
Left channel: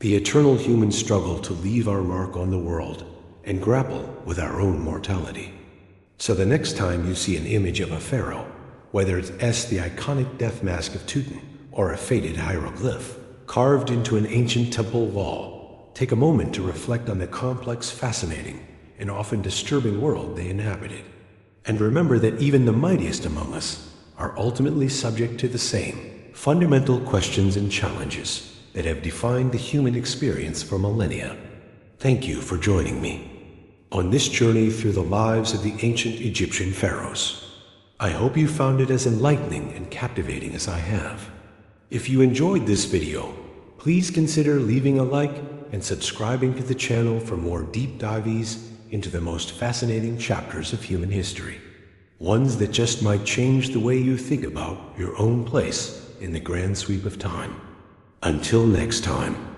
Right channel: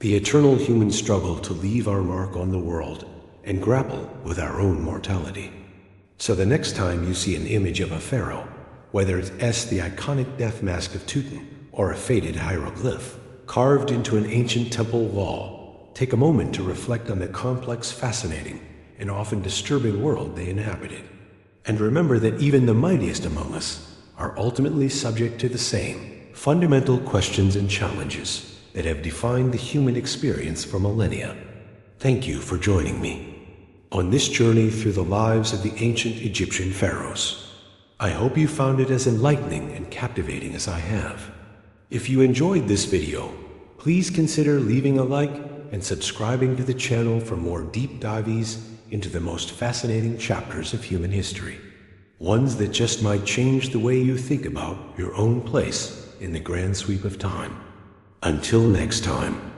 The eternal human struggle to leave our mark on the world and grapple with our own mortality. So the next time you see an image of a pharaoh, whether it's the iconic death mask of Tutankhamun or a faded hieroglyph carved into an ancient temple wall, take a moment to reflect on the complex, fascinating, and often disturbing world they inhabited. And remember that even the mightiest among us are ultimately subject to the same fundamental questions and challenges that have defined the human experience for millennia. Thank you for joining me on this journey through the lives of the ancient Egyptian pharaohs. I hope you found it as enlightening and captivating as I have. If you enjoyed this video, please consider leaving a like and subscribing to the channel for more deep dives into the most fascinating chapters of human history. Ones that just might change the way you think about your own place in the grand sweep of time. Until next time.